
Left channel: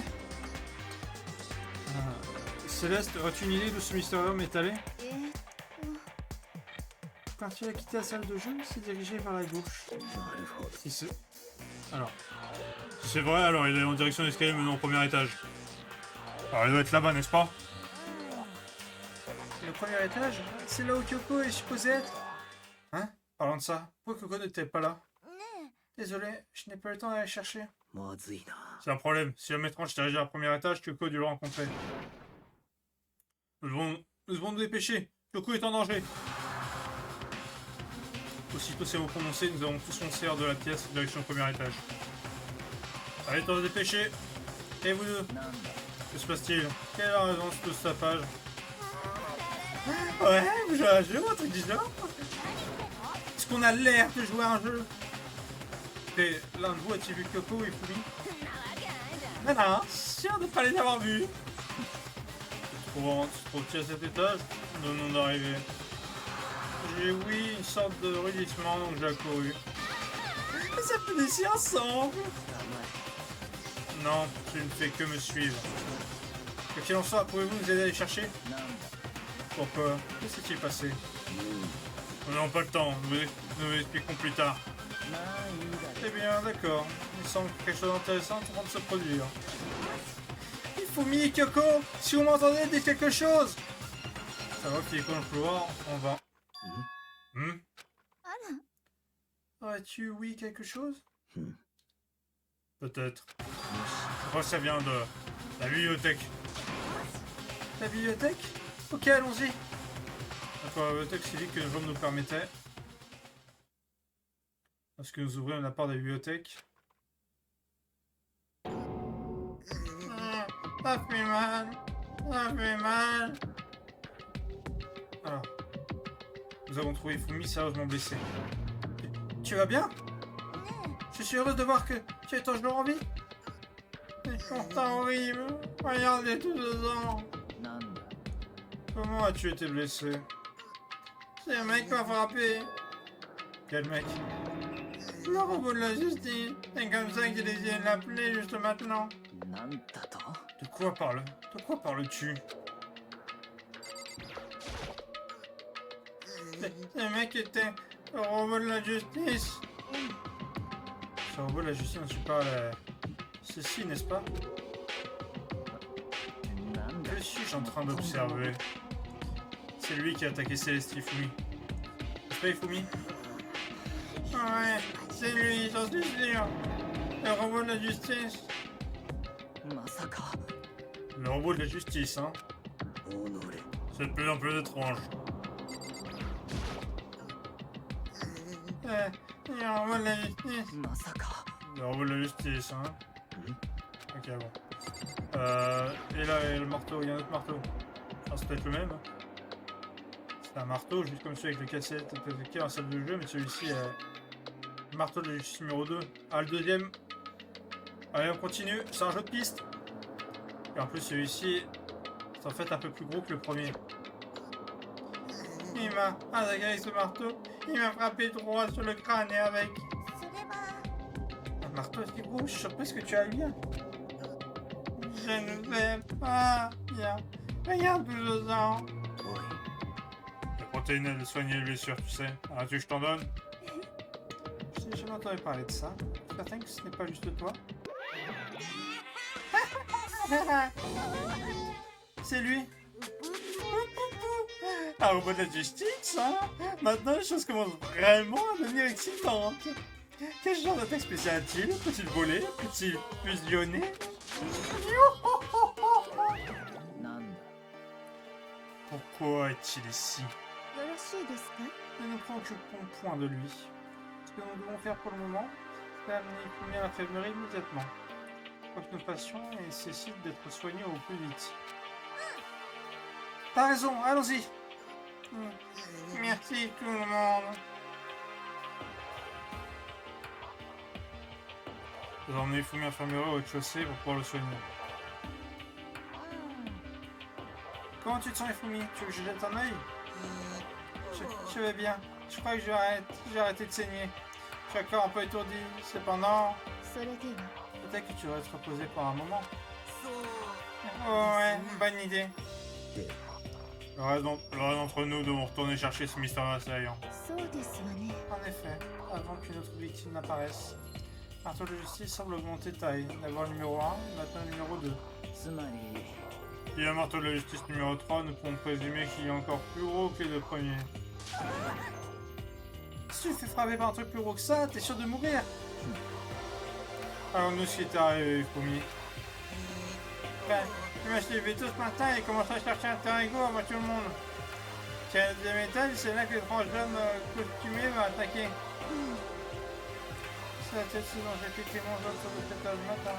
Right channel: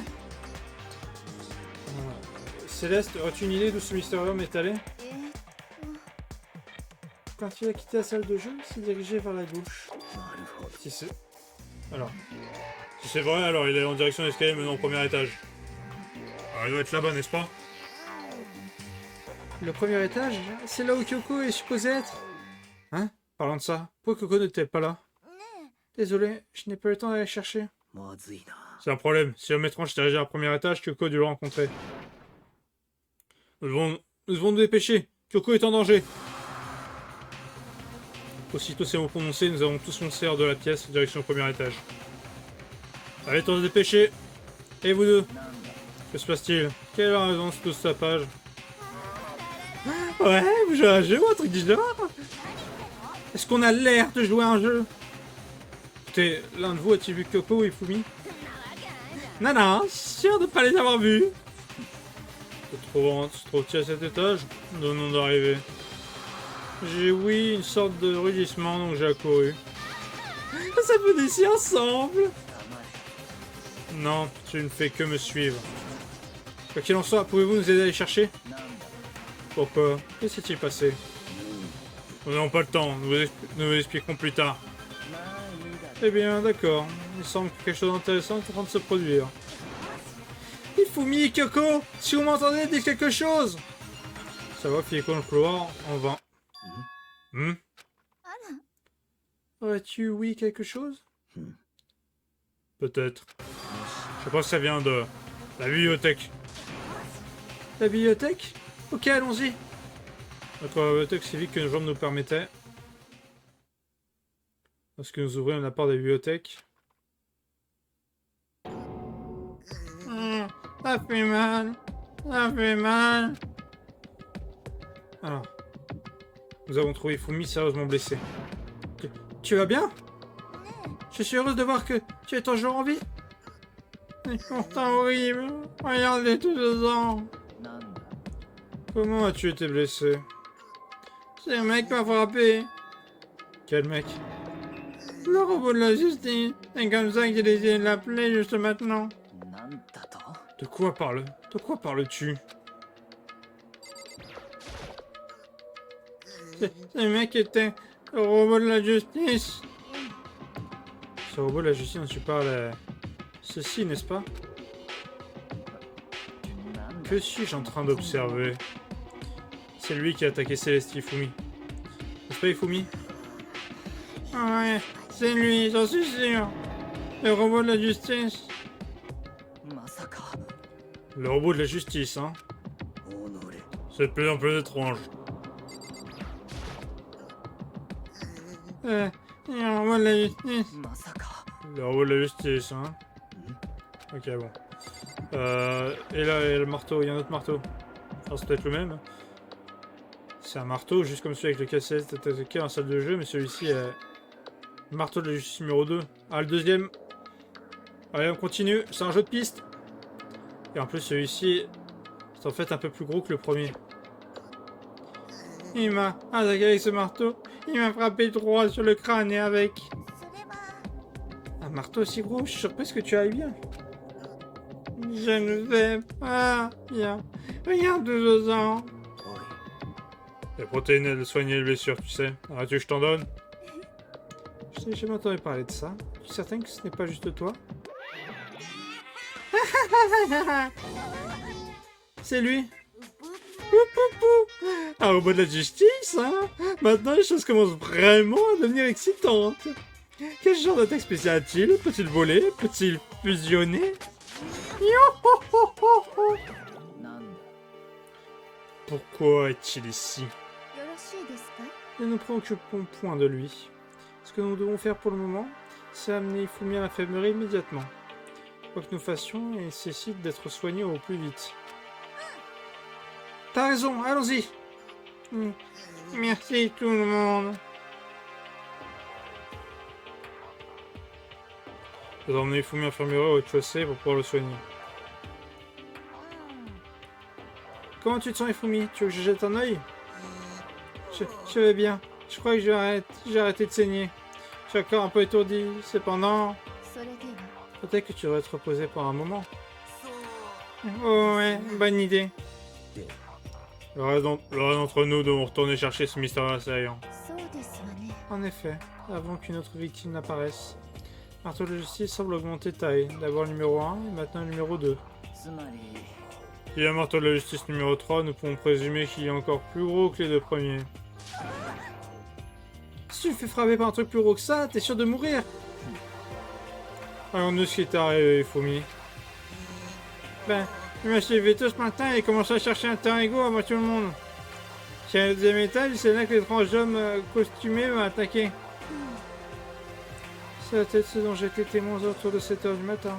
Céleste, as-tu une idée d'où ce mystérieux homme est allé? Quand il a quitté la salle de jeu, il s'est dirigé vers la gauche. Si c'est... Alors... Si c'est vrai, alors il est en direction de l'escalier menant au 1er étage. Alors il doit être là-bas, n'est-ce pas? Le 1er étage? C'est là où Kyoko est supposé être. Hein? Parlant de ça, pourquoi Kyoko n'était pas là? Désolé, je n'ai pas eu le temps d'aller chercher. C'est un problème. Si l'homme étrange s'est dirigé à 1er étage, Kyoko a dû le rencontrer. Nous devons nous dépêcher. Kyoko est en danger. Aussitôt ces mots prononcés, nous avons tous foncé hors de la pièce en direction au 1er étage. Allez, on se dépêcher. Et vous deux? Que se passe-t-il? Quelle est la raison de tout ce tapage? Ouais, vous jouez à un jeu ou un truc du genre? Est-ce qu'on a l'air de jouer à un jeu? Écoutez, l'un de vous a-t-il vu Kyoko ou Ifumi? Non, sûr de pas les avoir vus. Se trouve-t-il à cet étage? Nous venons d'arriver. J'ai ouï une sorte de rugissement, donc j'ai accouru. Ça peut ici ensemble. Non, tu ne fais que me suivre. Quoi qu'il en soit, pouvez-vous nous aider à les chercher? Pourquoi? Que s'est-il passé? Nous n'avons pas le temps, nous vous expliquerons plus tard. Eh bien, d'accord. Il semble que quelque chose d'intéressant est en train de se produire. Ifumi et Kyoko, si vous m'entendez, dites quelque chose! Ça va, filer dans le couloir, on va. Aurais-tu ouï quelque chose? Peut-être. Je pense que ça vient de la bibliothèque. La bibliothèque? Ok, allons-y. Notre bibliothèque si vite que nos jambes nous permettaient. Lorsque nous ouvrions la porte de la bibliothèque. Ça fait mal. Ça fait mal. Alors. Nous avons trouvé Ifumi sérieusement blessé. Tu vas bien? Je suis heureuse de voir que tu es toujours en vie. C'est pourtant horrible. Regardez tout le sang. Comment as-tu été blessé? C'est un mec qui m'a frappé. Quel mec? Le robot de la justice. C'est comme ça qu'il essayait de l'appeler juste maintenant. De quoi parles-tu? Ce mec était le robot de la justice. Ce robot de la justice dont tu parles, ceci, n'est-ce pas? Que suis-je en train d'observer? C'est lui qui a attaqué Céleste Ifumi. N'est-ce pas Ifumi? Ouais, c'est lui, j'en suis sûr. Le robot de la justice. Le robot de la justice, hein? C'est de plus en plus étrange. Le robot de la justice. Le robot de la justice, hein? Ok, bon. Et là, il y a le marteau, il y a un autre marteau. Enfin, c'est peut-être le même. C'est un marteau, juste comme celui avec lequel Céleste est attaqué dans la salle de jeu, mais celui-ci est le marteau de la justice numéro 2. Ah, le deuxième. Allez, on continue, c'est un jeu de piste. Et en plus, celui-ci, c'est en fait un peu plus gros que le premier. Il m'a attaqué avec ce marteau. Il m'a frappé droit sur le crâne et avec... Un marteau aussi gros, je suis surprise que tu ailles bien. Je ne sais pas bien. Regarde tout ce sang. Les protéines, elles soignent les blessures, tu sais. Ah, tu veux que je t'en donne? Je t'ai jamais entendu parler de ça. Je suis certain que ce n'est pas juste toi. C'est lui. Un robot de la justice, hein? Maintenant, les choses commencent vraiment à devenir excitantes. Quel genre d'attaque spéciale a-t-il? Peut-il voler? Peut-il fusionner? Pourquoi est-il ici? Ne nous préoccupons point de lui. Ce que nous devons faire pour le moment, c'est amener Ifumi à l'infirmerie immédiatement. Quoi que nous fassions, il nécessite d'être soigné au plus vite. T'as raison, allons-y. Merci tout le monde. Je vais emmener Ifumi à l'infirmerie au rez-de-chaussée pour pouvoir le soigner. Comment tu te sens, Ifumi? Tu veux que je jette un œil? Je vais bien. Je crois que j'ai arrêté de saigner. Je suis encore un peu étourdi. Cependant, peut-être que tu devrais te reposer pour un moment. Oh ouais, bonne idée. Le reste d'entre nous devons retourner chercher ce mystérieux assaillant. En effet, avant qu'une autre victime n'apparaisse. Marteau de justice semble augmenter de taille. D'abord le numéro 1 et maintenant le numéro 2. Il y a un marteau de la justice numéro 3, nous pouvons présumer qu'il est encore plus gros que les deux premiers. Si tu te fais frapper par un truc plus gros que ça, t'es sûr de mourir. Alors nous, ce qui est arrivé, Ifumi. Ben, je me suis levé tôt ce matin et commencé à chercher un terrain égaux à moi tout le monde. Sur le deuxième étage, c'est là que l'étrange homme costumé m'a attaqué. C'est peut-être ce dont j'ai été témoin autour de 7 h du matin.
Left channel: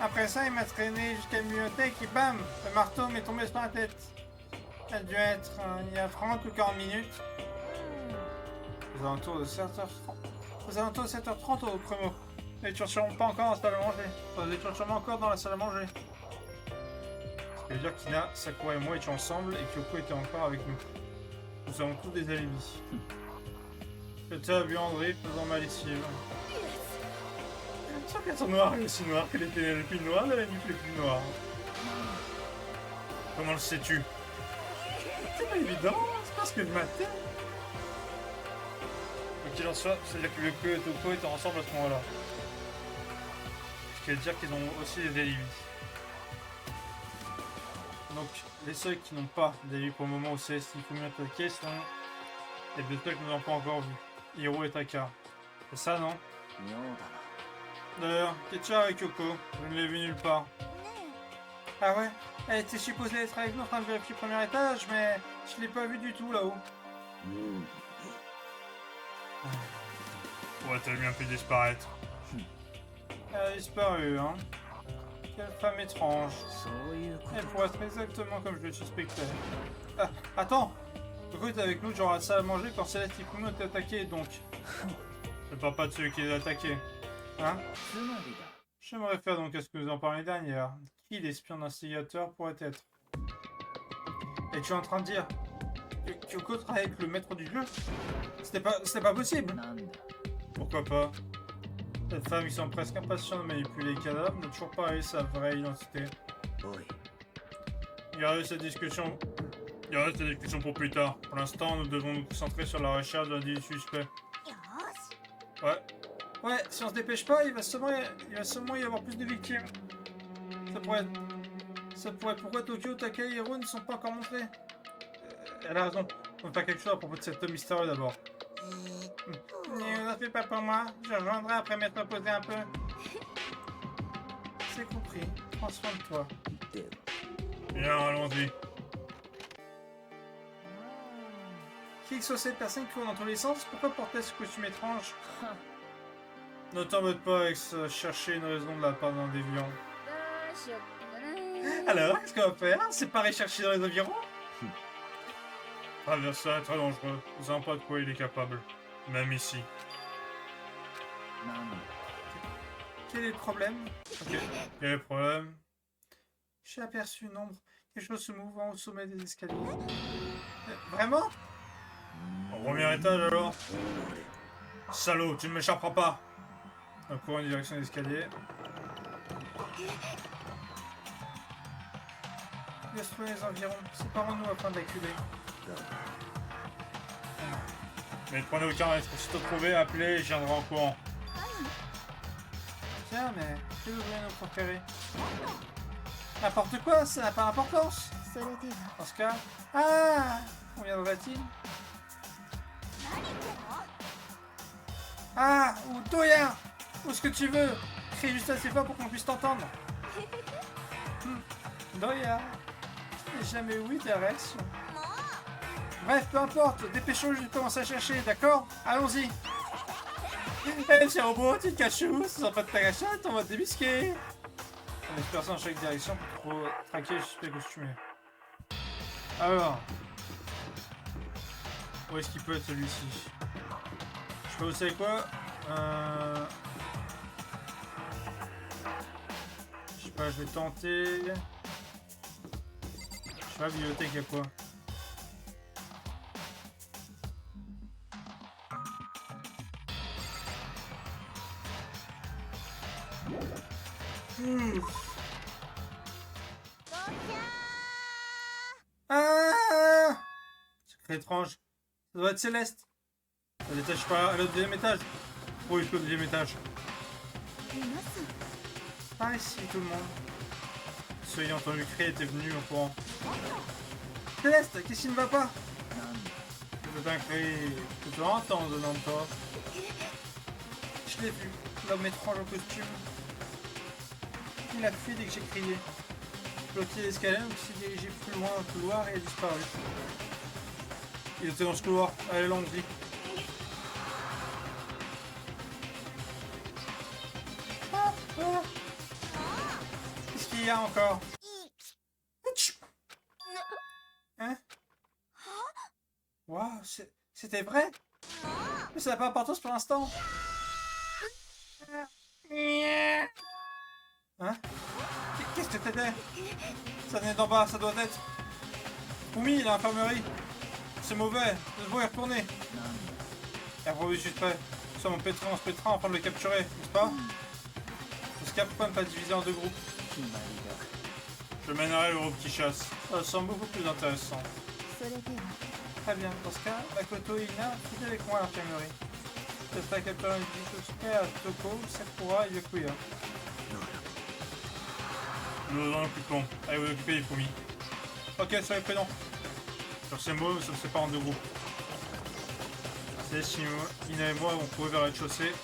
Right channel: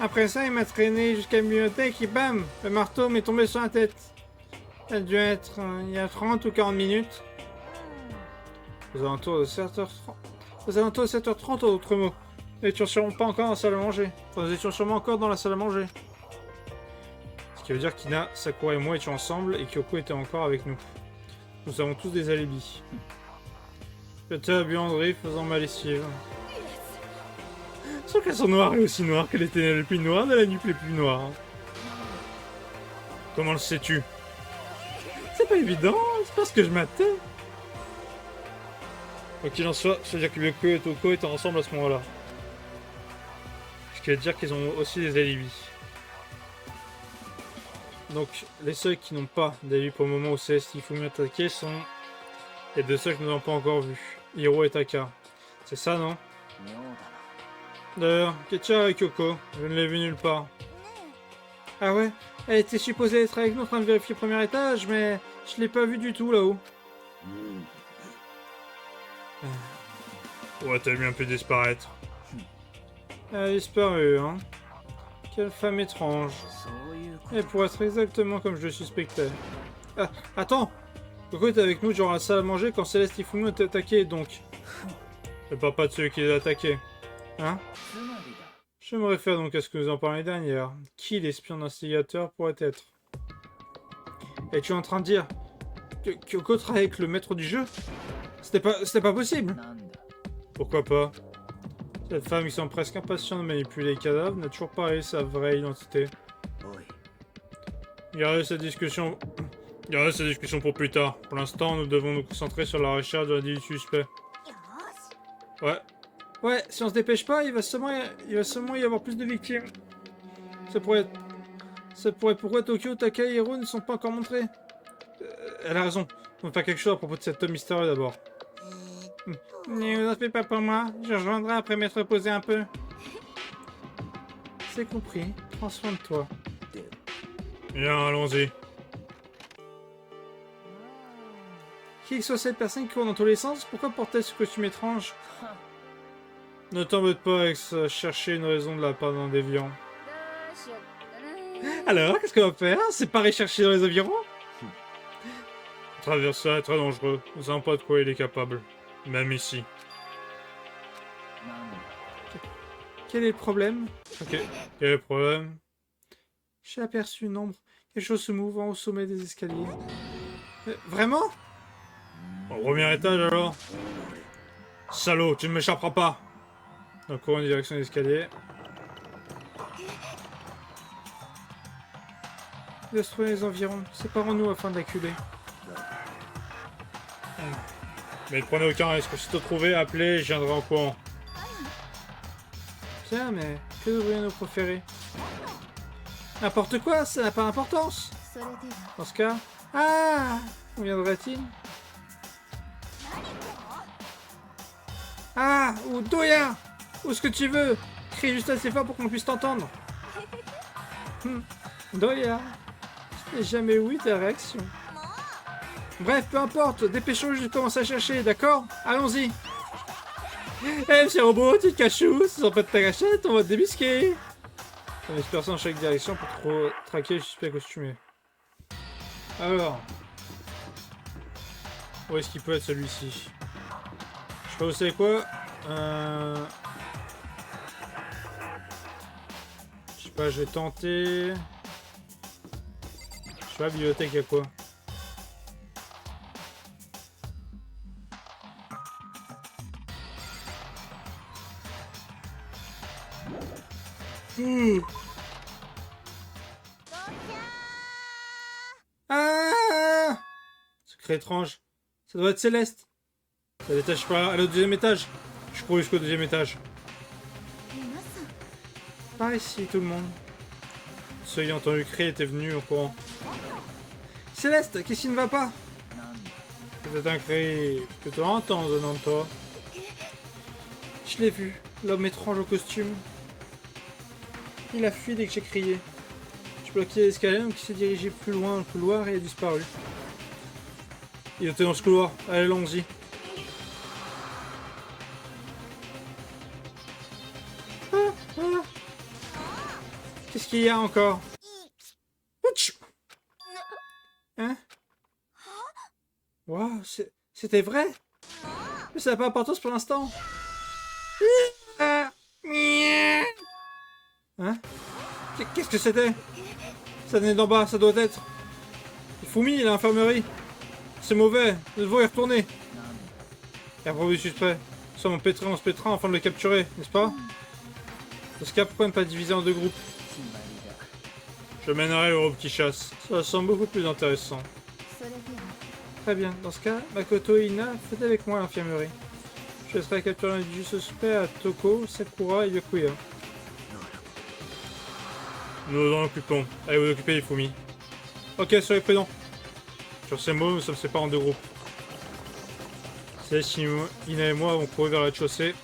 Après ça, il m'a traîné jusqu'à la bibliothèque et bam, le marteau m'est tombé sur la tête. Ça a dû être il y a 30 ou 40 minutes. Aux alentours de 7h30. Aux alentours de 7h30 en d'autres mots. Nous étions sûrement pas encore dans la salle à manger. Enfin, nous étions sûrement encore dans la salle à manger. Ce qui veut dire qu'Ina, Sakura et moi étions ensemble et Kyoko était encore avec nous. Nous avons tous des alibis. J'étais à la buanderie faisant ma lessive. Sauf qu'elles sont noires et aussi noires que les ténèbres les plus noires de la nuit les plus noires. Comment le sais-tu? C'est pas évident, c'est parce que je m'attends. Quoi qu'il en soit, c'est-à-dire que Yoko et Toko étaient ensemble à ce moment-là. Ce qui veut dire qu'ils ont aussi des alibis. Donc, les seuls qui n'ont pas d'alibi pour le moment où Céleste et Ifumi attaqué sont les deux seuls que nous n'avons pas encore vus. Hiro et Taka. C'est ça, non? D'ailleurs, qu'est-ce avec Kyoko? Je ne l'ai vu nulle part. Ah ouais? Elle était supposée être avec nous en train de vérifier le premier étage, mais je l'ai pas vue du tout là-haut. Où a-t-elle bien pu disparaître? Elle a disparu, hein? Quelle femme étrange. Elle pourrait être exactement comme je le suspectais. Ah, attends! Kyoko était avec nous durant la salle à manger quand Céleste et Ifumi ont été attaqués, donc. Le papa de celui qui les a attaqués. Hein? Je me réfère donc à ce que nous en parlions dernière. Qui l'espion d'instigateur pourrait être? Es-tu en train de dire que Kyoko travaille avec le maître du jeu? C'était pas possible. Pourquoi pas? Cette femme qui semble presque impatiente de manipuler les cadavres n'a toujours pas révélé sa vraie identité. Gardez cette discussion pour plus tard. Pour l'instant, nous devons nous concentrer sur la recherche de l'individu suspect. Ouais, si on se dépêche pas, il va sûrement y avoir plus de victimes. Ça pourrait pourquoi Tokyo, Takai et Hiro ne sont pas encore montrés. Elle a raison. On va faire quelque chose à propos de cet homme mystérieux d'abord. Ne vous en faites pas pour moi. Je rejoindrai après m'être reposé un peu. C'est compris. Prends soin de toi. Bien, allons-y. Qui que soit cette personne qui court dans tous les sens, pourquoi porter ce costume étrange? Ne t'embête pas avec ça, chercher une raison de la part d'un déviant. Alors, qu'est-ce qu'on va faire? C'est pas rechercher dans les environs? Traverser est très dangereux. Nous savons pas de quoi il est capable. Même ici. Quel est le problème? Ok. Quel est le problème? J'ai aperçu une ombre. Quelque chose se mouvant au sommet des escaliers. Vraiment? Au premier étage alors? Salaud, tu ne m'échapperas pas! Donc courant en direction des escaliers. Laisse trouver les environs. Séparons-nous afin d'acculer. Mais ne prenez aucun risque. Si te trouvez, appelez, je viendrai en courant. Tiens, mais que devrions-nous proférer? N'importe quoi, ça n'a pas d'importance. Dans ce cas... Ah! Où viendrait-il? Ah! Ou Doya! Où ce que tu veux! Crie juste assez fort pour qu'on puisse t'entendre. Doya! Je n'ai jamais eu ta réaction. Bref, peu importe, dépêchons-nous, je commence à chercher, d'accord? Allons-y! Eh, petit robot, tu te caches où? Ce sont pas de ta gâchette, on va te débusquer! On disperse en chaque direction pour trop traquer le suspect costumé. Alors... Où est-ce qu'il peut être celui-ci? Je sais pas, vous savez quoi? Je sais pas, je vais tenter... Je sais pas, bibliothèque, y'a quoi? Ah! Secret étrange. Ça doit être Céleste. Elle est par là, au deuxième étage. Je cours jusqu'au deuxième étage. Par ici, tout le monde. Ceux ayant entendu crier étaient venus au courant. Céleste, qu'est-ce qui ne va pas? C'est un cri que tu entends venant de toi. Je l'ai vu, l'homme étrange au costume. Il a fui dès que j'ai crié. Je bloquais l'escalier, donc il s'est dirigé plus loin dans le couloir et a disparu. Il était dans ce couloir. Allez, allons-y. Qu'est-ce qu'il y a encore? Hein? Waouh, c'était vrai? Mais ça n'a pas d'importance pour l'instant. Hein? Qu'est-ce que c'était? Ça venait d'en bas, ça doit être... Fumi, l'infirmerie. C'est mauvais, nous devons y retourner. Et après, oui, suspect. Nous sommes on se pétera afin de le capturer, n'est-ce pas? Dans ce cas, pourquoi ne pas diviser en deux groupes? Je mènerai le groupe qui chasse. Ça semble beaucoup plus intéressant. Très bien, dans ce cas, Makoto et Ina, faites avec moi à l'infirmerie. Je laisserai capturer l'individu suspect à Toko, Sakura et Yokuya. Nous nous en occupons. Allez vous occuper, Ifumi. Ok, soyez prudents. Sur ces mots, nous sommes séparés en deux groupes. Céleste, Ina et moi avons couru vers la chaussée.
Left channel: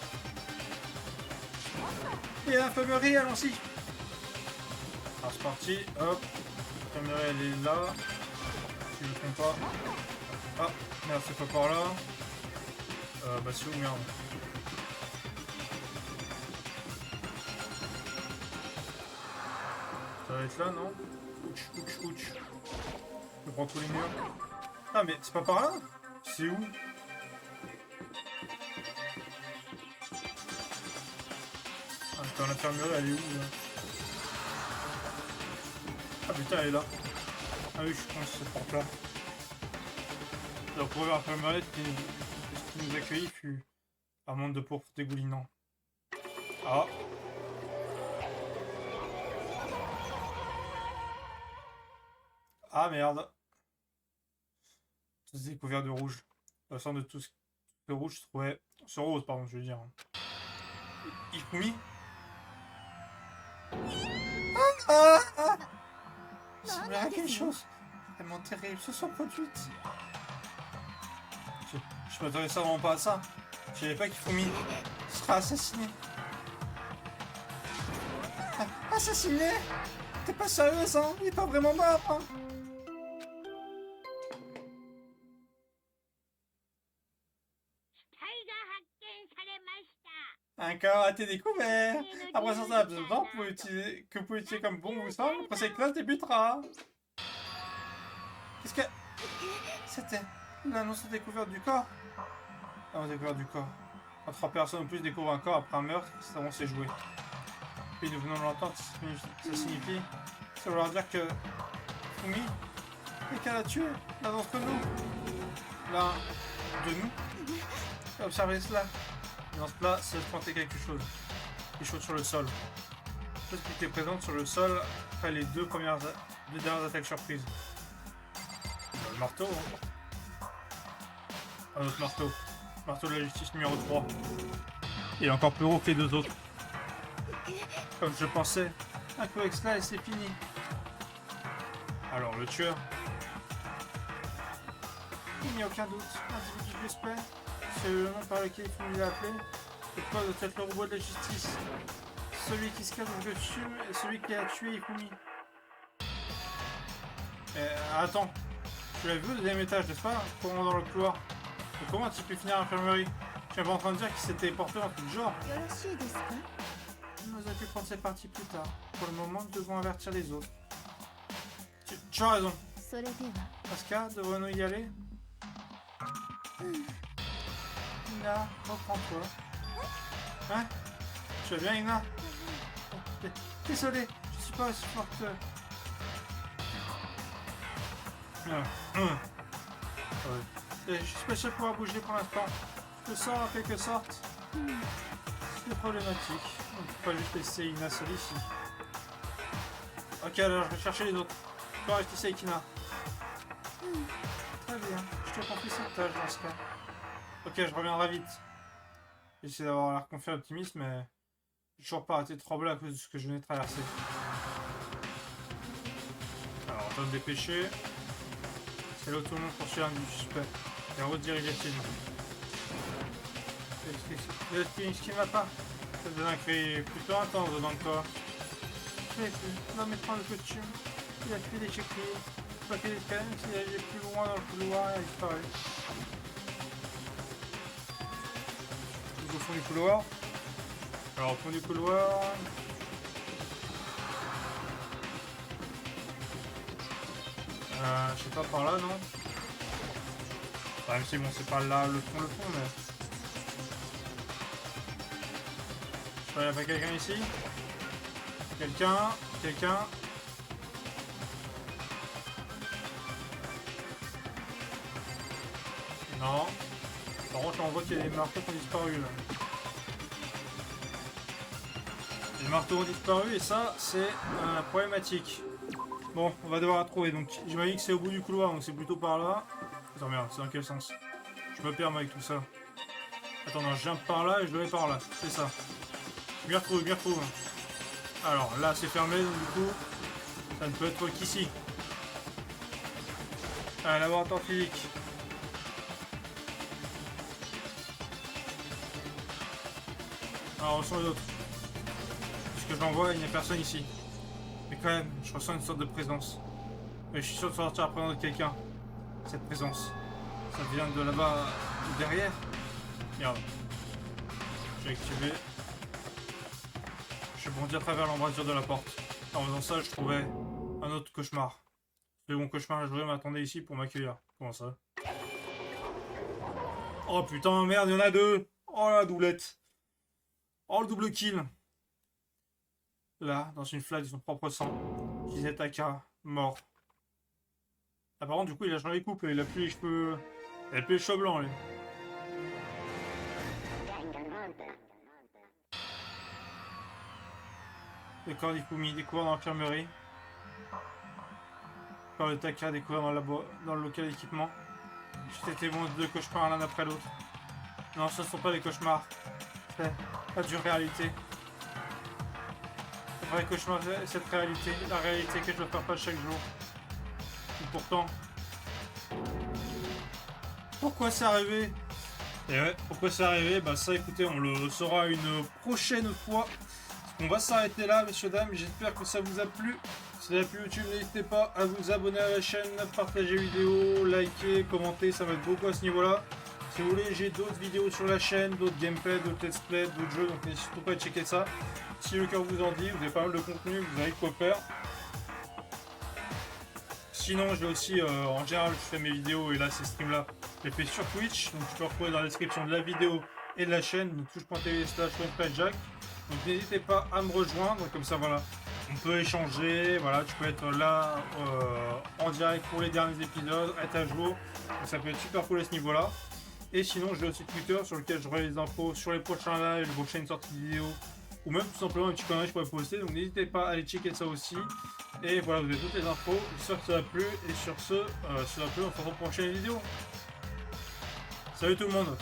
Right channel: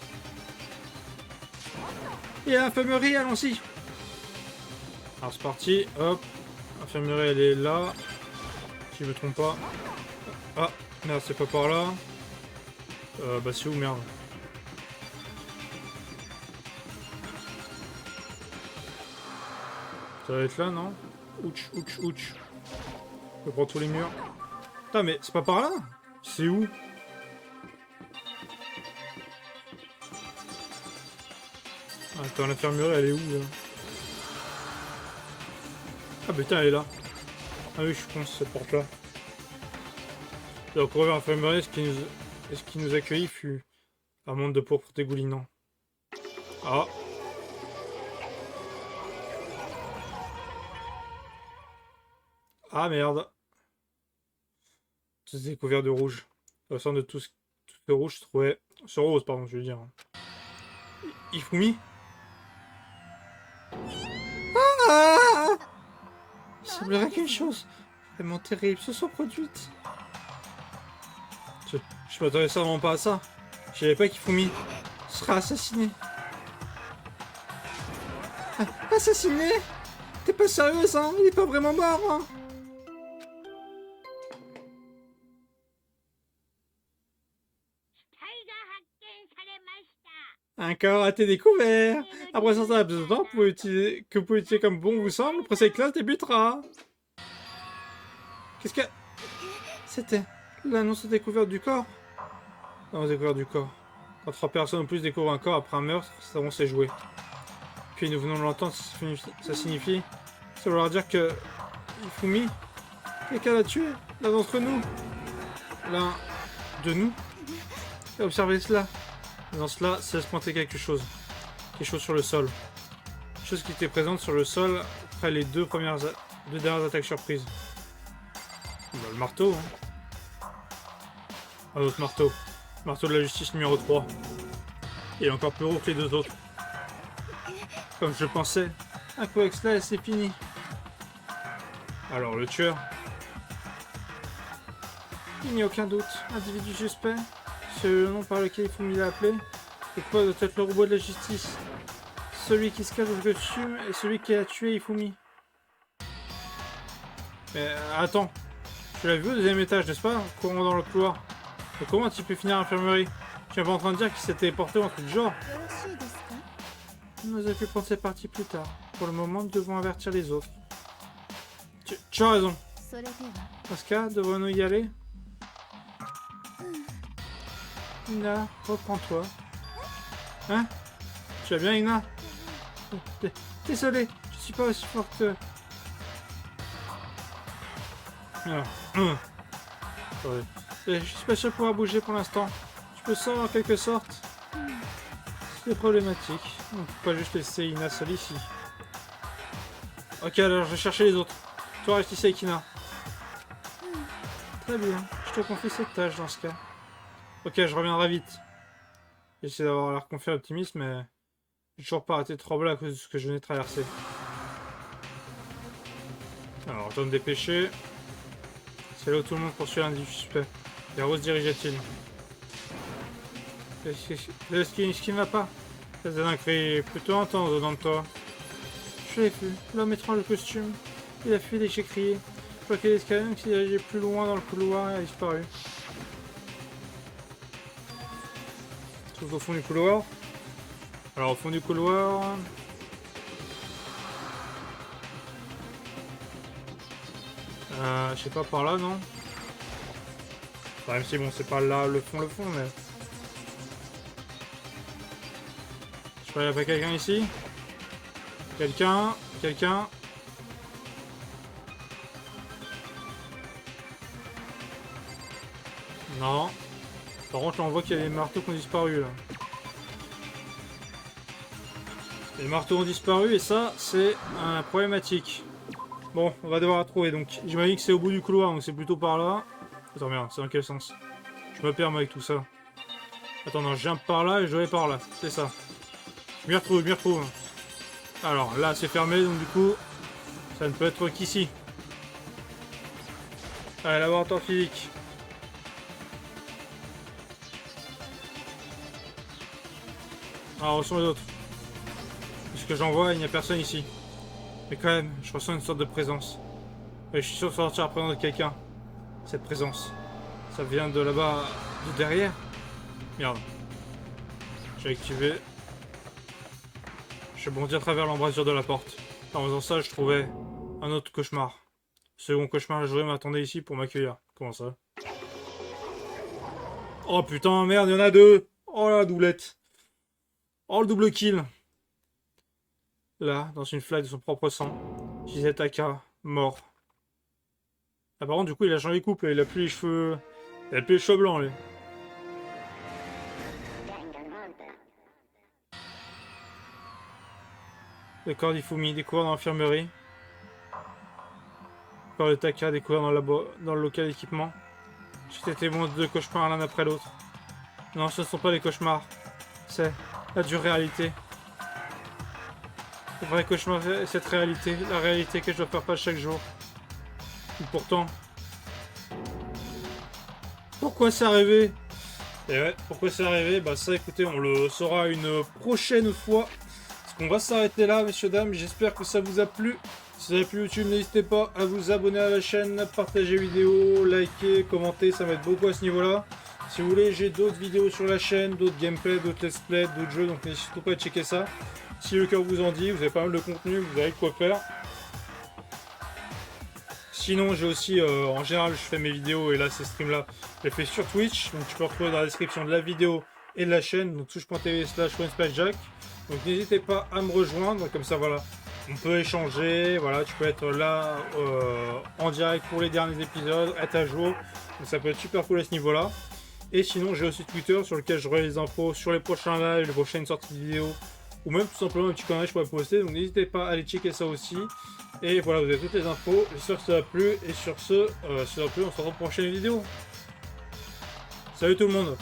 Et à l'infirmerie, allons-y. Alors c'est parti, hop. L'infirmerie elle est là. Si je me trompe pas. Ah, merde, c'est pas par là. Bah c'est où, merde? Ça va être là, non? Ouch, ouch, ouch. Je prends tous les murs. Putain, mais c'est pas par là? C'est où? Attends, l'infirmerie, elle est où là? Ah putain, elle est là. Ah oui, je pense cette porte là. Donc, pour l'infirmerie, ce qui nous accueillit fut un monde de pourpre dégoulinant. Ah. Ah merde. Tout est couvert de rouge. Au centre de tout ce rouge se trouvait... Ce rose, pardon, je veux dire. Ifumi. Ah! Il semblerait qu'une chose vraiment terrible se soit produite. Je m'attendais vraiment pas à ça. Je savais pas qu'Ifumi sera assassiné. Ah, assassiné? T'es pas sérieuse, hein? Il est pas vraiment mort, hein? Un corps a été découvert. Après un certain laps de temps que vous pouvez utiliser comme bon vous semble, le procès de classe débutera. Qu'est-ce que... C'était l'annonce de découverte du corps. L'annonce de découverte du corps. Quand 3 personnes ou plus découvrent un corps après un meurtre, ça va s'est joué. Puis nous venons de l'entendre, ça signifie... Ça veut dire que... Ifumi, quelqu'un l'a tué, l'un d'entre nous. L'un de nous. Et observez cela. Et dans cela, c'est se pointer quelque chose. Quelque chose sur le sol. Quelque chose qui était présente sur le sol après les deux dernières attaques surprises. Le marteau, hein. Un autre marteau. Marteau de la justice numéro 3. Il est encore plus gros que les deux autres. Comme je pensais. Un coup avec cela et c'est fini. Alors le tueur. Il n'y a aucun doute. Individu suspect. C'est le nom par lequel il faut m'y appeler. C'est quoi doit être le robot de la justice? Celui qui se cache au costume et celui qui a tué Ifumi. Attends. Tu l'as vu au deuxième étage, n'est-ce pas? Courant dans le couloir. Et comment tu peux finir à l'infirmerie? Tu n'es pas en train de dire qu'il s'était porté un truc du genre? Nous avons pu prendre cette partie plus tard. Pour le moment, nous devons avertir les autres. Tu as raison. Dans ce cas, devons-nous y aller? Ina, reprends-toi. Hein? Tu vas bien, Ina? Désolé, je suis pas aussi forte. Je suis pas sûr de pouvoir bouger pour l'instant. Tu peux sortir en quelque sorte? C'est problématique. On peut pas juste laisser Ina seule ici. Ok, alors je vais chercher les autres. Toi, reste ici avec Ina. Très bien, je te confie cette tâche dans ce cas. Ok, je reviendrai vite. J'essaie d'avoir l'air confiant et optimiste, mais j'ai toujours pas arrêté de trembler à cause de ce que je venais de traverser. Alors, je dois me dépêcher. C'est là où tout le monde poursuit l'individu suspect. Vers où se dirigeait-il? Ce qui ne va pas. Ça donne un cri plutôt intense dedans de toi. Je l'ai vu. L'homme étrange de costume. Il a fui dès que j'ai crié. Je crois qu'il est escalier, s'est dirigé plus loin dans le couloir et a disparu. Tout au fond du couloir. Alors au fond du couloir... je sais pas, par là, non? Enfin, même si bon, c'est pas là le fond, mais... Je crois qu'il n'y a pas quelqu'un ici? Quelqu'un? Non. Par contre, là, on voit qu'il y a des marteaux qui ont disparu, là. Les marteaux ont disparu, et ça, c'est problématique. Bon, on va devoir la trouver, donc j'imagine que c'est au bout du couloir, donc c'est plutôt par là. Attends, merde, c'est dans quel sens? Je me perds moi avec tout ça. Attends, non, je viens par là et je vais par là, c'est ça. Je m'y retrouve. Alors, là, c'est fermé, donc du coup, ça ne peut être qu'ici. Allez, laboratoire physique. Alors, où sont les autres? Ce que j'en vois, il n'y a personne ici. Mais quand même, je ressens une sorte de présence. Et je suis sûr de sortir la présence de quelqu'un. Cette présence. Ça vient de là-bas, de derrière. Merde. J'ai activé. Je bondis à travers l'embrasure de la porte. En faisant ça, je trouvais un autre cauchemar. Second cauchemar, la journée m'attendait ici pour m'accueillir. Comment ça? Oh putain, merde, il y en a deux. Oh la doublette. Oh le double kill. là, dans une flaque de son propre sang. Shizetaka, mort. Ah, par contre, du coup, il a changé de couple, il a plus les cheveux... Il a plus les cheveux blancs, lui. Le corps d'Ifumi découvert dans l'infirmerie. Le corps de Taka découvert dans le local d'équipement. J'ai été témoin de 2 cauchemars l'un après l'autre. Non, ce ne sont pas des cauchemars. C'est la dure réalité. Le vrai cauchemar, c'est cette réalité. La réalité que je dois faire face chaque jour. Et pourtant... Pourquoi c'est arrivé? Et ouais, pourquoi c'est arrivé? Bah ça, écoutez, on le saura une prochaine fois. On va s'arrêter là, messieurs, dames. J'espère que ça vous a plu. Si ça vous a plu YouTube, n'hésitez pas à vous abonner à la chaîne, partager la vidéo, liker, commenter, ça m'aide beaucoup à ce niveau-là. Si vous voulez, j'ai d'autres vidéos sur la chaîne, d'autres gameplays, d'autres let's play, d'autres jeux, donc n'hésitez pas à checker ça. Si le cœur vous en dit, vous avez pas mal de contenu, vous avez quoi faire. Sinon, j'ai aussi, en général, je fais mes vidéos, et là, ces streams-là, je les fais sur Twitch, donc tu peux retrouver dans la description de la vidéo et de la chaîne, donc touche.tv/Jack. Donc n'hésitez pas à me rejoindre, comme ça voilà, on peut échanger, voilà, tu peux être là en direct pour les derniers épisodes, être à jour, donc ça peut être super cool à ce niveau-là. Et sinon j'ai aussi Twitter sur lequel je relais les infos sur les prochains lives, les prochaines sorties de vidéos, ou même tout simplement une petite connerie que je pourrais poster, donc n'hésitez pas à aller checker ça aussi. Et voilà, vous avez toutes les infos, j'espère que ça a plu, et sur ce, si ça a plu, on se retrouve pour une prochaine vidéo. Salut tout le monde!